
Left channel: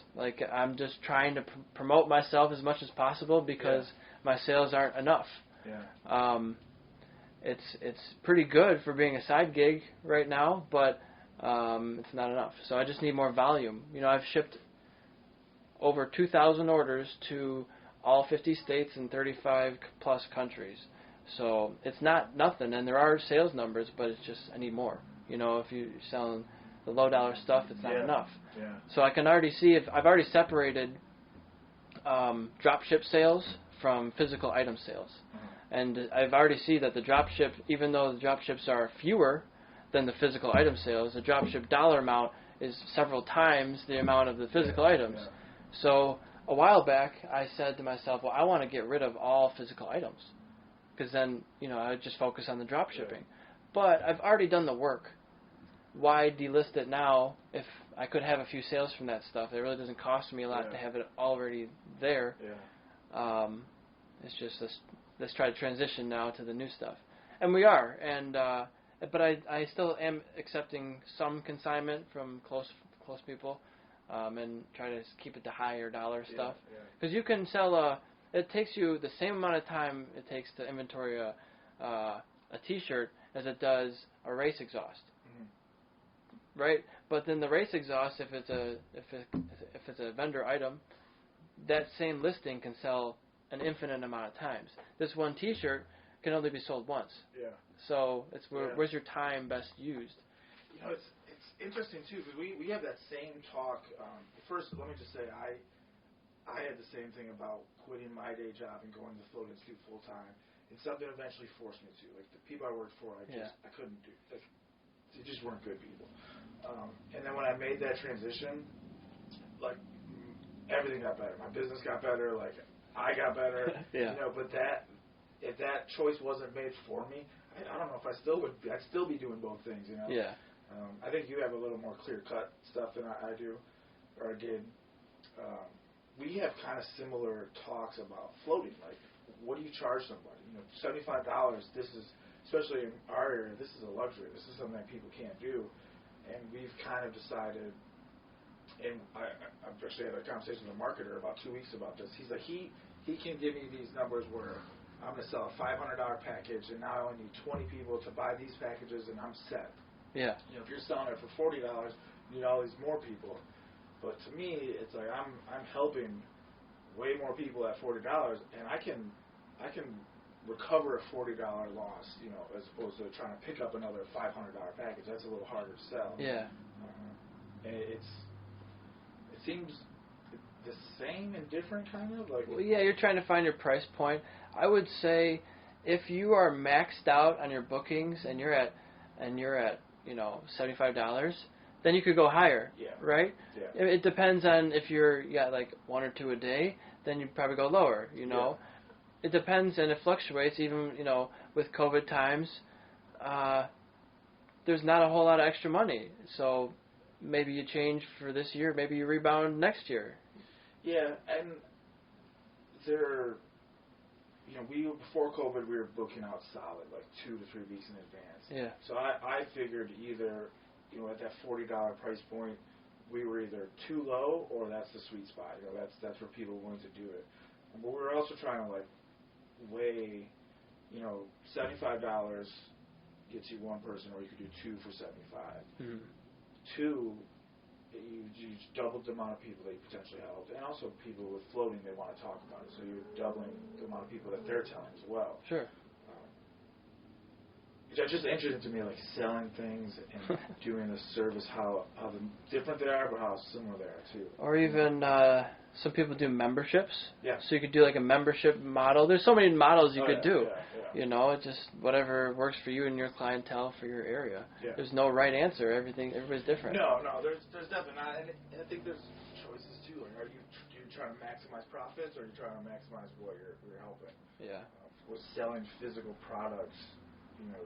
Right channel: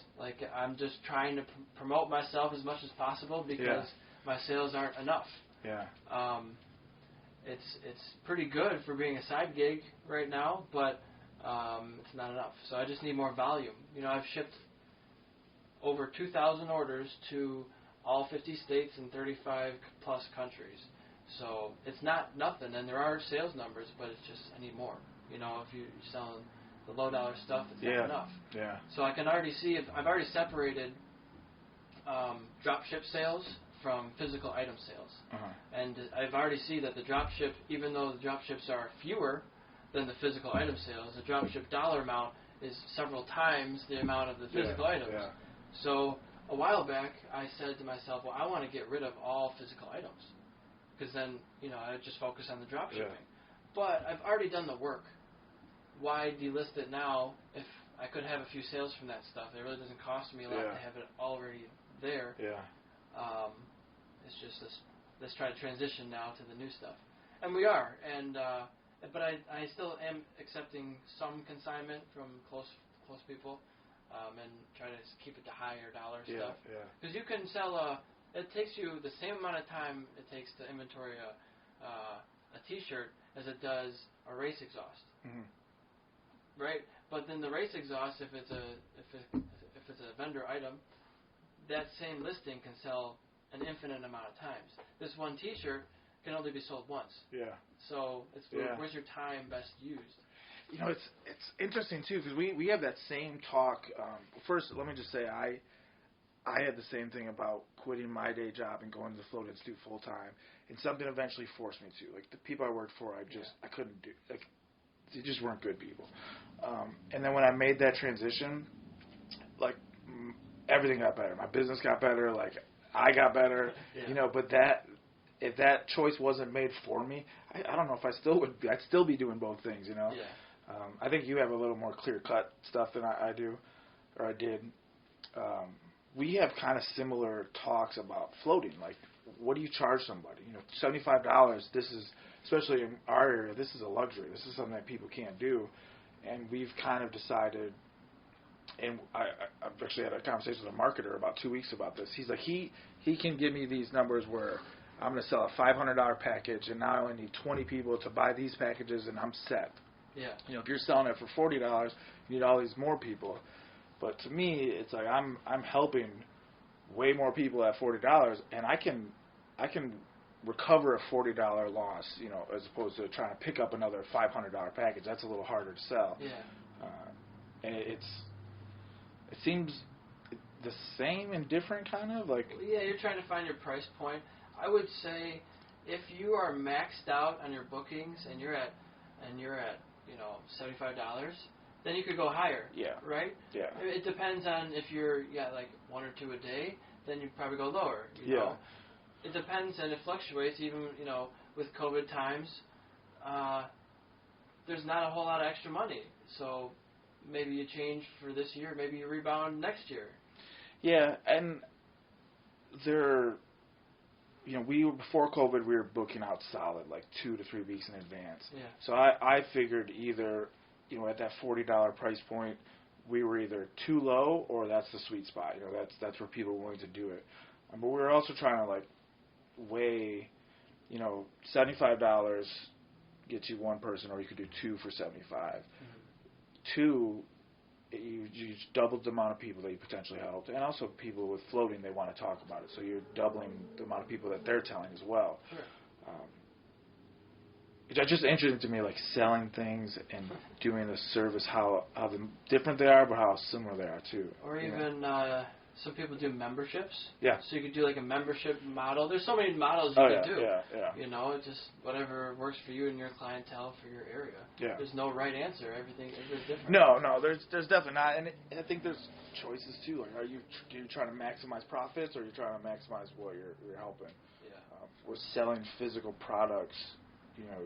I'm just trying to promote myself as much as possible because my sales aren't enough. Yeah. It's pretty good for being a side gig right now, but it's not enough. So I just need more volume. I've shipped over 2,000 orders to all 50 states and 35 plus countries. So it's not nothing, and there are sales numbers, but it's just I need more. If you're selling the low dollar stuff, it's not enough. Yeah. So I can already see if I've already separated drop ship sales from physical item sales. Uh-huh. And I've already seen that the drop ship, even though the drop ships are fewer than the physical item sales, the drop ship dollar amount is several times the amount of the physical items. Yeah. So a while back, I said to myself, well, I want to get rid of all physical items because then, I just focus on the drop shipping. But I've already done the work. Why delist it now if I could have a few sales from that stuff? It really doesn't cost me a lot to have it already there. Yeah. It's just let's try to transition now to the new stuff. And we are. And but I still am accepting some consignment from close people, and try to keep it to higher dollar stuff. Because you can sell it takes you the same amount of time it takes to inventory a T-shirt as it does a race exhaust. Mm-hmm. Right? But then the race exhaust, if it's a vendor item, that same listing can sell an infinite amount of times. This one T-shirt can only be sold once. Yeah. So it's where's your time best used? You know, it's interesting too, because we have that same talk. First, let me just say I had the same thing about quitting my day job and going to the Float Institute full time, and something eventually forced me to. Like the people I worked for, I couldn't do. Like they just weren't good people. And then when I made that transition, like everything got better. My business got better. Like I got better. You know, but if that choice wasn't made for me, I don't know if I still would. I'd still be doing both things. You know. Yeah. I think you have a little more clear-cut stuff than I do, or I did. We have kind of similar talks about floating. Like, what do you charge somebody? You know, $75. This is, especially in our area, this is a luxury. This is something that people can't do, and we've kind of decided. And I've actually had a conversation with a marketer about 2 weeks about this. He's like, he can give me these numbers where I'm going to sell a $500 package, and now I only need 20 people to buy these packages, and I'm set. Yeah. You know, if you're selling it for $40, you need all these more people. But to me, it's like I'm helping way more people at $40, and I can recover a $40 loss, you know, as opposed to trying to pick up another $500 package. That's a little harder to sell. Yeah. And it seems the same and different, kind of like. Well, yeah, you're trying to find your price point. I would say if you are maxed out on your bookings and you're at you know, $75, then you could go higher. Yeah. Right? Yeah. It depends on if you got like one or two a day, then you'd probably go lower, you know. It depends, and it fluctuates even, you know, with COVID times. There's not a whole lot of extra money. So maybe you change for this year, maybe you rebound next year. Yeah, and you know, before COVID, we were booking out solid, like 2 to 3 weeks in advance. Yeah. So I figured either, you know, at that $40 price point, we were either too low or that's the sweet spot. You know, that's where people are willing to do it. But we were also trying to like weigh, you know, $75 gets you one person, or you could do two for $75. Mm-hmm. Two, you doubled the amount of people that you potentially helped, and also people with floating, they want to talk about it, so you're doubling the amount of people that they're telling as well. Sure. It's just interesting to me, like selling things and doing the service, how different they are, but how similar they are too. Or even some people do memberships. Yeah. So you could do like a membership model. There's so many models you could do. Yeah. You know, it's just whatever works for you and your clientele for your area. Yeah. There's no right answer. Everybody's different. No, there's definitely not, and I think there's choices too. Like, are you trying to maximize profits, or are you trying to maximize what you're helping? Yeah. With selling physical products, you know,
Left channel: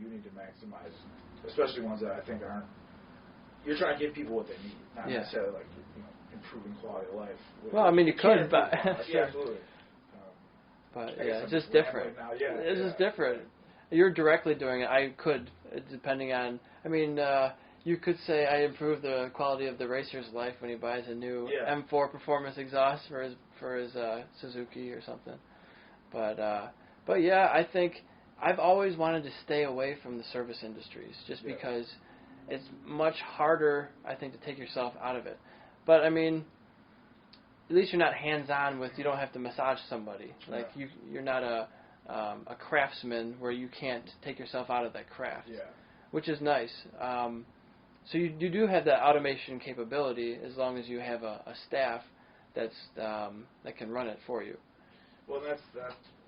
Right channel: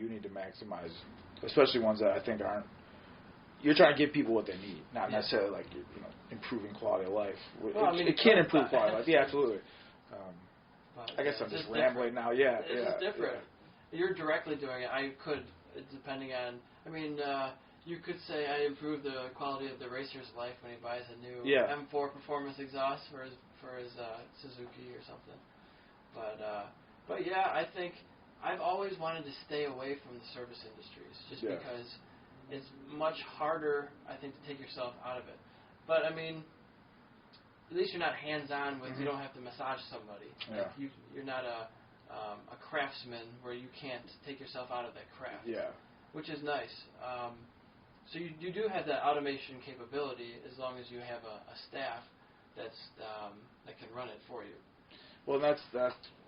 you need to maximize, especially ones that I think aren't. You're trying to give people what they need, not necessarily like, you know, improving quality of life. Well, I mean, you can improve quality of life. Yeah, absolutely. But I guess it's I'm just different. Now. Yeah, it's just different. You're directly doing it. I could, depending on. I mean, you could say I improve the quality of the racer's life when he buys a new M4 performance exhaust for his Suzuki or something. But yeah, I think I've always wanted to stay away from the service industries just because it's much harder, I think, to take yourself out of it. But I mean, at least you're not hands-on with. You don't have to massage somebody. Like you're not a craftsman where you can't take yourself out of that craft. Yeah. Which is nice. So you do have that automation capability as long as you have a staff that can run it for you. Well, that's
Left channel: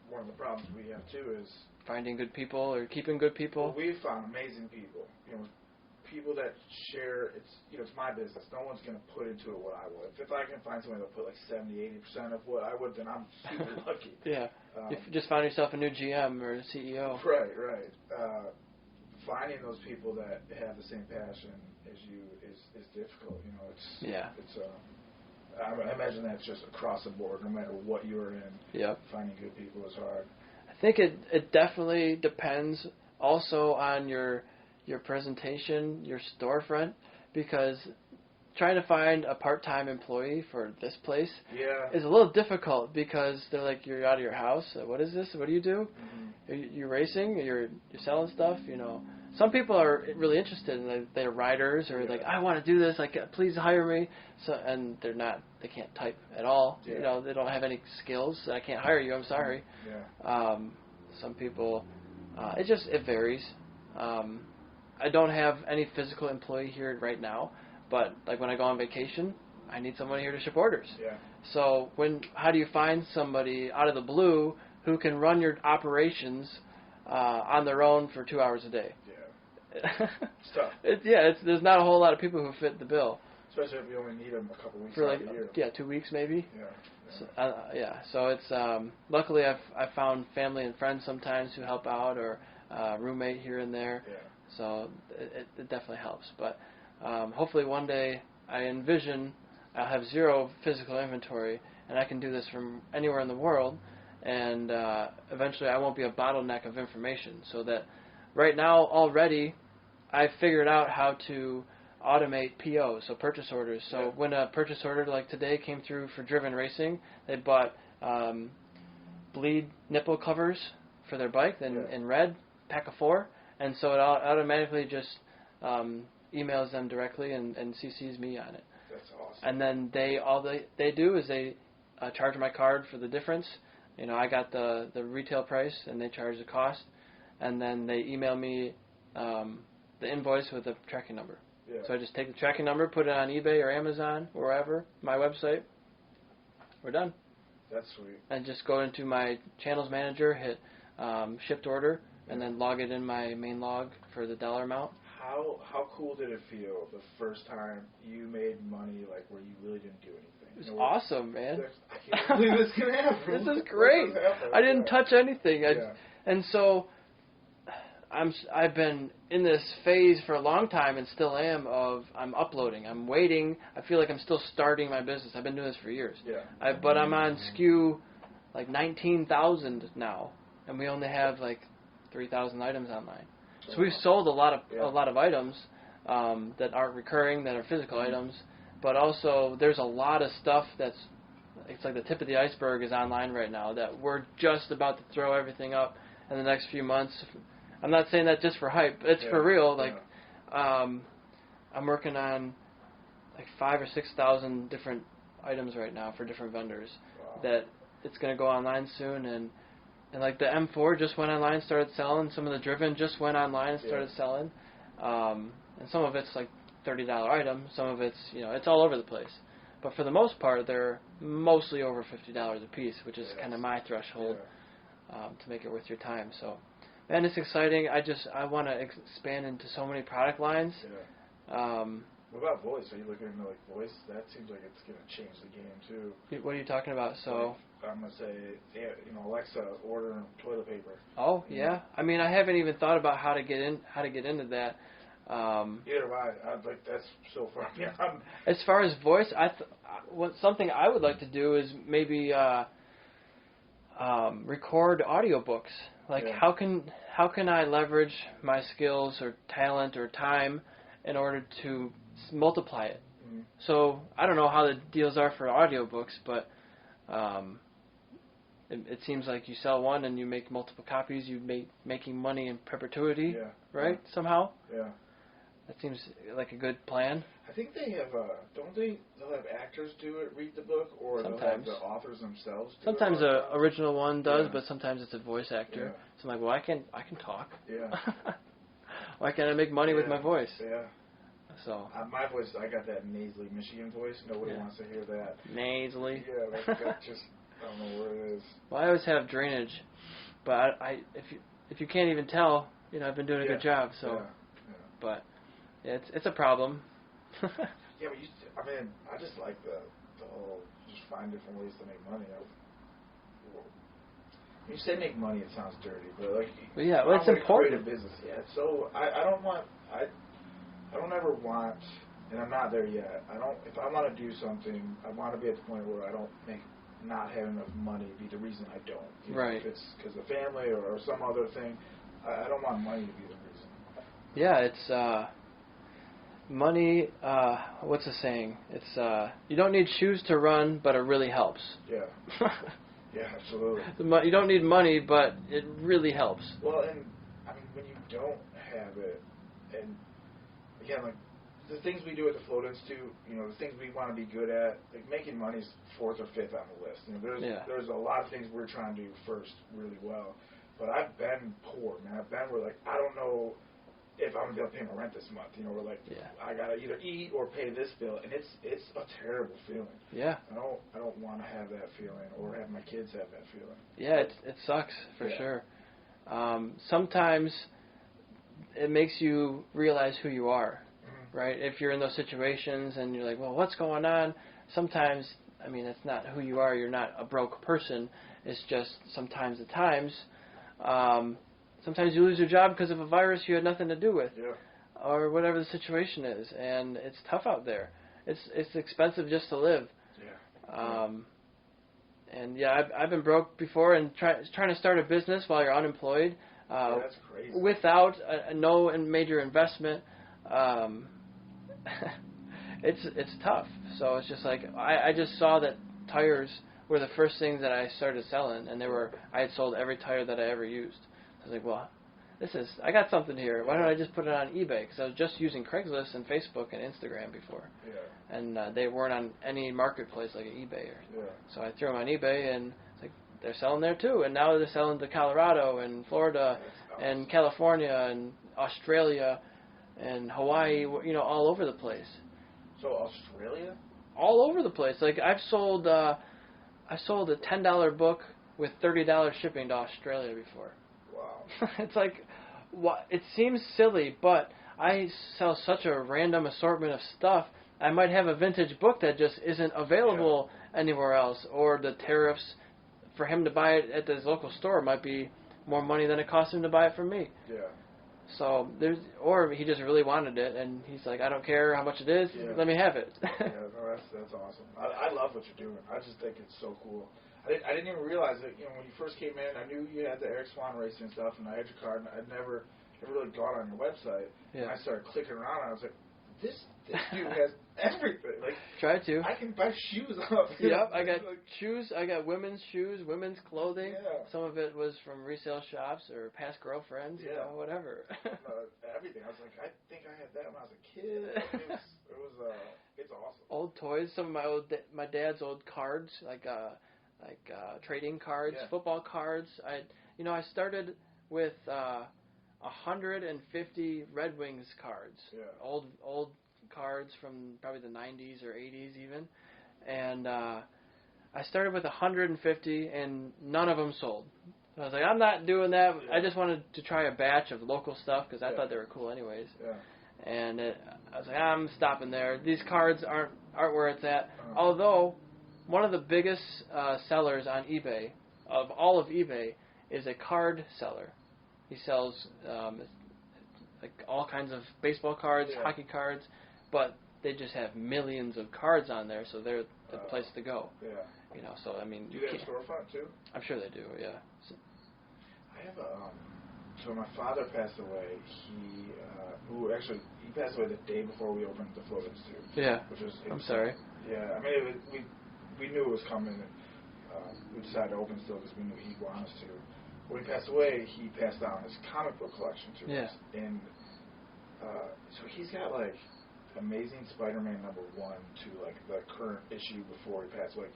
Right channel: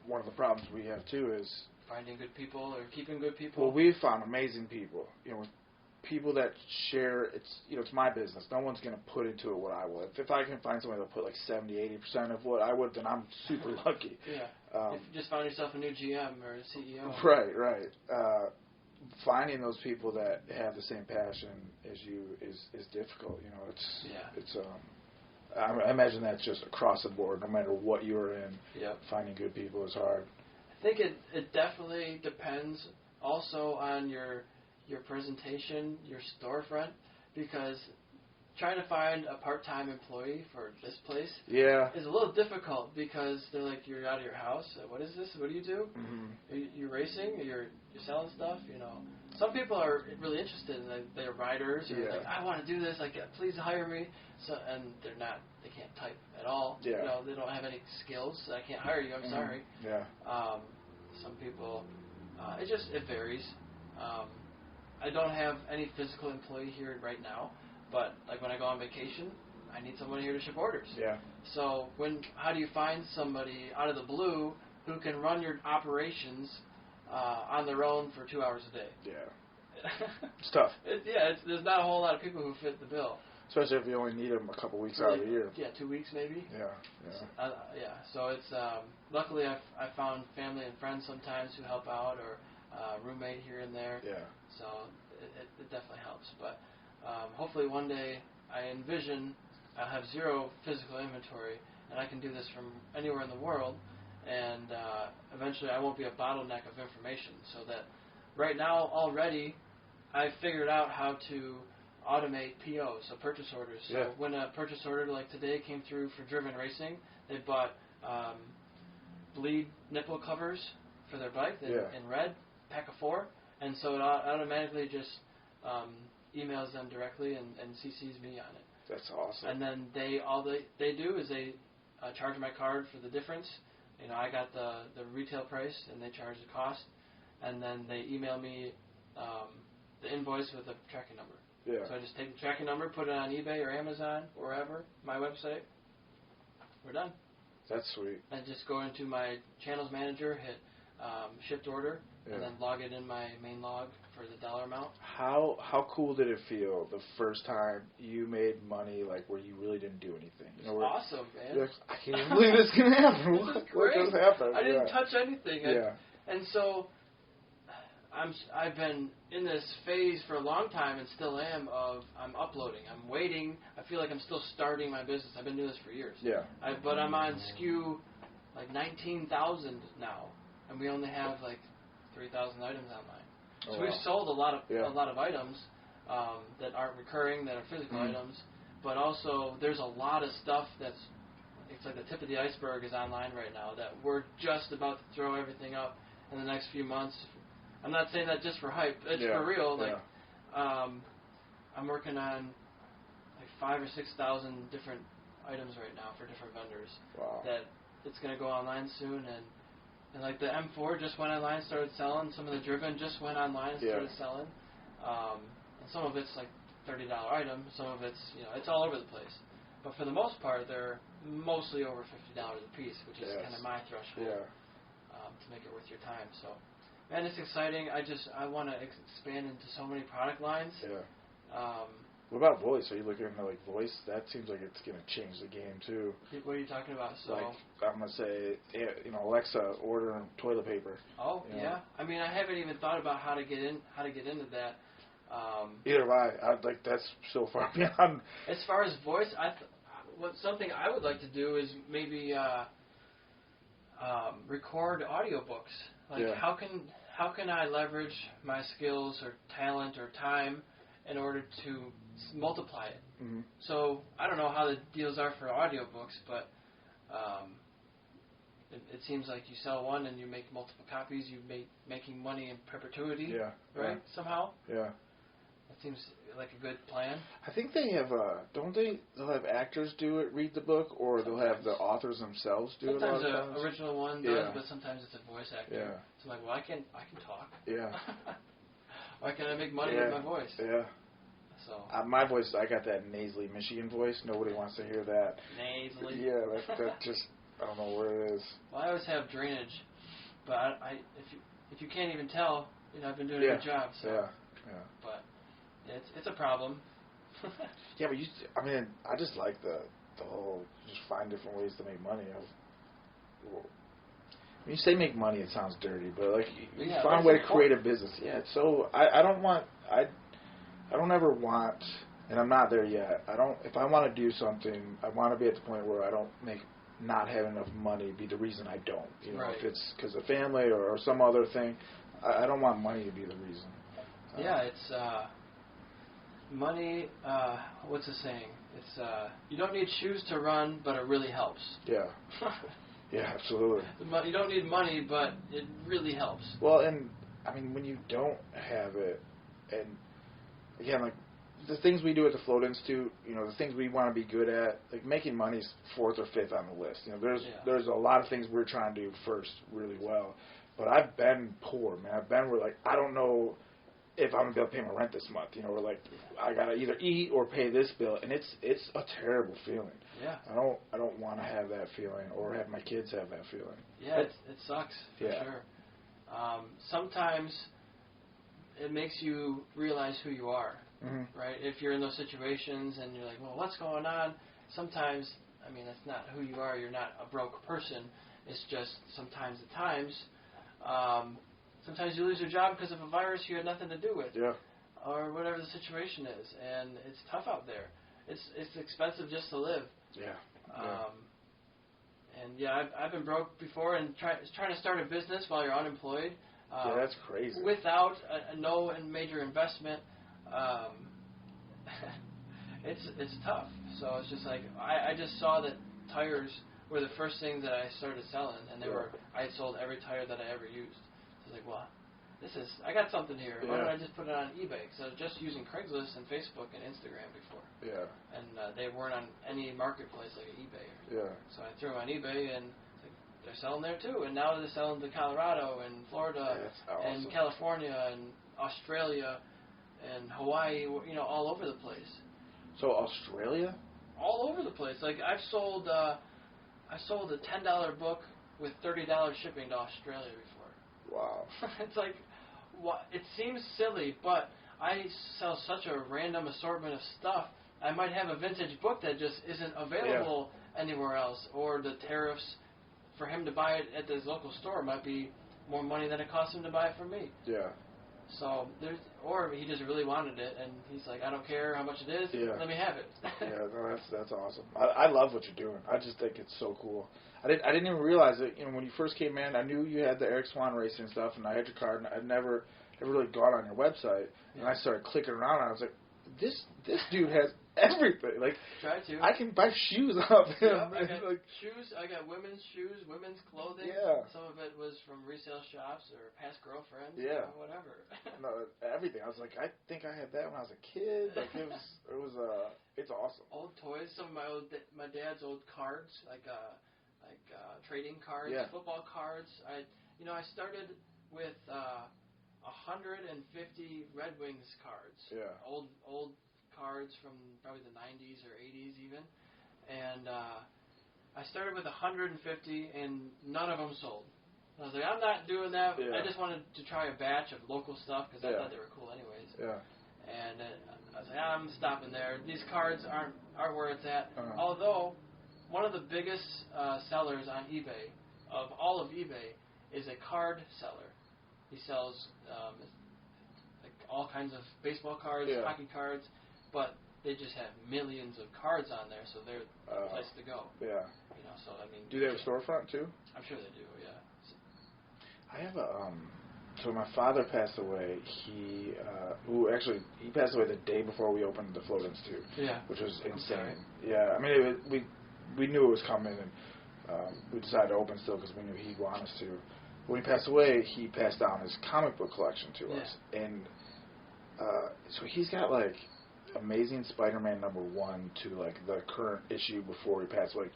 one of the problems we have too is finding good people or keeping good people. Well, we've found amazing people. You know, people that share. It's my business. No one's going to put into it what I would. If I can find somebody that'll put like 70-80% of what I would, then I'm super lucky. Yeah. If you just found yourself a new GM or a CEO. Right. Finding those people that have the same passion as you is difficult. You know, it's I imagine that's just across the board, no matter what you're in. Yep. Finding good people is hard. I think it definitely depends also on your presentation, your storefront, because trying to find a part-time employee for this place is a little difficult because they're like, you're out of your house. What is this? What do you do? Mm-hmm. You're racing? You're selling stuff? You know, some people are really interested in it. They're riders or like, I want to do this. Like, please hire me. So, and they're not. They can't type at all. Yeah. You know, they don't have any skills. I can't hire you. I'm sorry. Yeah. Some people, it varies. I don't have any physical employee here right now. But like when I go on vacation, I need someone here to ship orders. Yeah. So how do you find somebody out of the blue who can run your operations on their own for 2 hours a day? Yeah. It's tough. There's not a whole lot of people who fit the bill. Especially if you only need them a couple weeks out of the year. Yeah, 2 weeks maybe. Yeah. So it's luckily I've found family and friends sometimes who help out, or roommate here and there. Yeah. So it definitely helps, but. Hopefully one day I envision I'll have zero physical inventory and I can do this from anywhere in the world, and eventually I won't be a bottleneck of information, so that right now already I've figured out how to automate POs, so purchase orders. So when a purchase order like today came through for Driven Racing, they bought bleed nipple covers for their bike in red, pack of 4, and so it automatically just emails them directly and CCs me on it. That's awesome. And then all they do is they charge my card for the difference. You know, I got the retail price and they charge the cost, and then they email me the invoice with a tracking number. Yeah. So I just take the tracking number, put it on eBay or Amazon, wherever, my website. We're done. That's sweet. And just go into my channels manager, hit shipped order, and then log it in my main log for the dollar amount. How cool did it feel the first time you made money, like where you really didn't do anything? It was awesome, man. I can't believe this can happen. This is great. I didn't touch anything. And so I've been in this phase for a long time and still am of I'm uploading. I'm waiting. I feel like I'm still starting my business. I've been doing this for years. Yeah. But I'm on SKU like 19,000 now, and we only have like 3,000 items online. So we've sold a lot of items that aren't recurring, that are physical items, but also there's a lot of stuff it's like the tip of the iceberg is online right now that we're just about to throw everything up in the next few months. I'm not saying that just for hype. It's for real. Like I'm working on like 5,000 or 6,000 different items right now for different vendors. Wow. That it's going to go online soon, and like the M4 just went online, started selling. Some of the Driven just went online and started selling. And some of it's like $30 items. Some of it's, it's all over the place. But for the most part, they're mostly over $50 a piece, which is kind of my threshold to make it worth your time. So, man, it's exciting. I want to expand into so many product lines. Yeah. What about voice? Are you looking into like voice? That seems like it's going to change the game too. What are you talking about? So I'm going to say, Alexa, order toilet paper. Oh yeah. I mean, I haven't even thought about how to get into that. Either have I. That's so far beyond. As far as voice, something I would like to do is maybe record audiobooks. Like how can I leverage my skills or talent or time in order to multiply it? Mm-hmm. So I don't know how the deals are for audiobooks, but it seems like you sell one and you make multiple copies. You making money in perpetuity, right? Yeah. Somehow. Yeah. That seems like a good plan. I think they have, they'll have actors read the book, or sometimes they'll have the authors themselves do it. Sometimes an original one does, but sometimes it's a voice actor. Yeah. So I'm like, well, I can talk. Yeah. Why can't I make money with my voice? Yeah. So my voice, I got that nasally Michigan voice. Nobody wants to hear that. Nasally. Yeah, that just, I don't know what it is. Well, I always have drainage, but if you can't even tell, I've been doing a good job. So, but. It's a problem. Yeah, but I just like the whole just find different ways to make money. When you say make money, it sounds dirty, but find a way to create a business. Yeah, so I don't ever want, and I'm not there yet. If I want to do something, I want to be at the point where I don't make not having enough money be the reason I don't. Right. If it's because of family or some other thing, I don't want money to be the reason. Yeah, it's money. What's the saying? It's you don't need shoes to run, but it really helps. Yeah. Yeah, absolutely. You don't need money, but it really helps. Well, and I mean, when you don't have it, and again, like the things we do at the Float Institute, you know, the things we want to be good at, like making money's fourth or fifth on the list. You know, there's a lot of things we're trying to do first really well, but I've been poor, man. I've been where like I don't know if I'm gonna be able to pay my rent this month. You know, we're like I gotta either eat or pay this bill, and it's a terrible feeling. Yeah. I don't want to have that feeling or have my kids have that feeling. Yeah, it sucks for sure. Sometimes it makes you realize who you are, right? If you're in those situations and you're like, well, what's going on? Sometimes, I mean, it's not who you are. You're not a broke person. It's just sometimes at times. Sometimes you lose your job because of a virus you had nothing to do with, or whatever the situation is, and it's tough out there. It's expensive just to live. Yeah. And I've been broke before and trying to start a business while you're unemployed. That's crazy. Without no major investment, it's tough. So it's just like I just saw that tires were the first things that I started selling, and I had sold every tire that I ever used. I was like, well, I got something here. Why don't I just put it on eBay? Because I was just using Craigslist and Facebook and Instagram before. Yeah. And they weren't on any marketplace like eBay. So I threw them on eBay, and like, they're selling there too. And now they're selling to Colorado and Florida and California and Australia and Hawaii, you know, all over the place. So Australia? All over the place. Like I sold a $10 book with $30 shipping to Australia before. Wow. It's like, it seems silly, but I sell such a random assortment of stuff. I might have a vintage book that just isn't available anywhere else, or the tariffs for him to buy it at his local store might be more money than it cost him to buy it from me. Yeah. So or he just really wanted it, and he's like, I don't care how much it is, let me have it. No, that's awesome. I love what you're doing. I just think it's so cool. I didn't even realize it. You know, when you first came in, I knew you had the Eric Swahn racing and stuff, and I had your card, and I'd never really gone on your website. And I started clicking around, and I was like, this dude has everything. Like, try to. I can buy shoes off him. Yeah, I got shoes. I got women's shoes, women's clothing. Yeah. Some of it was from resale shops or past girlfriends. You know, whatever. No, everything. I was like, I think I had that when I was a kid. Like, it's awesome. Old toys. Some of my dad's old cards, like trading cards, football cards. I started with 150 Red Wings cards. Yeah. Old cards from probably the 90s or 80s even. And I started with 150, and none of them sold. I was like, I'm not doing that. I just wanted to try a batch of local stuff because I thought they were cool anyways. Yeah. And I was like, I'm stopping there. These cards aren't where it's at. Although, one of the biggest sellers on eBay, of all of eBay, is a card seller. He sells like all kinds of baseball cards, hockey cards, but they just have millions of cards on there, so they're the place to go. Yeah. You know, so I mean. Do they have a storefront too? I'm sure they do. Yeah. I have so my father passed away. He passed away the day before we opened the Float Institute. Yeah. Which was insane. I'm sorry. Yeah. I mean, we knew it was coming, and we decided to open still because we knew he'd want us to. When he passed away, he passed down his comic book collection to us, and so he's got like Amazing Spider-Man #1 to like the current issue before he passed, like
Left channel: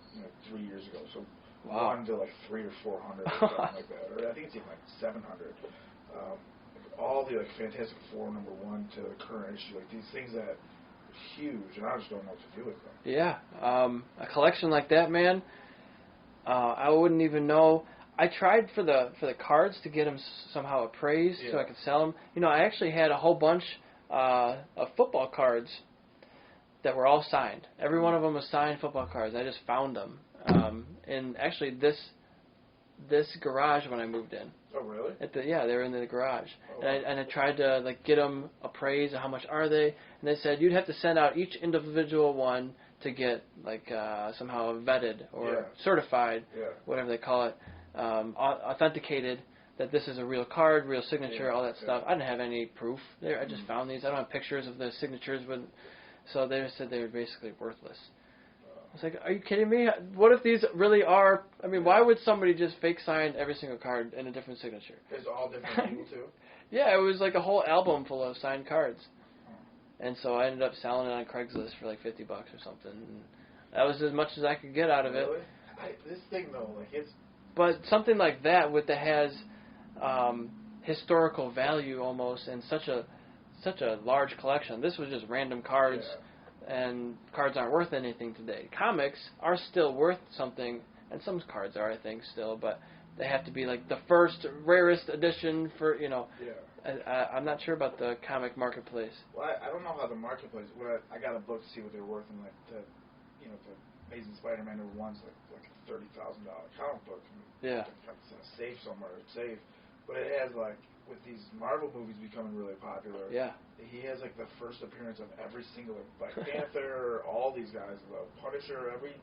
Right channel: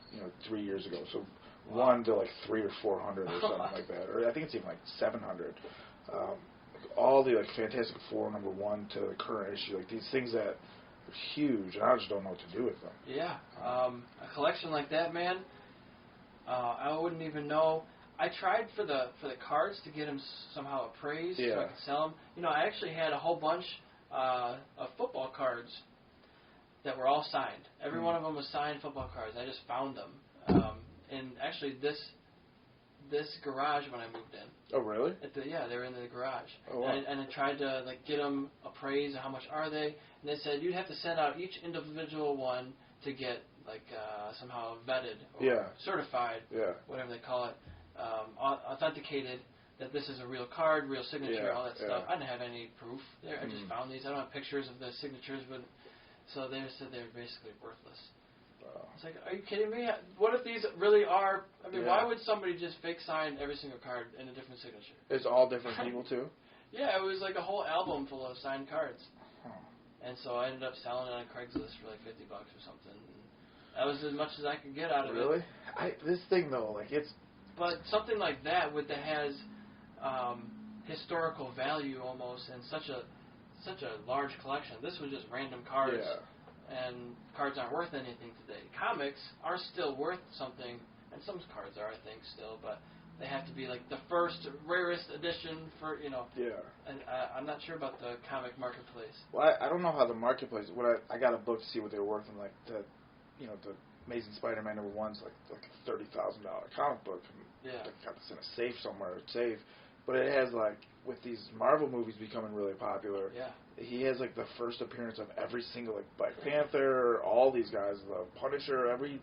3 years ago. So 1 to like 300 or 400 or something like that, or I think it's even like 700. All the like Fantastic Four #1 to the current issue, like these things that are huge, and I just don't know what to do with them. Yeah, a collection like that, man. I wouldn't even know. I tried for the cards to get them somehow appraised so I could sell them. I actually had a whole bunch of football cards that were all signed. Every one of them was signed football cards. I just found them. And actually, this garage when I moved in. Oh, really? They were in the garage. Oh, wow. And I tried to like get them appraised. How much are they? And they said you'd have to send out each individual one to get like somehow vetted or certified, whatever they call it, authenticated that this is a real card, real signature, all that stuff. Yeah. I didn't have any proof there. I just found these. I don't have pictures of the signatures, but so they said they were basically worthless. I was like, are you kidding me? What if these really are? I mean, why would somebody just fake sign every single card in a different signature? It's all different people too. Yeah, it was like a whole album full of signed cards. And so I ended up selling it on Craigslist for like $50 or something. And that was as much as I could get out of it. Really? This thing though, like it's. But something like that that has historical value almost, and such a large collection. This was just random cards. Yeah. And cards aren't worth anything today. Comics are still worth something, and some cards are, I think, still, but they have to be like the first, rarest edition for, you know. Yeah. And I'm not sure about the comic marketplace. Well, I don't know how the marketplace. I got a book to see what they were worth, and like the Amazing Spider-Man #1's like a $30,000 comic book. Yeah. I got this in a safe somewhere, safe, but it has like with these Marvel movies becoming really popular. Yeah. He has like the first appearance of every single like Black Panther, all these guys, the Punisher, every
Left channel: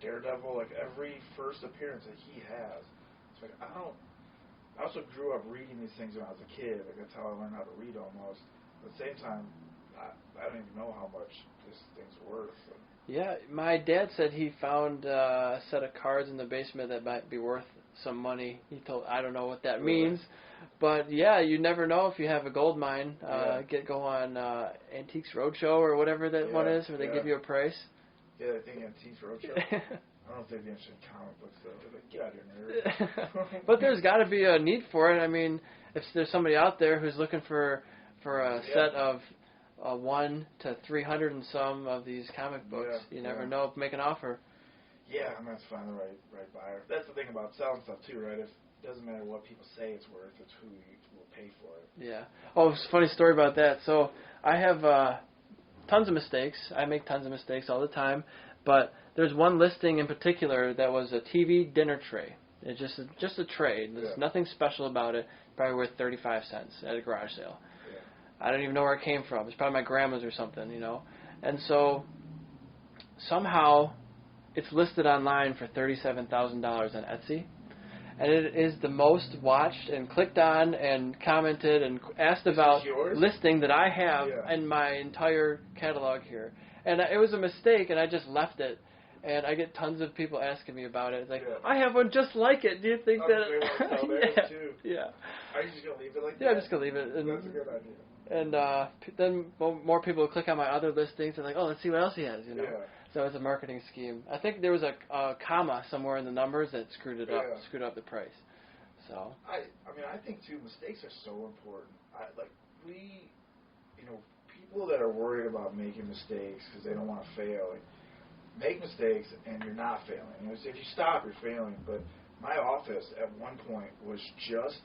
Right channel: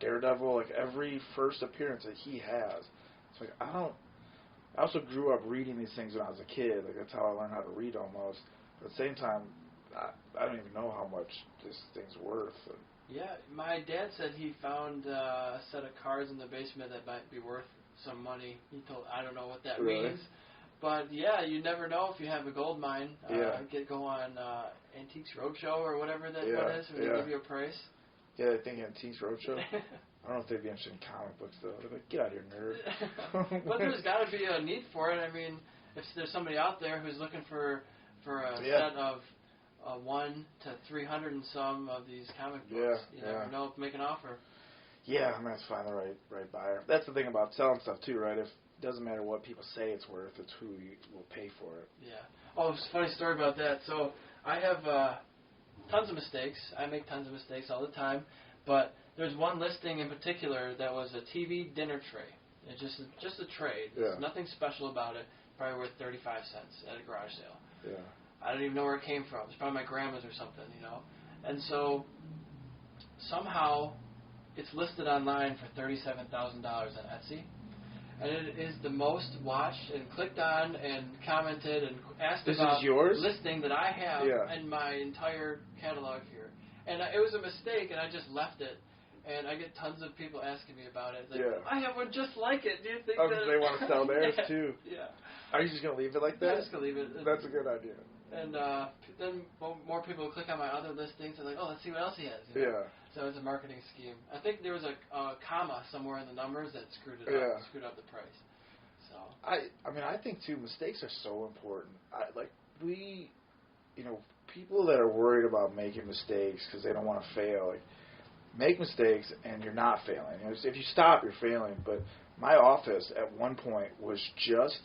Daredevil, like every first appearance that he has. It's like I also grew up reading these things when I was a kid. Like that's how I learned how to read almost. At the same time, I don't even know how much this thing's worth. Yeah, my dad said he found a set of cards in the basement that might be worth some money. He told I don't know what that means. But yeah, you never know if you have a gold mine. Go on Antiques Roadshow or whatever that one is, where they give you a price. Yeah, I think Antiques Roadshow. I don't know if they'd be interested in comic books though. They're like, get out of here, nerd. But there's got to be a need for it. I mean, if there's somebody out there who's looking for a set of 1 to 300 and some of these comic books, you never know. Make an offer. Yeah, and that's find the right buyer. That's the thing about selling stuff too, right? It doesn't matter what people say it's worth; it's who will pay for it. Yeah. Oh, it's a funny story about that. So I have tons of mistakes. I make tons of mistakes all the time, but there's one listing in particular that was a TV dinner tray. It's just a tray. There's nothing special about it. Probably worth 35 cents at a garage sale. Yeah. I don't even know where it came from. It's probably my grandma's or something, you know. And so somehow it's listed online for $37,000 on Etsy. And it is the most watched and clicked on and commented and asked about listing that I have in my entire catalog here. And it was a mistake, and I just left it. And I get tons of people asking me about it. It's like, I have one just like it. Do you think that... they want to sell theirs, too. Yeah. Are you just going to leave it like that? Yeah, I'm just going to leave it. That's a good idea. And then more people click on my other listings and like, oh, let's see what else he has. You know? Yeah. So it's a marketing scheme. I think there was a comma somewhere in the numbers that screwed up the price. So I think too, mistakes are so important. People that are worried about making mistakes because they don't want to fail, like, make mistakes and you're not failing. If you stop, you're failing. But my office at one point was just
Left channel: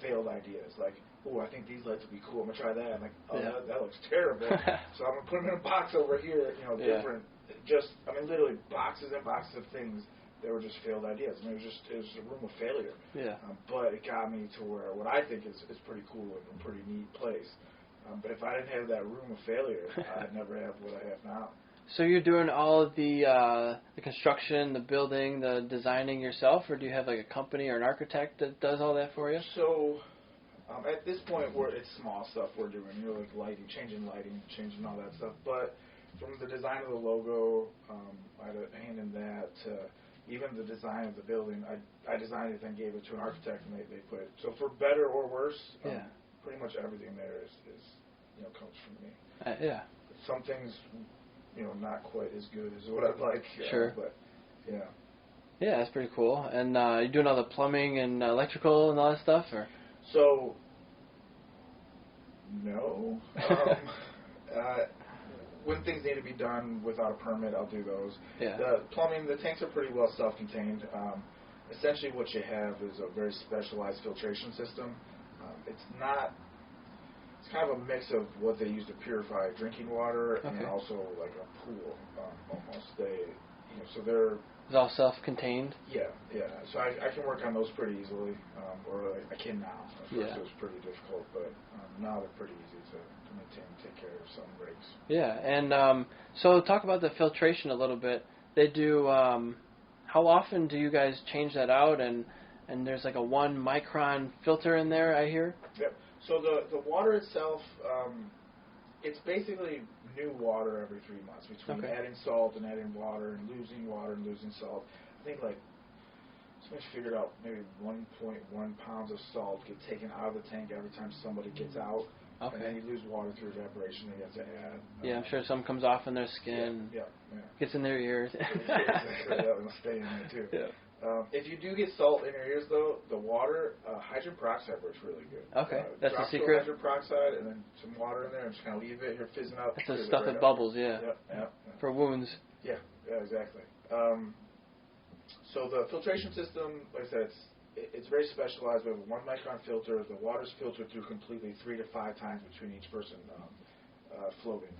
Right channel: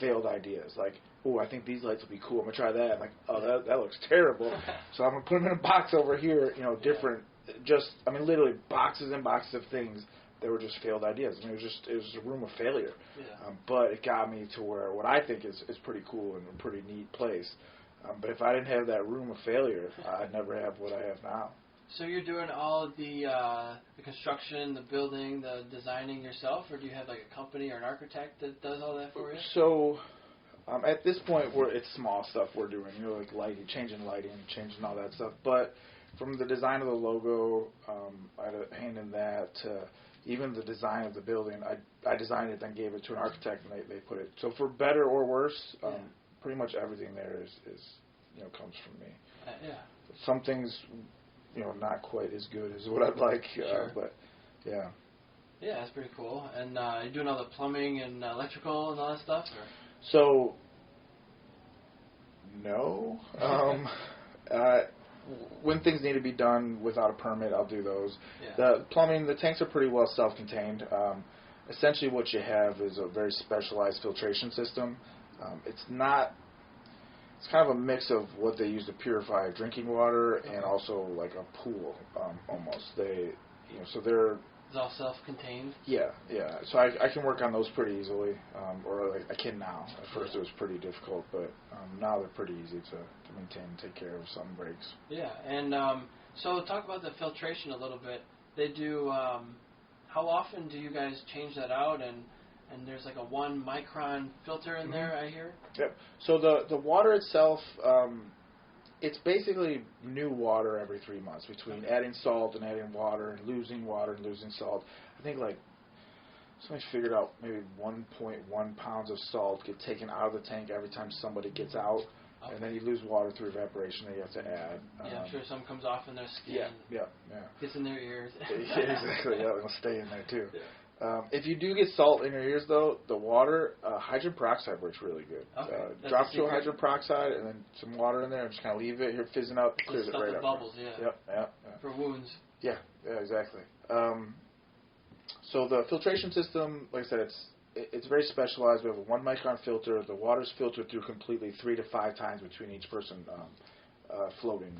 failed ideas. Like, oh, I think these lights will be cool. I'm gonna try that. I'm like, that looks terrible. So I'm gonna put them in a box over here. Different. Literally boxes and boxes of things that were just failed ideas. I mean, it was a room of failure. Yeah. But it got me to where what I think is pretty cool and a pretty neat place. But if I didn't have that room of failure, I'd never have what I have now. So you're doing all of the construction, the building, the designing yourself, or do you have like a company or an architect that does all that for you? So at this point, it's small stuff we're doing, like lighting, changing all that stuff. But from the design of the logo, I had a hand in that, to even the design of the building. I designed it, then gave it to an architect, and they put it. So for better or worse, pretty much everything there is comes from me. Yeah. Some things, not quite as good as what I'd like. Sure. But yeah. Yeah, that's pretty cool. And you're doing all the plumbing and electrical and all that stuff, or? So, no. When things need to be done without a permit, I'll do those. Yeah. The plumbing, the tanks are pretty well self-contained. Essentially what you have is a very specialized filtration system. It's kind of a mix of what they use to purify drinking water and also like a pool, almost. So they're... It's all self-contained? Yeah. So I can work on those pretty easily, or I can now. At first it was pretty difficult, but now they're pretty easy to maintain and take care of some breaks. Yeah, and so talk about the filtration a little bit. They do, how often do you guys change that out, and and there's like a 1 micron filter in there, I hear. Yep. So the water itself, it's basically new water every 3 months between adding salt and adding water and losing salt. I think like somebody figured out maybe 1.1 pounds of salt get taken out of the tank every time somebody gets out. Okay. And then you lose water through evaporation that you have to add. Yeah, I'm sure some comes off in their skin. Yeah. Gets in their ears. Exactly. It'll stay in there too. Yeah. If you do get salt in your ears, though, the water, hydrogen peroxide works really good. Okay. That's drop the secret. Hydrogen peroxide and then some water in there and just kind of leave it. You're fizzing out. It's the stuff that bubbles, yeah. Yep. For wounds. Yeah, exactly. So the filtration system, like I said, it's very specialized. We have a 1 micron filter. The water's filtered through completely 3 to 5 times between each person floating.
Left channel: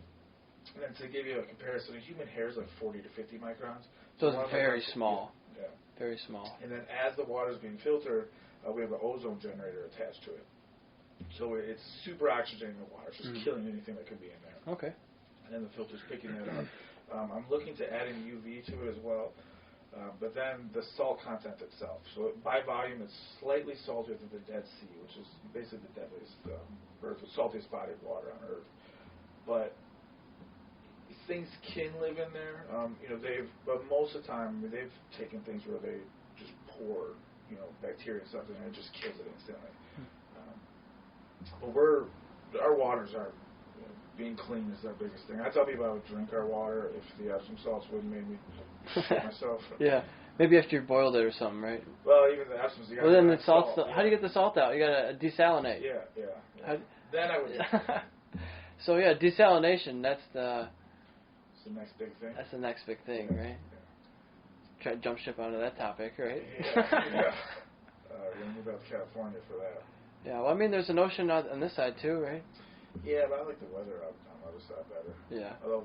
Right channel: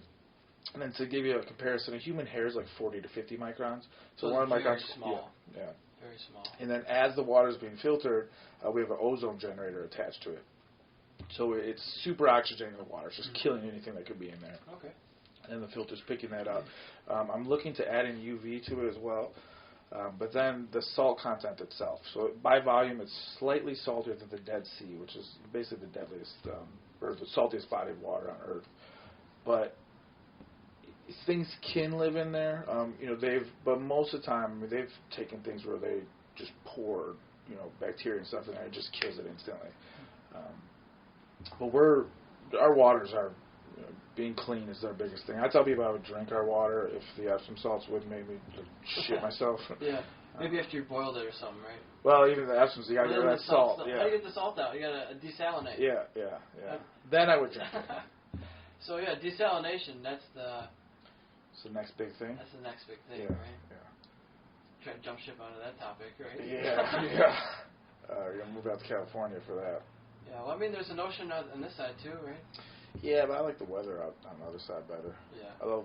And then to give you a comparison, a human hair is like 40 to 50 microns. So it's very small. Yeah. Very small. And then as the water is being filtered, we have an ozone generator attached to it. So it's super oxygenating the water. It's just killing anything that could be in there. Okay. And then the filter's picking that up. I'm looking to add in UV to it as well. But then the salt content itself. So by volume, it's slightly saltier than the Dead Sea, which is basically the deadliest, or the saltiest body of water on Earth. But things can live in there. But most of the time, they've taken things where they just pour, bacteria and stuff in there and just kills it instantly. But our waters are, being clean is our biggest thing. I tell people I would drink our water if the Epsom salts wouldn't make me shit myself. Yeah. Maybe after you boiled it or something, right? Well, even the Epsoms, you got to get the salt. How do you get the salt out? You got to desalinate. Yeah. Then I would drink it. So, desalination, that's the next big thing. That's the next big thing, right? Yeah. Try to jump ship onto that topic, right? Yeah. You're going to move out to California for that. Yeah, well, I mean, there's an ocean on this side, too, right? Yeah, but I like the weather out on the other side better. Yeah. Although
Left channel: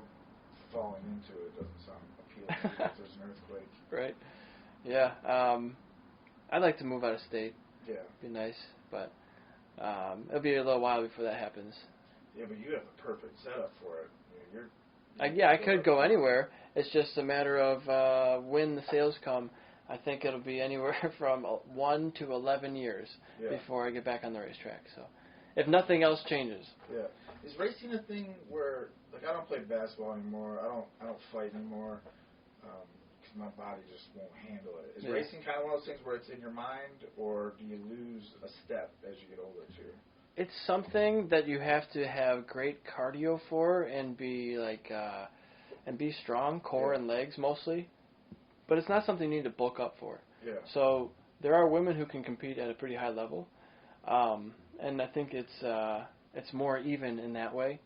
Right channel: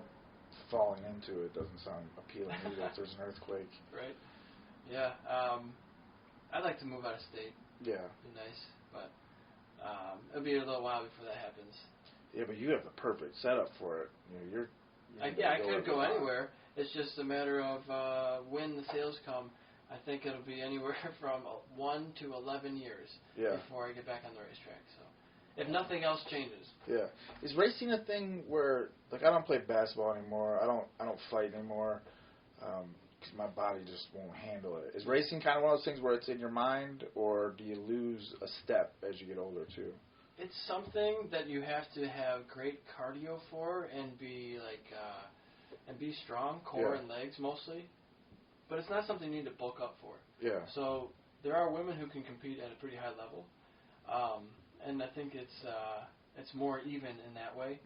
falling into it doesn't sound appealing to me if there's an earthquake. Right. Yeah. I'd like to move out of state. Yeah. Be nice, but it'll be a little while before that happens. Yeah, but you have the perfect setup for it. I could go anywhere. It's just a matter of when the sales come. I think it'll be anywhere from 1 to 11 years before I get back on the racetrack. So, if nothing else changes. Yeah. Is racing a thing where, like, I don't play basketball anymore. I don't fight anymore because my body just won't handle it. Is racing kind of one of those things where it's in your mind, or do you lose a step as you get older too? It's something that you have to have great cardio for and be strong, core and legs mostly. But it's not something you need to bulk up for. Yeah. So there are women who can compete at a pretty high level, and I think it's more even in that way,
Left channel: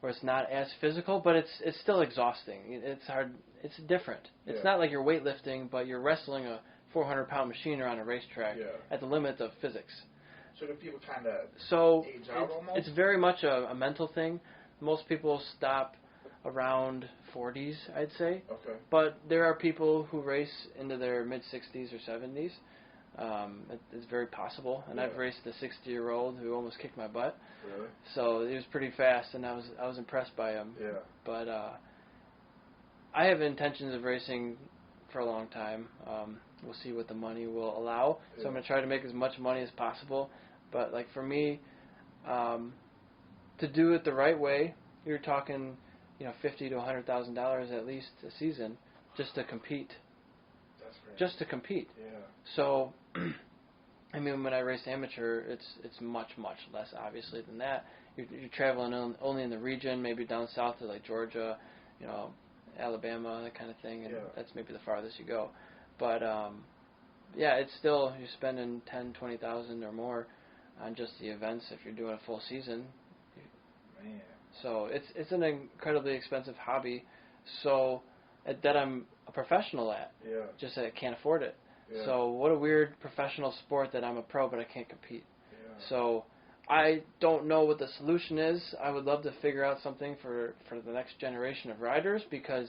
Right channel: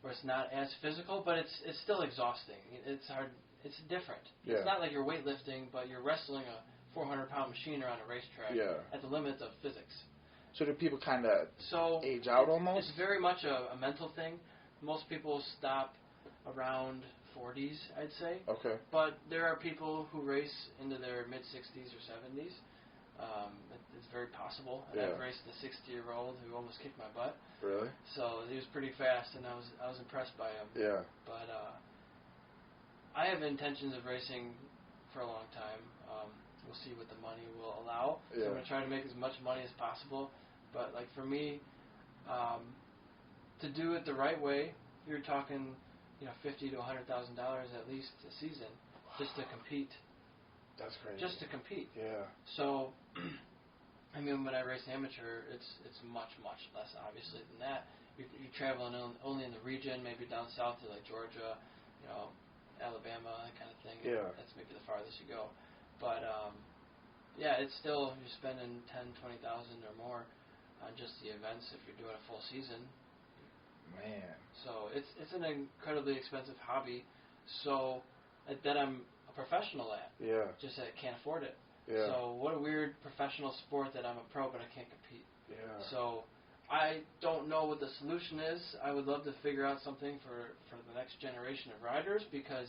where it's not as physical, but it's still exhausting. It's hard. It's different. Yeah. It's not like you're weightlifting, but you're wrestling a 400-pound machine around a racetrack at the limits of physics. So do people kind of age out almost? It's very much a mental thing. Most people stop around 40s, I'd say. Okay. But there are people who race into their mid-60s or 70s. It's very possible. And I've raced a 60-year-old who almost kicked my butt. Really? So he was pretty fast, and I was impressed by him. Yeah. But I have intentions of racing for a long time. We'll see what the money will allow. So I'm going to try to make as much money as possible. But like for me, to do it the right way, you're talking, $50,000 to $100,000 at least a season, just to compete. That's crazy. Just to compete. Yeah. So, I mean, when I race amateur, it's much less obviously than that. You're traveling only in the region, maybe down south to like Georgia, Alabama, that kind of thing. And that's maybe the farthest you go. But it's still, you're spending $10,000-$20,000 or more on just the events if you're doing a full season. Man. So it's an incredibly expensive hobby. So that I'm a professional at. Yeah. Just that I can't afford it. Yeah. So what a weird professional sport that I'm a pro but I can't compete. Yeah. So I don't know what the solution is. I would love to figure out something for the next generation of riders because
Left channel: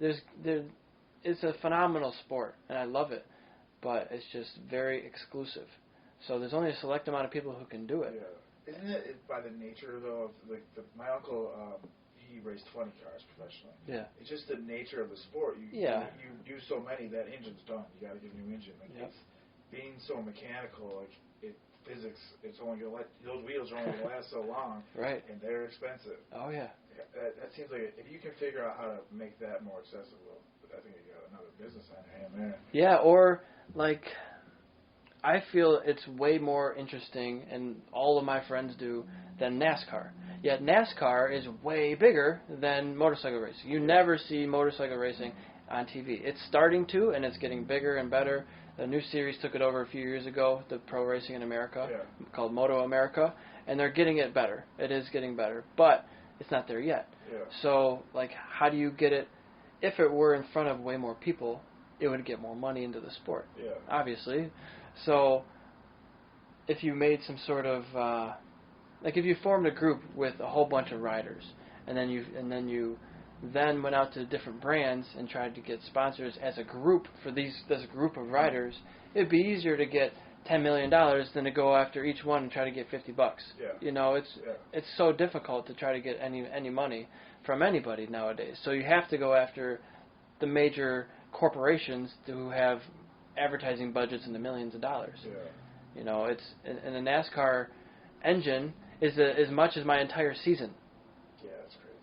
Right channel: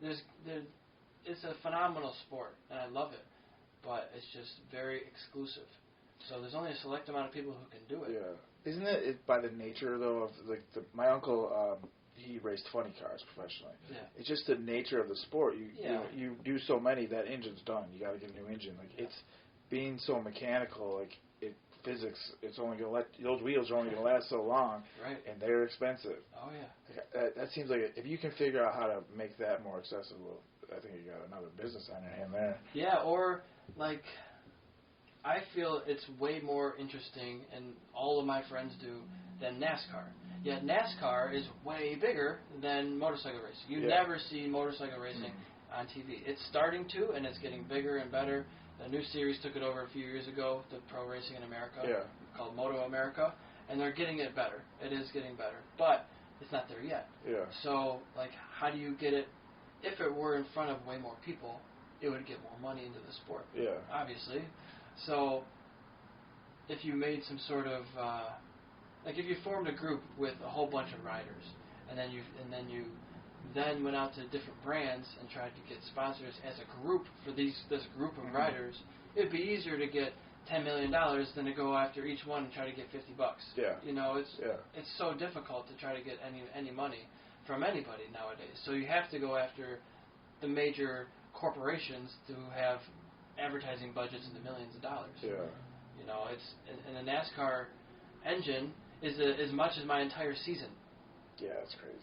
it's a phenomenal sport and I love it, but it's just very exclusive. So there's only a select amount of people who can do it. Yeah. Isn't it by the nature though of my uncle? He raced funny cars professionally. Yeah. It's just the nature of the sport. You do so many that engine's done. You got to get a new engine. being so mechanical, like physics, it's only gonna those wheels are only gonna last so long, right? And they're expensive. Oh yeah. That seems like if you can figure out how to make that more accessible, I think you got another business on your hand there. Yeah, or like, I feel it's way more interesting, and all of my friends do, than NASCAR. Yet NASCAR is way bigger than motorcycle racing. You never see motorcycle racing on TV. It's starting to, and it's getting bigger and better. The new series took it over a few years ago, the Pro Racing in America, called Moto America, and they're getting it better. It is getting better, but it's not there yet. Yeah. So, like, how do you get it? If it were in front of way more people, it would get more money into the sport. Yeah. Obviously. So, if you made some sort of like if you formed a group with a whole bunch of riders, and then you went out to different brands and tried to get sponsors as a group for this group of riders, it'd be easier to get $10 million than to go after each one and try to get $50. Yeah. You know, it's so difficult to try to get any money from anybody nowadays. So you have to go after the major corporations who have advertising budgets in the millions of dollars. Yeah. You know, and the NASCAR engine is as much as my entire season. Yeah, it's crazy.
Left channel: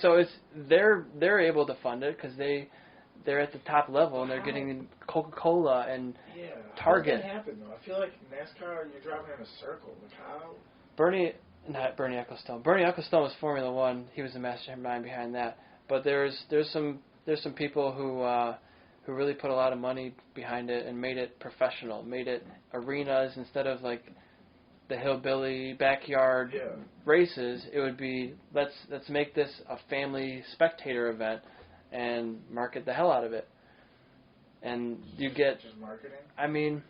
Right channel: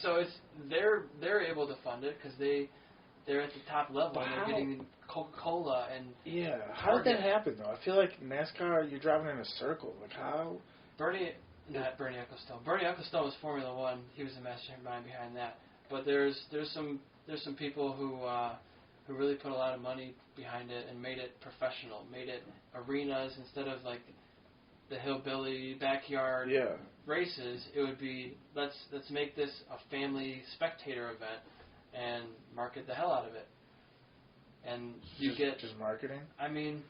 So they're able to fund it because they're at the top level and they're getting Coca-Cola and How did Target. that happen though? I feel like NASCAR, you're driving in a circle. Like how? Bernie Ecclestone. Bernie Ecclestone was Formula One. He was the mastermind behind that. But there's some people who really put a lot of money behind it and made it professional, made it arenas instead of like the hillbilly backyard races. It would be let's make this a family spectator event and market the hell out of it. And you get just marketing. I mean,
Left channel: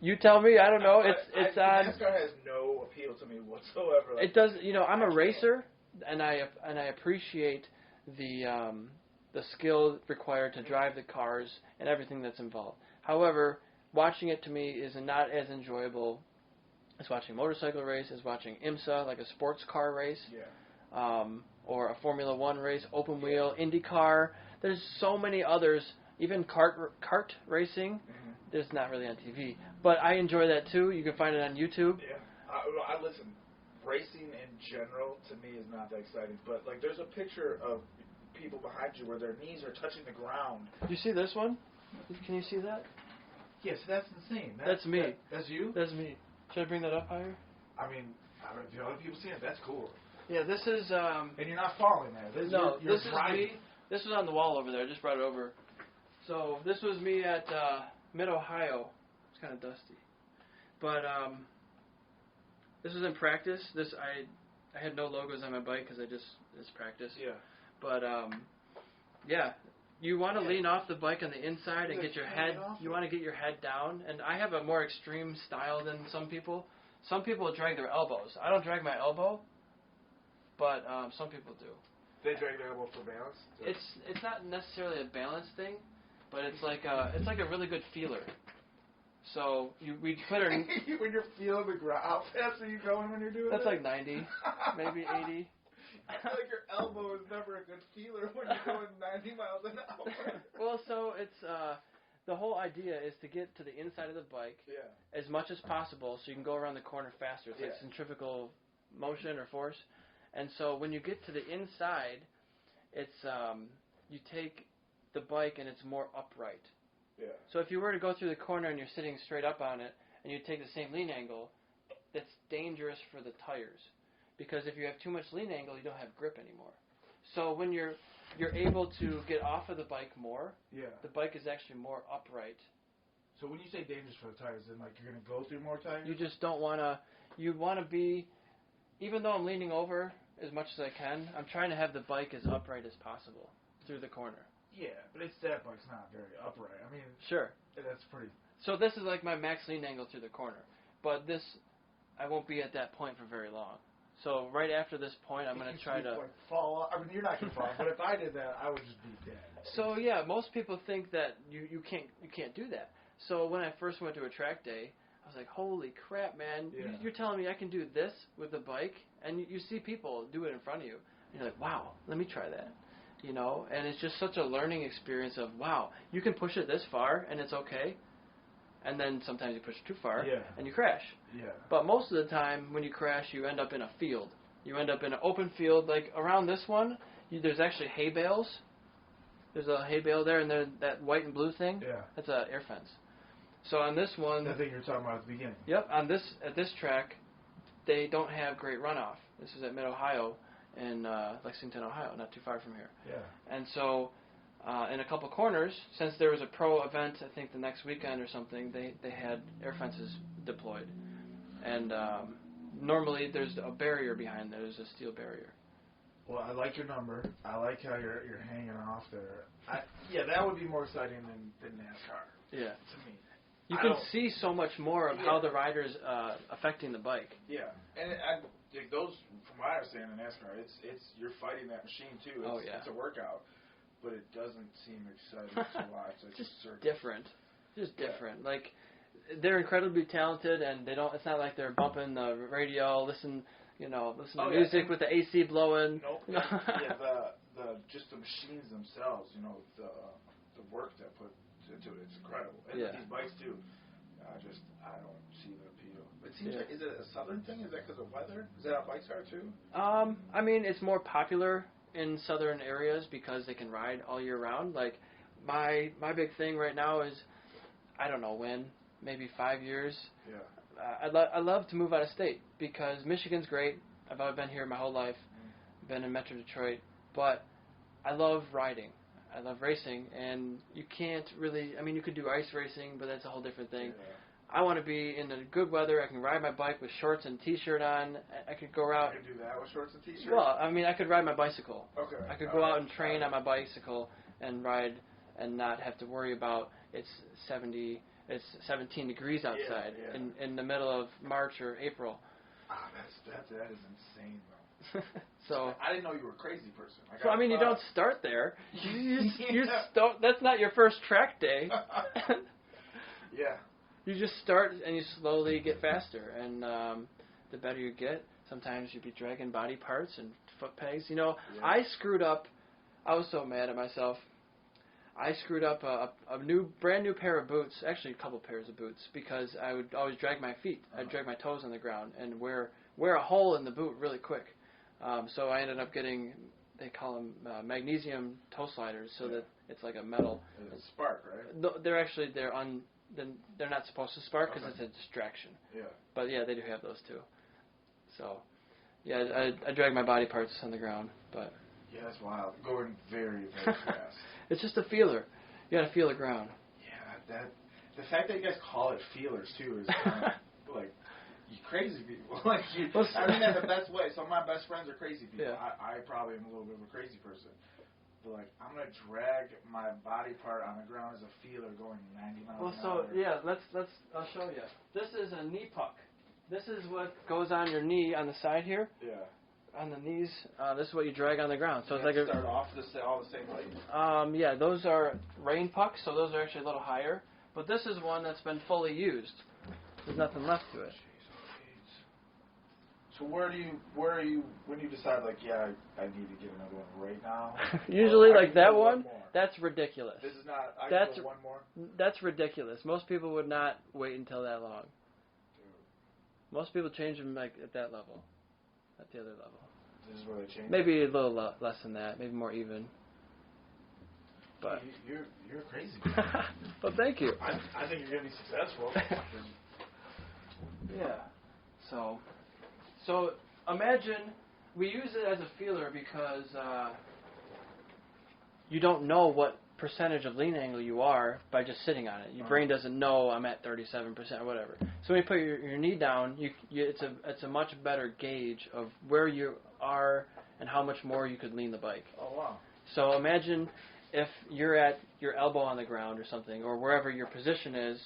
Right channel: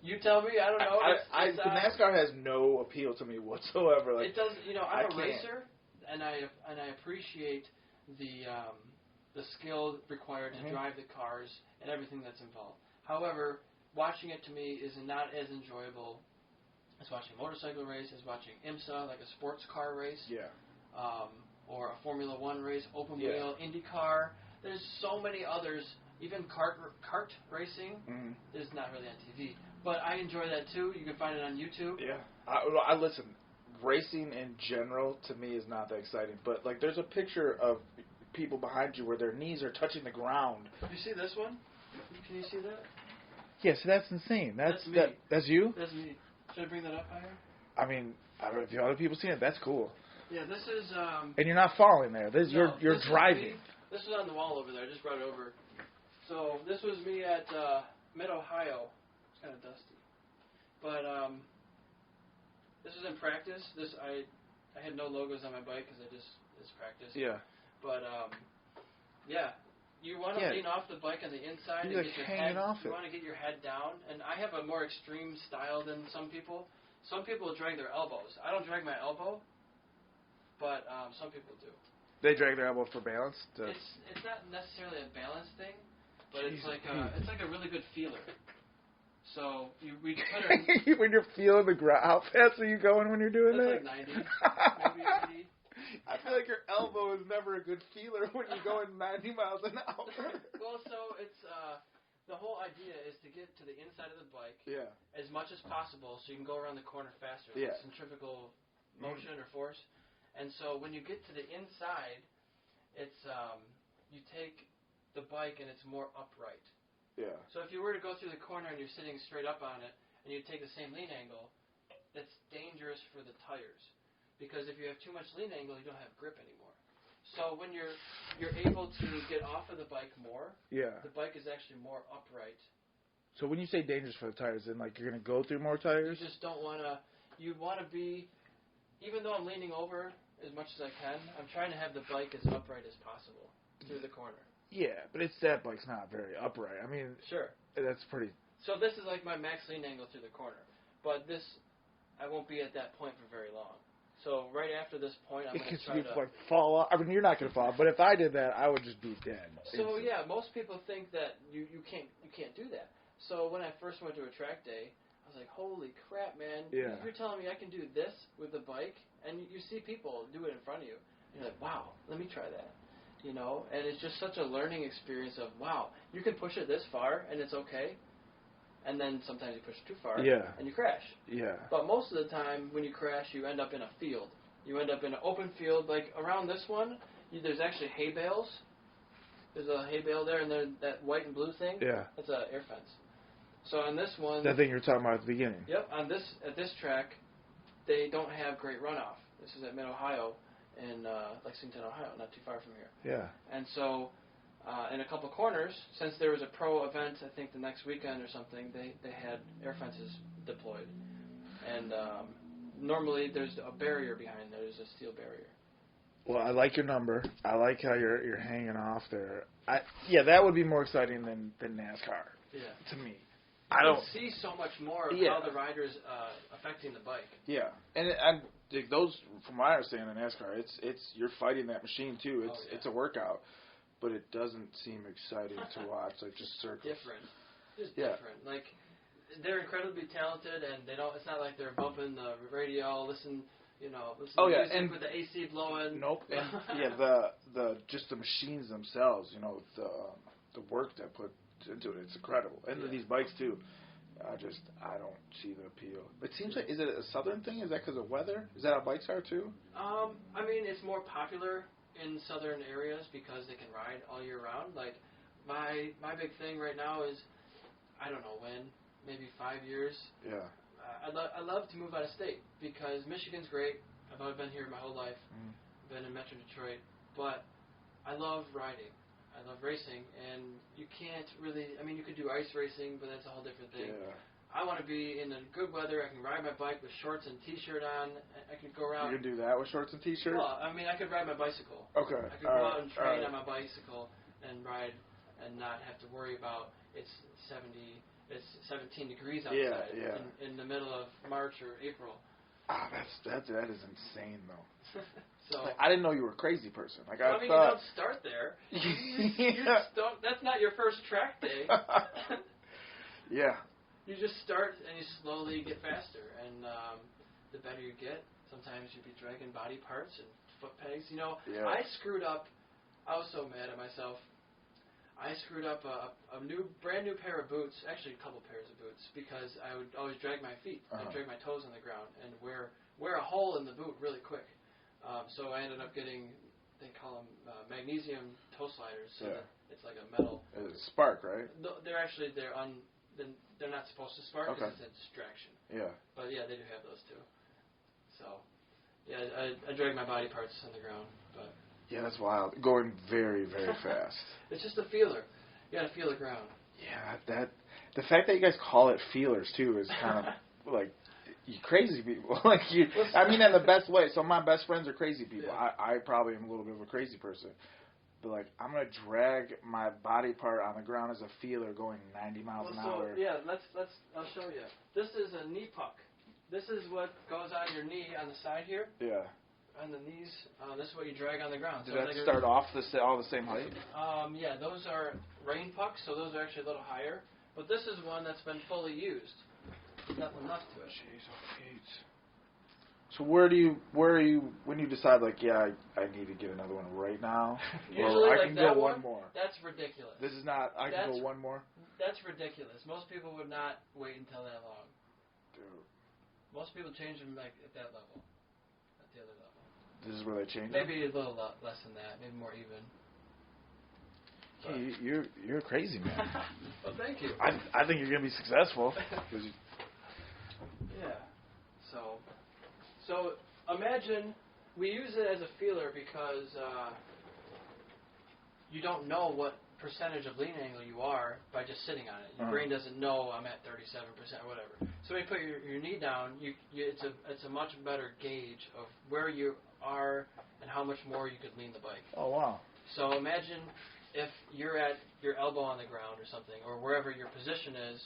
you tell me. I don't know. NASCAR has no appeal to me whatsoever. Like, it does. You know, I'm a racer, and I appreciate the skill required to drive the cars and everything that's involved. However, watching it to me is not as enjoyable as watching a motorcycle race, as watching IMSA, like a sports car race, or a Formula One race, open wheel, IndyCar. There's so many others. Even kart racing, there's not really on TV. But I enjoy that too. You can find it on YouTube. Yeah. I listen, racing in general to me is not that exciting. But like, there's a picture of people behind you where their knees are touching the ground. You see this one? Can you see that? Yes, that's insane. That's me. That's you? That's me. Should I bring that up higher? I mean, I don't know if other people see it. That's cool. Yeah, this is. And you're not falling there. You're driving. This was on the wall over there. I just brought it over. So this was me at Mid-Ohio. It's kind of dusty, but this was in practice. I had no logos on my bike because it's practice. Yeah. But you want to lean off the bike on the inside and get your head. You want to get your head down. And I have a more extreme style than some people. Some people drag their elbows. I don't drag my elbow, but some people do. They drag their elbow for balance. It's not necessarily a balance thing, but it's like a really good feeler. So we put it when you're feeling the ground. How fast are you going when you're doing that? That's like 90, maybe 80. I feel like your elbow is never a good feeler when you're going 90 miles an hour. Well, so it's the whole idea is to get to the inside of the bike as much as possible so you can go around the corner faster. It's like centrifugal motion or force. And so when you get to the inside, it's you take the bike and it's more upright. Yeah. So if you were to go through the corner and you're sitting straight up on it and you take the same lean angle, that's dangerous for the tires. Because if you have too much lean angle, you don't have grip anymore. So when you're able to get off of the bike more, the bike is actually more upright. So when you say dangerous for the tires, then like you're going to go through more tires? You just don't want to. You want to be, even though I'm leaning over as much as I can, I'm trying to have the bike as upright as possible through the corner. Yeah, but that bike's not very upright. I mean, sure, that's pretty. So this is like my max lean angle through the corner, but this, I won't be at that point for very long. So right after this point, I'm going to try to like fall off. I mean, you're not going to fall, but if I did that, I would just be dead. So yeah, most people think that you can't do that. So when I first went to a track day, I was like, holy crap, man! Yeah. You're telling me I can do this with the bike, and you see people do it in front of you. And you're like, wow, let me try that. You know, and it's just such a learning experience of, wow, you can push it this far, and it's okay. and then sometimes you push it too far, Yeah. and you crash. Yeah. But most of the time, when you crash, you end up in a field. You end up in an open field, like around this one. There's actually hay bales. There's a hay bale there, and there's that white and blue thing. Yeah. That's an air fence. So on this one, That thing you were talking about at the beginning. Yep. At this track, they don't have great runoff. This is at Mid Ohio in Lexington, Ohio, not too far from here. Yeah. And so, in a couple corners, since there was a pro event, I think the next weekend or something, they had air fences deployed. And normally there's a barrier behind there. There's a steel barrier. Well, I like your number. I like how you're hanging off there. Yeah, that would be more exciting than NASCAR. Yeah. To me. You can see so much more of how the rider's affecting the bike. Yeah, and those, from my understanding in NASCAR, it's you're fighting that machine too. It's a workout, but it doesn't seem exciting to watch. Like just circus. Different, different. Like they're incredibly talented, and they don't. It's not like they're bumping the radio, listen to music with the AC blowing. Nope. The just the machines themselves. The work that put into it. It's incredible. And these bikes too. I don't see the appeal. It seems like, is it a southern thing? Is that because of weather? Is that how bikes are too? I mean, it's more popular in southern areas because they can ride all year round. Like my big thing right now is, I don't know when, maybe 5 years. Yeah. I love to move out of state because Michigan's great. I've been here my whole life. Been in Metro Detroit, but I love riding. I love racing, and you can't really, I mean, you could do ice racing, but that's a whole different thing. Yeah. I want to be in the good weather. I can ride my bike with shorts and t-shirt on. I could go out. You can do that with shorts and t-shirts? Well, I mean, I could ride my bicycle. Okay. I could go out and train on my bicycle and ride and not have to worry about it's 17 degrees outside in the middle of March or April. That is insane, though. So I didn't know you were a crazy person. Like, so, I mean, you don't start there. You don't, that's not your first track day. Yeah. You just start and you slowly get faster, and the better you get, sometimes you'll be dragging body parts and foot pegs. I screwed up. I was so mad at myself. I screwed up a brand new pair of boots, actually a couple pairs of boots, because I would always drag my feet. I'd drag my toes on the ground and wear a hole in the boot really quick. So I ended up getting, they call them magnesium toe sliders, so that it's like a metal. It's spark, right? They're not supposed to spark because it's a distraction. Yeah. But yeah, they do have those too. So yeah, I drag my body parts on the ground, but. Yeah, that's wild. Going very, very fast. It's just a feeler. You gotta feel the ground. Yeah, the fact that you guys call it feelers too is kind of like you crazy people. Like I mean, in the best way. So my best friends are crazy people. Yeah. I probably am a little bit of a crazy person. But like, I'm gonna drag my body part on the ground as a feeler going 90 miles an hour. So yeah, let's I'll show you. This is a knee puck. This is what goes on your knee on the side here. Yeah. On the knees, this is what you drag on the ground. So Does it's that like start off all the same height? Yeah, those are rain pucks, so those are actually a little higher. But this is one that's been fully used. There's nothing left to it. Jeez. So where are you when you decide like, yeah, I need to get another one right now? Usually like that one, that's ridiculous. This is not. I can go one more. That's ridiculous. Most people would not wait until that long. Dude. Most people change them like at that level, at the other level. This is where they change. Maybe a little less than that. Maybe more even. But you're crazy, man. Well, thank you. I think you're gonna be successful. Yeah. So imagine we use it as a feeler because you don't know what percentage of lean angle you are by just sitting on it. Your brain doesn't know I'm at 37% or whatever. So when you put your knee down, it's a much better gauge of where you are and how much more you could lean the bike. Oh wow. So imagine if you're at your elbow on the ground or something, or wherever your position is,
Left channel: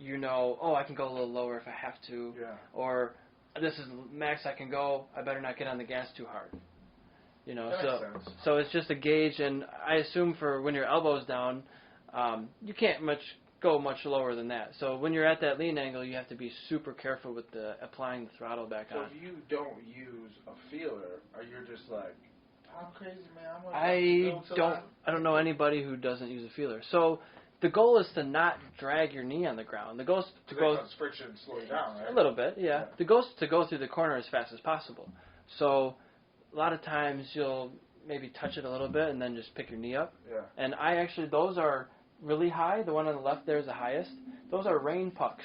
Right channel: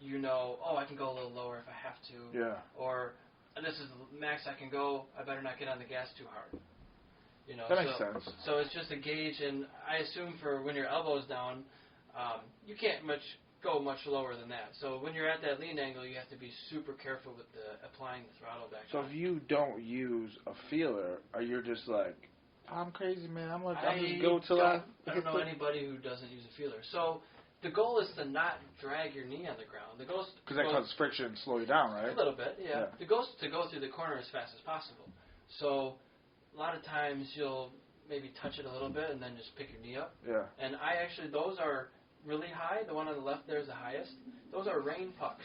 I can go a little lower if I have to. Yeah. Or this is the max I can go, I better not get on the gas too hard. That makes sense. So it's just a gauge, and I assume for when your elbow's down, you can't go much lower than that. So when you're at that lean angle, you have to be super careful with applying the throttle back on. So if you don't use a feeler, are you just like, I'm crazy, man. I don't know anybody who doesn't use a feeler. So the goal is to not drag your knee on the ground. The goal is because that causes friction and slow you down, right? A little bit, yeah. The goal is to go through the corner as fast as possible. So a lot of times you'll maybe touch it a little bit and then just pick your knee up. Yeah. And those are really high. The one on the left there is the highest. Those are rain pucks.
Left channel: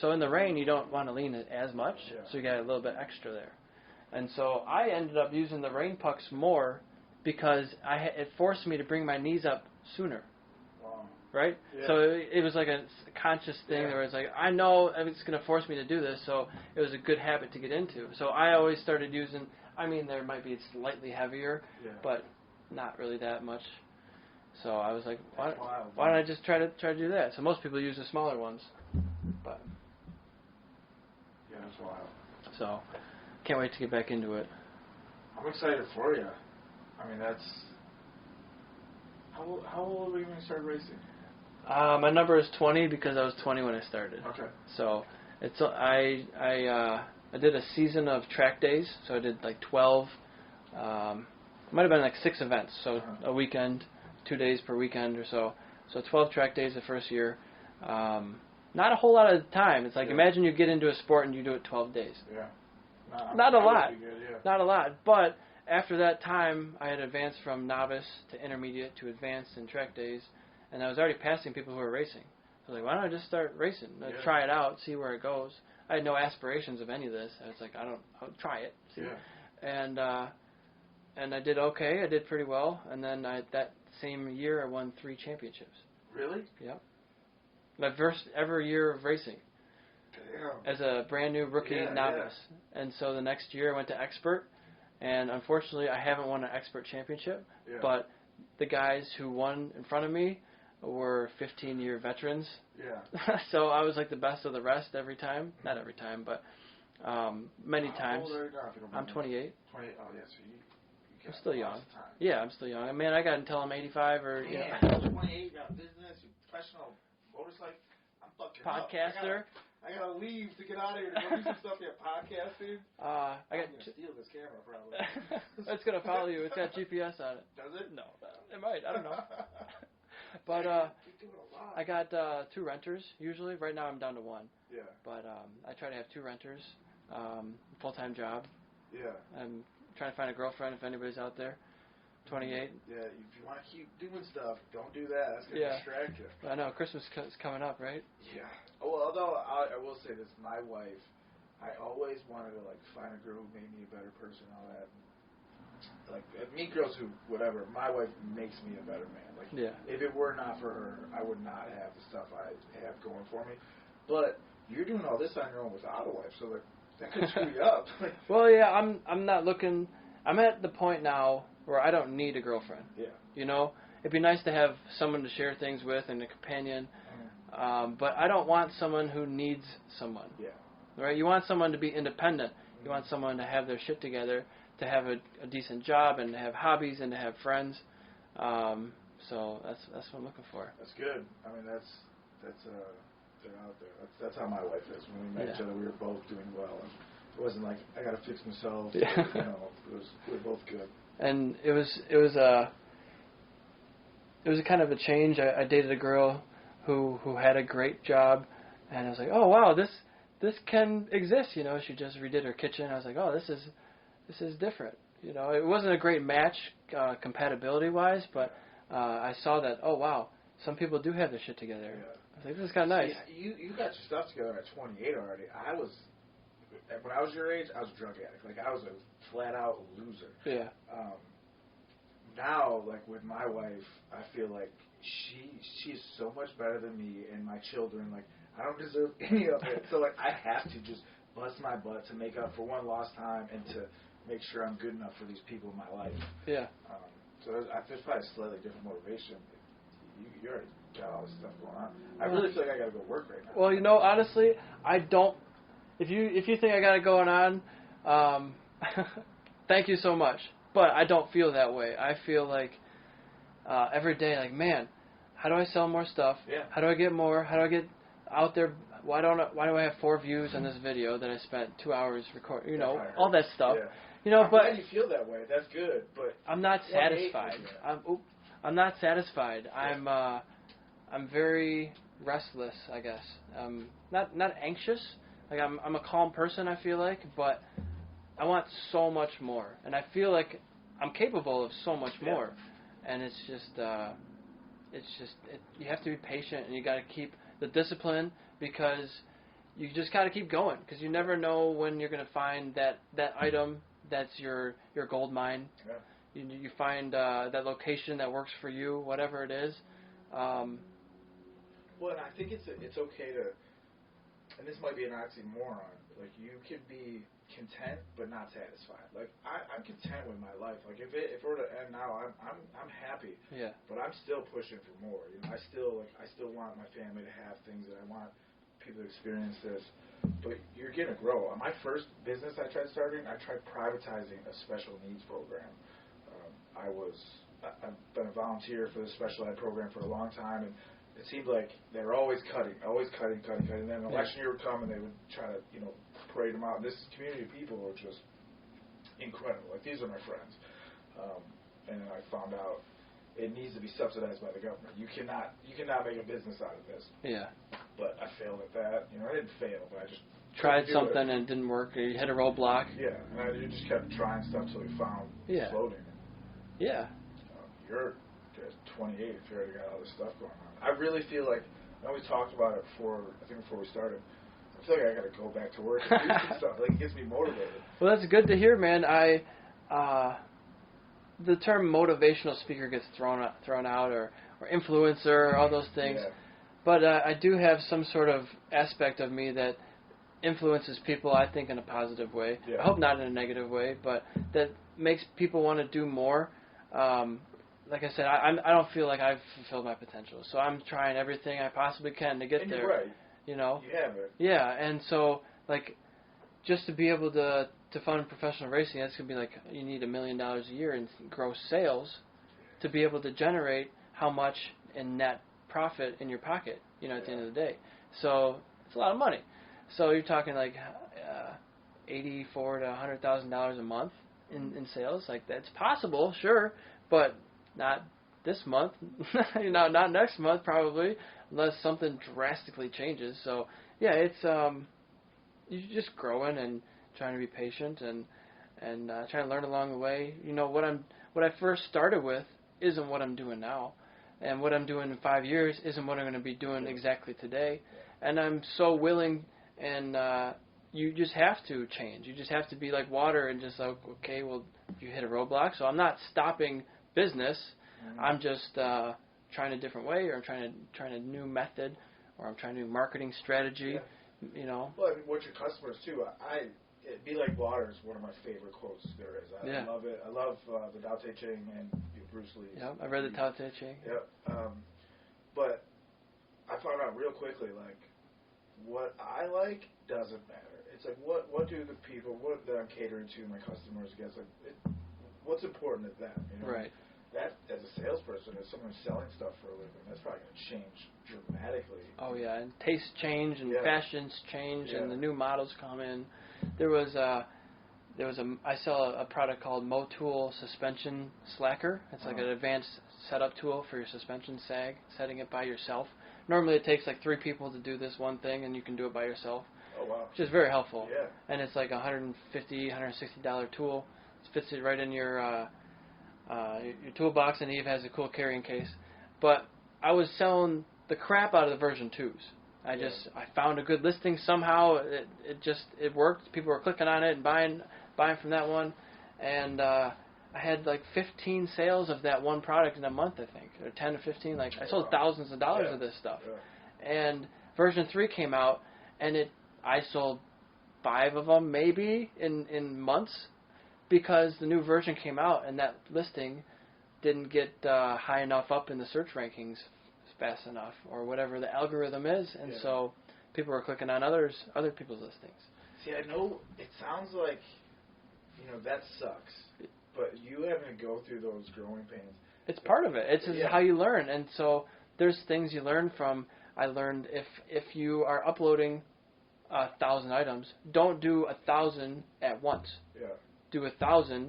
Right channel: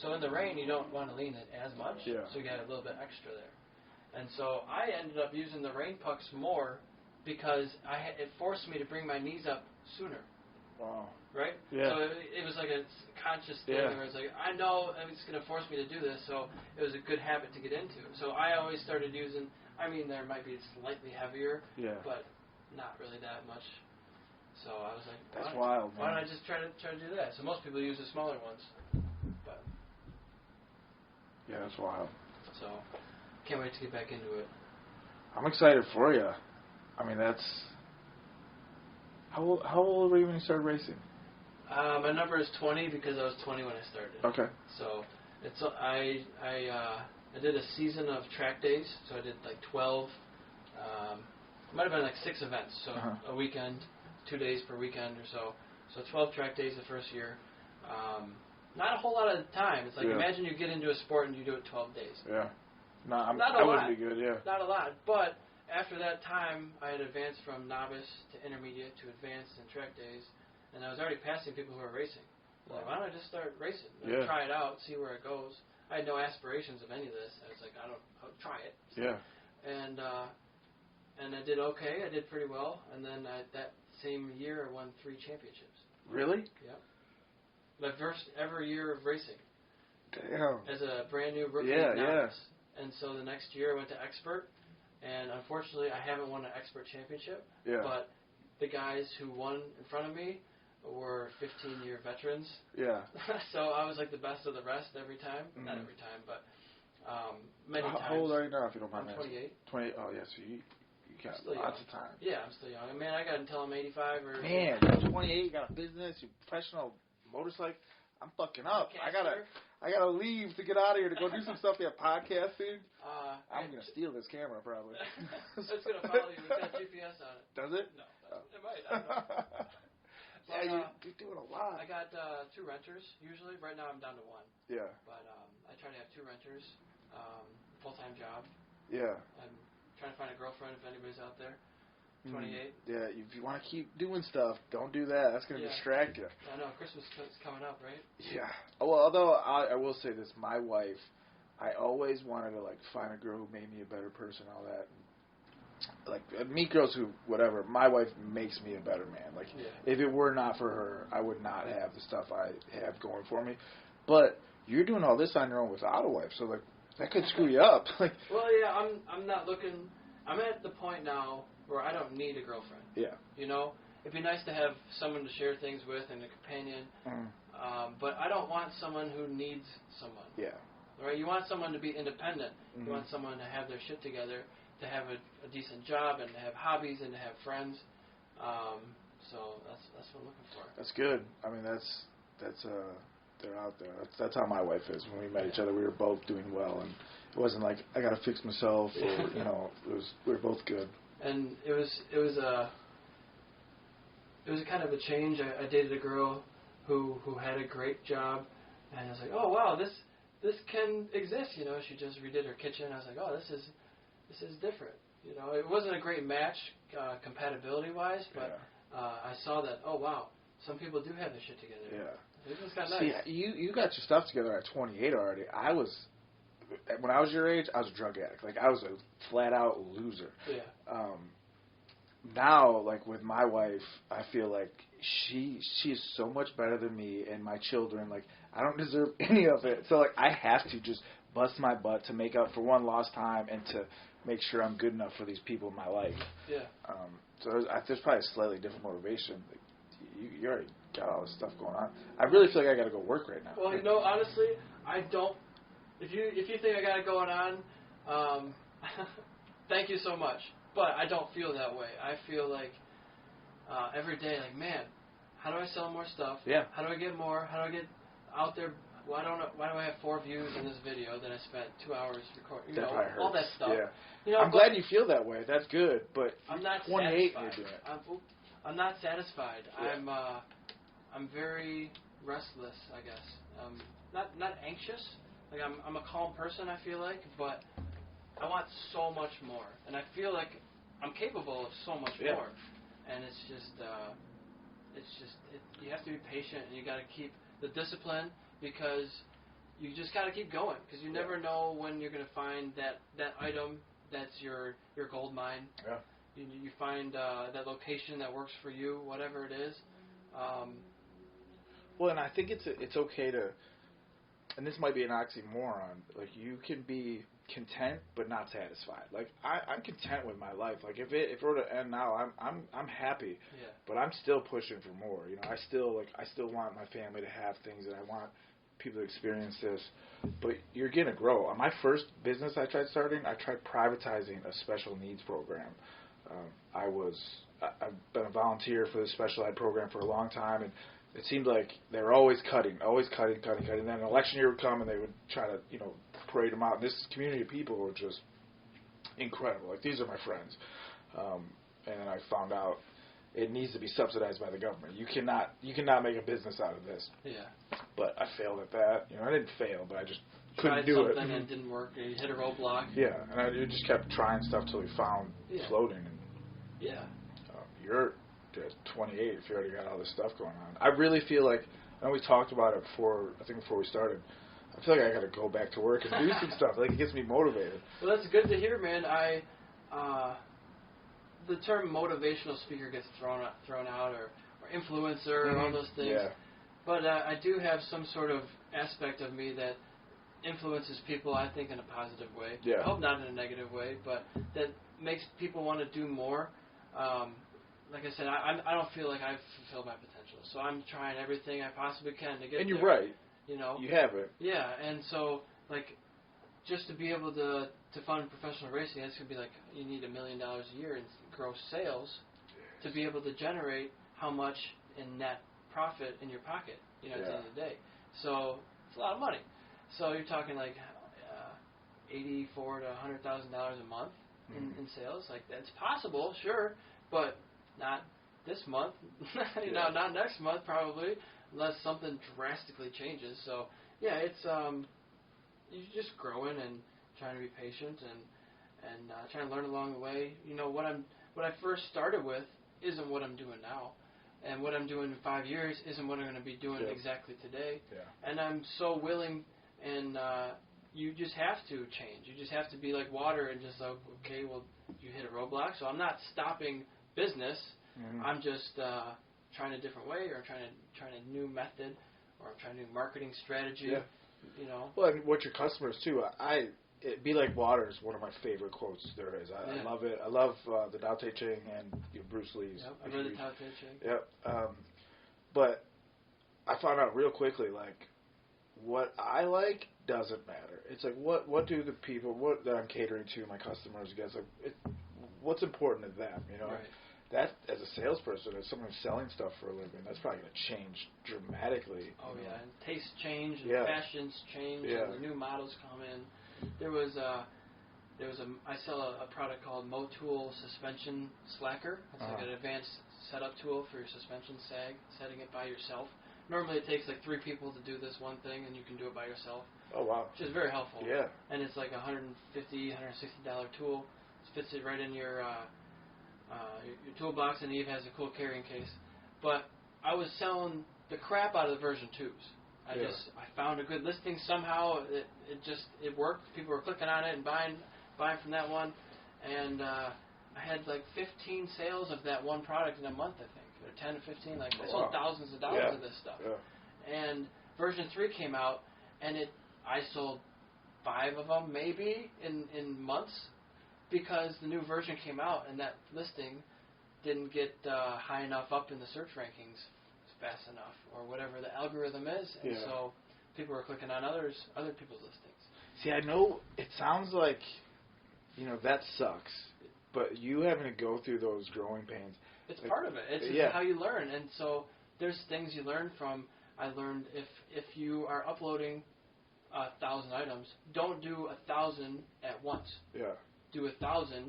So in the rain, you don't want to lean it as much, so you got a little bit extra there. And so I ended up using the rain pucks more because it forced me to bring my knees up sooner. Wow. Right? Yeah. So it was like a conscious thing where it's like, I know it's going to force me to do this, so it was a good habit to get into. So I always started using, there might be slightly heavier, but not really that much. So I was like, why don't I just try to do that? So most people use the smaller ones. But yeah, that's wild. So can't wait to get back into it. I'm excited for you. That's... How old were you when you started racing? My number is 20 because I was 20 when I started. Okay. So I did a season of track days. So I did like 12. It might have been like 6 events. So a weekend, 2 days per weekend or so. So 12 track days the first year. Not a whole lot of time. It's like imagine you get into a sport and you do it 12 days. Yeah. Not a lot. Would be good, yeah. Not a lot. But after that time, I had advanced from novice to intermediate to advanced in track days, and I was already passing people who were racing. I was like, why don't I just start racing? Try it out, see where it goes. I had no aspirations of any of this. I was like, I'll try it. Yeah. And I did okay. I did pretty well. And then that same year, I won 3 championships. Really? Yep. My first ever year of racing. Damn. As a brand new rookie novice. And so the next year I went to expert, and unfortunately I haven't won an expert championship. Yeah. But the guys who won in front of me were 15-year veterans. Yeah. So I was like the best of the rest every time. Mm-hmm. Not every time, but many times. How old are you now, if you don't mind? I'm 28. 28. Oh, yeah, so you got I'm still young. lots of time. Yeah, I'm still young. I got until I'm 85 or... Man, 28, you got a business, you're professional motorcycle. I'm fucking up. I gotta leave to get out of here to go do some stuff there podcasting. I'm gonna steal this camera probably. It's gonna follow you. It's got GPS on it. Does it? No. It might. I don't know. But you're doing a lot. I got 2 renters usually. Right now I'm down to 1. Yeah. But I try to have 2 renters. Full-time job. Yeah. I'm trying to find a girlfriend if anybody's out there. 28. Yeah, if you want to keep doing stuff, don't do that. That's going to distract you. I know. Christmas is coming up, right? Yeah. Well, although I will say this, my wife, I always wanted to, find a girl who made me a better person, all that. Meet girls who, whatever, my wife makes me a better man. If it were not for her, I would not have the stuff I have going for me. But you're doing all this on your own without a wife, so, that could screw you up. Well, yeah, I'm not looking... I'm at the point now where I don't need a girlfriend. Yeah. It'd be nice to have someone to share things with and a companion. But I don't want someone who needs someone. Yeah. Right? You want someone to be independent. You want someone to have their shit together, to have a decent job, and to have hobbies, and to have friends. So that's what I'm looking for. That's good. They're out there. That's how my wife is. When we met each other, we were both doing well, and it wasn't like I gotta fix myself. Or, we were both good. And it was a kind of a change. I dated a girl who had a great job, and I was like, oh wow, this can exist. She just redid her kitchen. I was like, oh, this is different. It wasn't a great match compatibility wise, but I saw that, oh wow, some people do have their shit together. Yeah. I think this is kind of nice. See, you got your stuff together at 28 already. When I was your age, I was a drug addict. I was a flat out loser. Yeah. Now, with my wife, I feel like she is so much better than me and my children. I don't deserve any of it. So I have to just bust my butt to make up for one lost time and to make sure I'm good enough for these people in my life. Yeah. So there's probably a slightly different motivation. You already got all this stuff going on. I really feel like I got to go work right now. Well, honestly, I don't. If you think I got it going on, thank you so much. But I don't feel that way. I feel like every day, man, how do I sell more stuff? Yeah. How do I get more? How do I get out there? Why do I have 4 views on this video that I spent 2 hours recording? All that stuff. Yeah. I'm glad you feel that way. That's good. But I'm not satisfied. I'm not satisfied. Yeah. I'm very restless, I guess. Not anxious. Like I'm a calm person, I feel like, but I want so much more, and I feel like I'm capable of so much more. And it's just you have to be patient, and you got to keep the discipline, because you just got to keep going, because you never know when you're going to find that item that's your gold mine. Yeah. You find that location that works for you, whatever it is. Well, and I think it's okay to, and this might be an oxymoron, like you can be content but not satisfied. Like I'm content with my life. Like if it were to end now, I'm happy. Yeah. But I'm still pushing for more. You know, I still want my family to have things that I want people to experience this. But you're gonna grow. On my first business I tried starting, I tried privatizing a special needs program. I've been a volunteer for the special ed program for a long time, and it seemed like they were always cutting. And then an election year would come, and they would try to, parade them out. And this community of people were just incredible. Like, these are my friends. And then I found out it needs to be subsidized by the government. You cannot make a business out of this. Yeah. But I failed at that. I didn't fail, but I just tried do something it. and it didn't work. Or you hit a roadblock. Yeah, and I just kept trying stuff till we found floating. Yeah. You're at 28 if you already got all this stuff going on. I really feel like, I know we talked about it before we started, I feel like I got to go back to work and do some stuff. Like, it gets me motivated. Well, that's good to hear, man. The term motivational speaker gets thrown out, or influencer, all those things. Yeah. But I do have some sort of aspect of me that influences people, I think, in a positive way. Yeah. I hope not in a negative way, but that makes people want to do more. Like I said, I don't feel like I've fulfilled my potential, so I'm trying everything I possibly can to get there. And you're right. You know? You have it. Yeah, and so, like, just to be able to fund professional racing, that's going to be like, you need $1 million a year in gross sales to be able to generate how much in net profit in your pocket, at the end of the day. So, it's a lot of money. So, you're talking like $84,000 to $100,000 a month in sales. Like, that's possible, sure, but not this month, not next month probably, unless something drastically changes. So yeah, it's you're just growing and trying to be patient and trying to learn along the way. What I first started with isn't what I'm doing now, and what I'm doing in 5 years isn't what I'm going to be doing exactly today. Yeah. And I'm so willing, and you just have to change. You just have to be like water and just like, okay, well, you hit a roadblock, so I'm not stopping business. Mm-hmm. I'm just trying a different way, or I'm trying a new method, or I'm trying a new marketing strategy. Yeah. Well, and what your customers too. Be like water is one of my favorite quotes there is. I love it. I love the Tao Te Ching and Bruce Lee's. Yep, I read the Tao Te Ching. Yep. But I found out real quickly, like, what I like doesn't matter. It's like, what do the people that I'm catering to, my customers, guys, like, what's important to them, Right. That, as a salesperson, as someone who's selling stuff for a living, that's probably going to change dramatically. Oh yeah, and tastes change, and fashions change, and the new models come in. I sell a product called Motul Suspension Slacker. It's like an advanced setup tool for your suspension sag, setting it by yourself. Normally it takes like 3 people to do this one thing, and you can do it by yourself. Oh wow! Which is very helpful. Yeah. And it's like $150, $160 tool. It fits it right in your toolbox, and Eve has a cool carrying case. But I was selling the crap out of the version 2s. I found a good listing somehow. It worked. People were clicking on it and buying from that one, and I had like 15 sales of that one product in a month, I think, or 10 to 15. Like, I sold thousands of dollars of this stuff. Yeah. And version 3 came out, and I sold 5 of them maybe in months, because the new version came out and that listing didn't get high enough up in the search rankings fast enough, or whatever the algorithm is, and so people were clicking on other people's listings. See, I know it sounds like, that sucks, but you having to go through those growing pains. It's part of it. It's just how you learn, and so there's things you learn from. I learned if you are uploading 1,000 items, don't do 1,000 at once. Yeah. Do 1,000,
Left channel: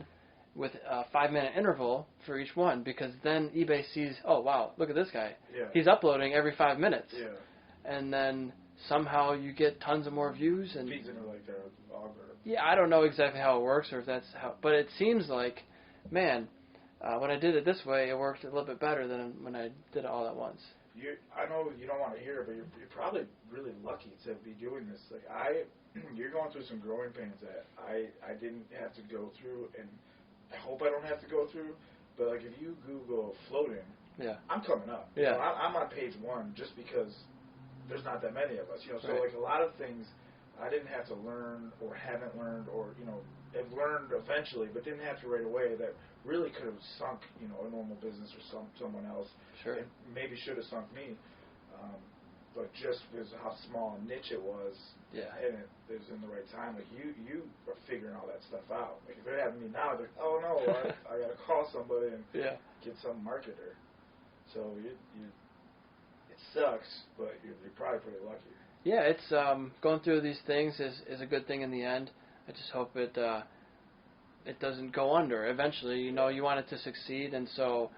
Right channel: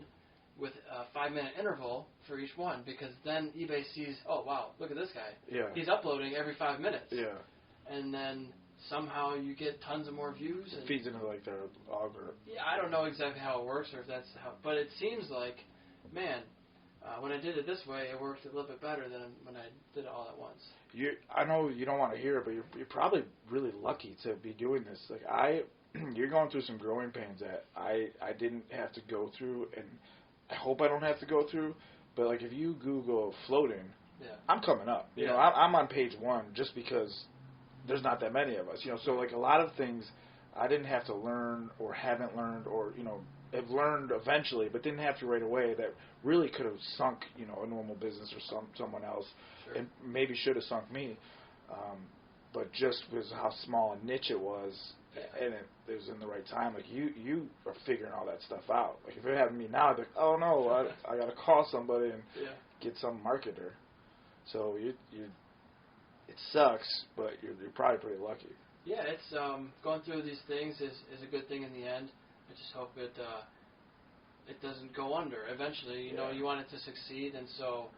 with a 5-minute interval for each one, because then eBay sees, oh wow, look at this guy. Yeah. He's uploading every 5 minutes. Yeah. And then somehow you get tons of more views. And feeds into like their algorithm. Yeah, I don't know exactly how it works or if that's how, but it seems like, man, when I did it this way, it worked a little bit better than when I did it all at once. I know you don't want to hear it, but you're probably really lucky to be doing this. Like you're going through some growing pains that I didn't have to go through, and I hope I don't have to go through. But like if you Google floating, yeah, I'm coming up. Yeah, I'm on page 1 just because there's not that many of us. So right. like a lot of things I didn't have to learn or haven't learned or have learned eventually, but didn't have to right away. That really could have sunk a normal business or someone else, sure. and maybe should have sunk me. But just because how small a niche it was, yeah, and it was in the right time. Like you are figuring all that stuff out. Like if it happened to me now, I'd be like, oh no, I got to call somebody and get some marketer. So it sucks, but you're probably pretty lucky. Yeah, it's going through these things is a good thing in the end. I just hope it doesn't go under. Eventually, you want it to succeed, and so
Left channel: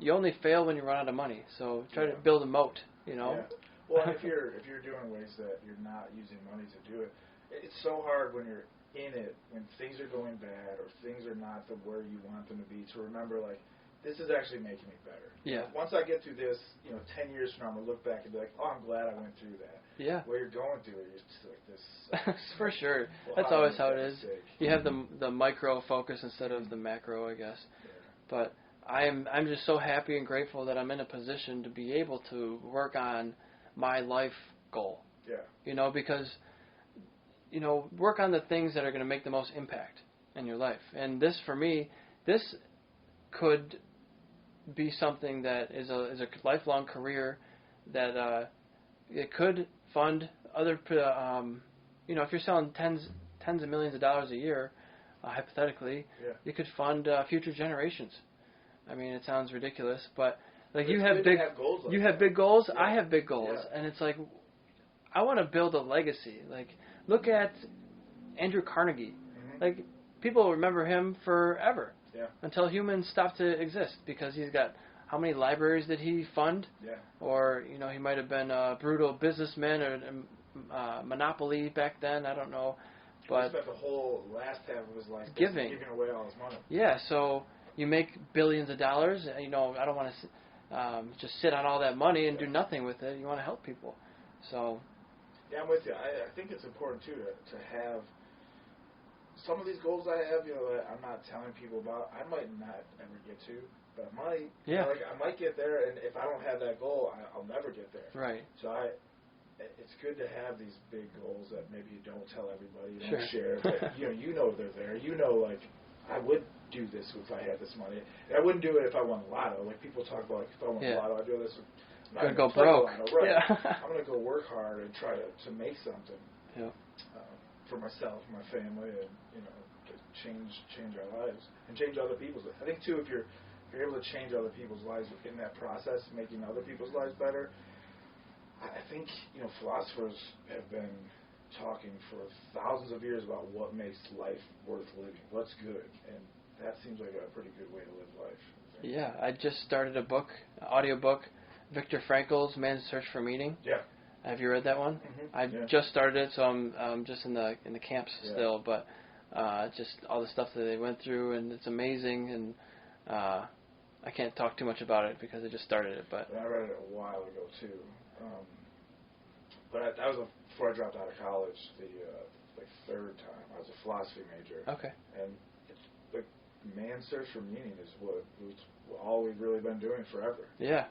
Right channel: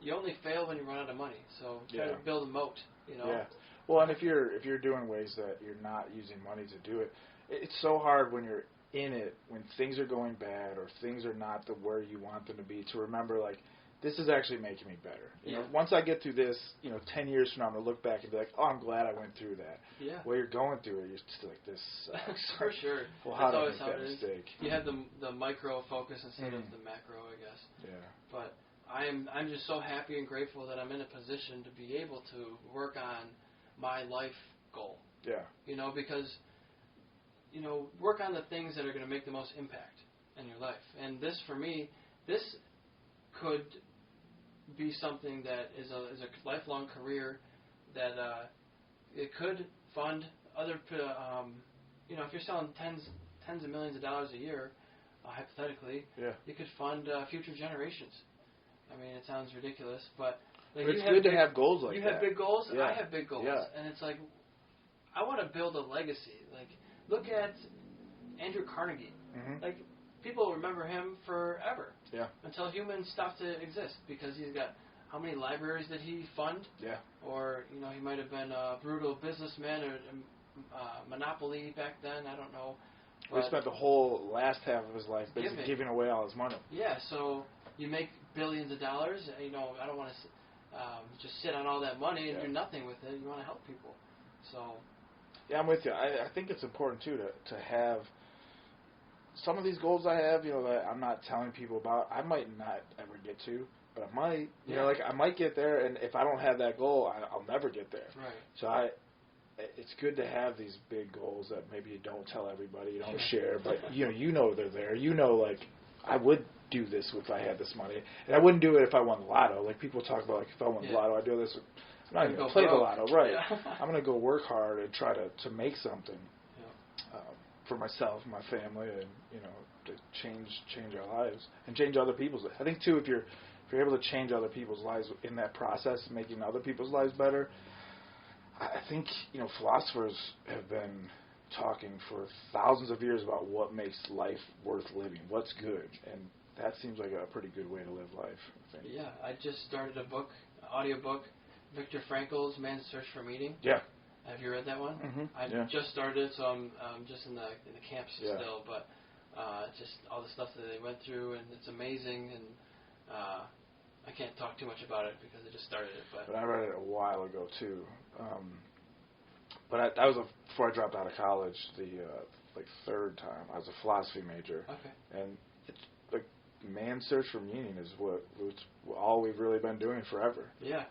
you only fail when you run out of money. So try to build a moat. Yeah. Well, and if you're doing ways that you're not using money to do it, it's so hard when you're in it, when things are going bad or things are not where you want them to be, to remember like, this is actually making me better. Once I get through this, 10 years from now, I'm going to look back and be like, oh, I'm glad I went through that. Yeah. While you're going through it, you're still like, this sucks. For sure. Well, that's always how it is. Mistake? You have the micro focus instead of the macro, I guess. Yeah. But I'm just so happy and grateful that I'm in a position to be able to work on my life goal. Yeah. Because, work on the things that are going to make the most impact in your life. And this, for me, this could be something that is a lifelong career that it could fund other, if you're selling tens of millions of dollars a year, hypothetically, you could fund future generations. I mean, it sounds ridiculous, but like you have goals like you that. have big goals. Yeah. I have big goals, and it's like I want to build a legacy. Like look at Andrew Carnegie. Mm-hmm. Like people remember him forever. Yeah. Until humans stop to exist, because he's got how many libraries did he fund? Yeah. Or he might have been a brutal businessman or monopoly back then. I don't know. But he spent the whole last half of his life giving away all his money. Yeah. So you make billions of dollars. I don't want to just sit on all that money and do nothing with it. You want to help people. So. Yeah, I'm with you. I think it's important too to have. Some of these goals I have, that I'm not telling people about, I might not ever get to, but I might. I might get there, and if I don't have that goal, I'll never get there. Right. So it's good to have these big goals that maybe you don't tell everybody, you don't share, but they're there. Like I would do this if I had this money, and I wouldn't do it if I won the lotto. Like people talk about, like if I won the lotto, I'd do this. I'm not going to play the lotto, right? Yeah. I'm going to go work hard and try to make something. Yeah. For myself and my family, and to change our lives and change other people's lives. I think too, if you're able to change other people's lives in that process, making other people's lives better, I think philosophers have been talking for thousands of years about what makes life worth living, what's good, and that seems like a pretty good way to live life. I think. Yeah, I just started an audiobook, Viktor Frankl's Man's Search for Meaning. Yeah. Have you read that one? Mm-hmm. I've just started it, so I'm just in the camps still. But just all the stuff that they went through, and it's amazing. And I can't talk too much about it because I just started it. But I read it a while ago too. But that was before I dropped out of college. The third time I was a philosophy major. Okay. And it's like man's search for meaning is it's all we've really been doing forever. Yeah.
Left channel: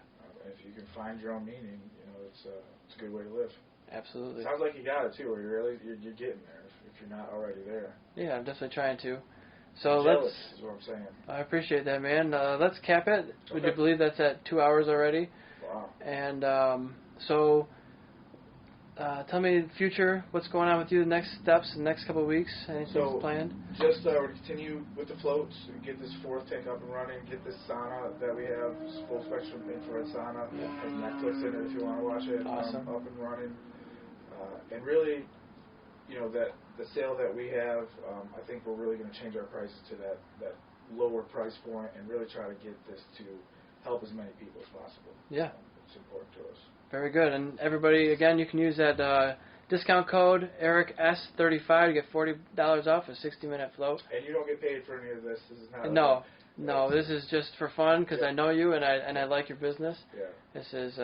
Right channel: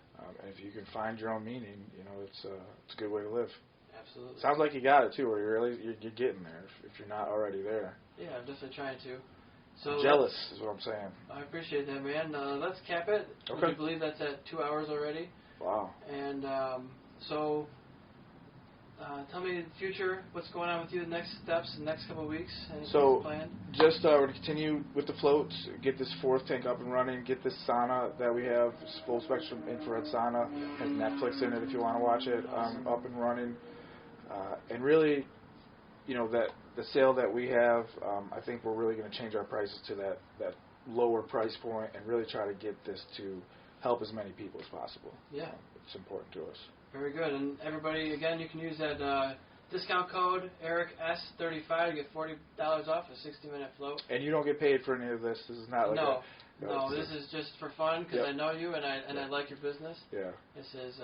And if you can find your own meaning, it's a good way to live. Absolutely. Sounds like you got it too, or you're getting there if you're not already there. Yeah, I'm definitely trying to. So jealous is what I'm saying. I appreciate that, man. Let's cap it. Okay. Would you believe that's at 2 hours already? Wow. And so tell me the future, what's going on with you, the next steps, the next couple of weeks, anything planned? Just we're continue with the floats, get this 4th tank up and running, get this sauna that we have, full spectrum infrared sauna, has Netflix in it if you want to watch it, Awesome. up and running, and really that the sale that we have, I think we're really going to change our prices to that lower price point and really try to get this to help as many people as possible. Yeah. It's important to us. Very good. And everybody, again, you can use that discount code EricS35 to get $40 off a 60-minute float. And you don't get paid for any of this. This is not No, this is just for fun because I know you and I like your business. Yeah. This is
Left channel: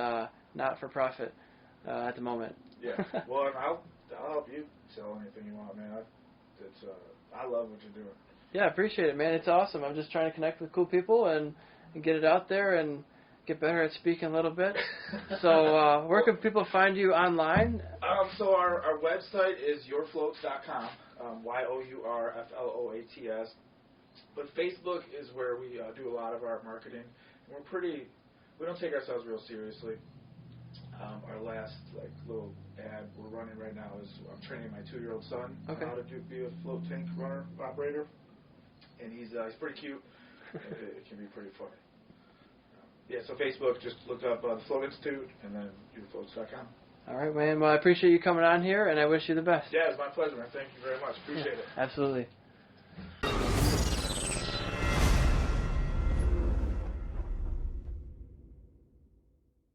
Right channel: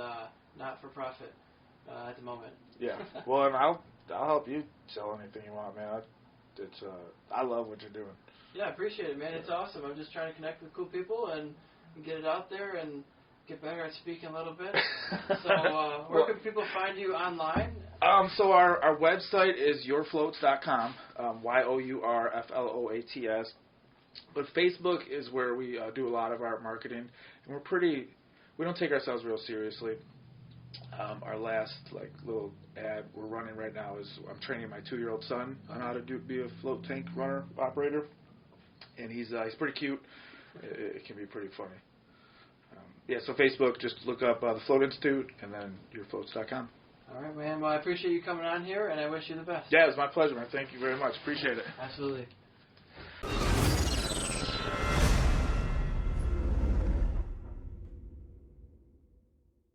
not for profit at the moment. Yeah. Well, and I'll help you sell anything you want, man. I love what you're doing. Yeah, I appreciate it, man. It's awesome. I'm just trying to connect with cool people and get it out there and get better at speaking a little bit. So where can people find you online? So our website is yourfloats.com, YOURFLOATS. But Facebook is where we do a lot of our marketing. And we don't take ourselves real seriously. Our last little ad we're running right now is I'm training my 2-year-old son on how to be a float tank runner operator, and he's pretty cute. It can be pretty funny. So Facebook, just look up the Float Institute and then yourfloats.com. All right, man. Well, I appreciate you coming on here, and I wish you the best. Yeah, it's my pleasure, man. Thank you very much. Appreciate it. Absolutely.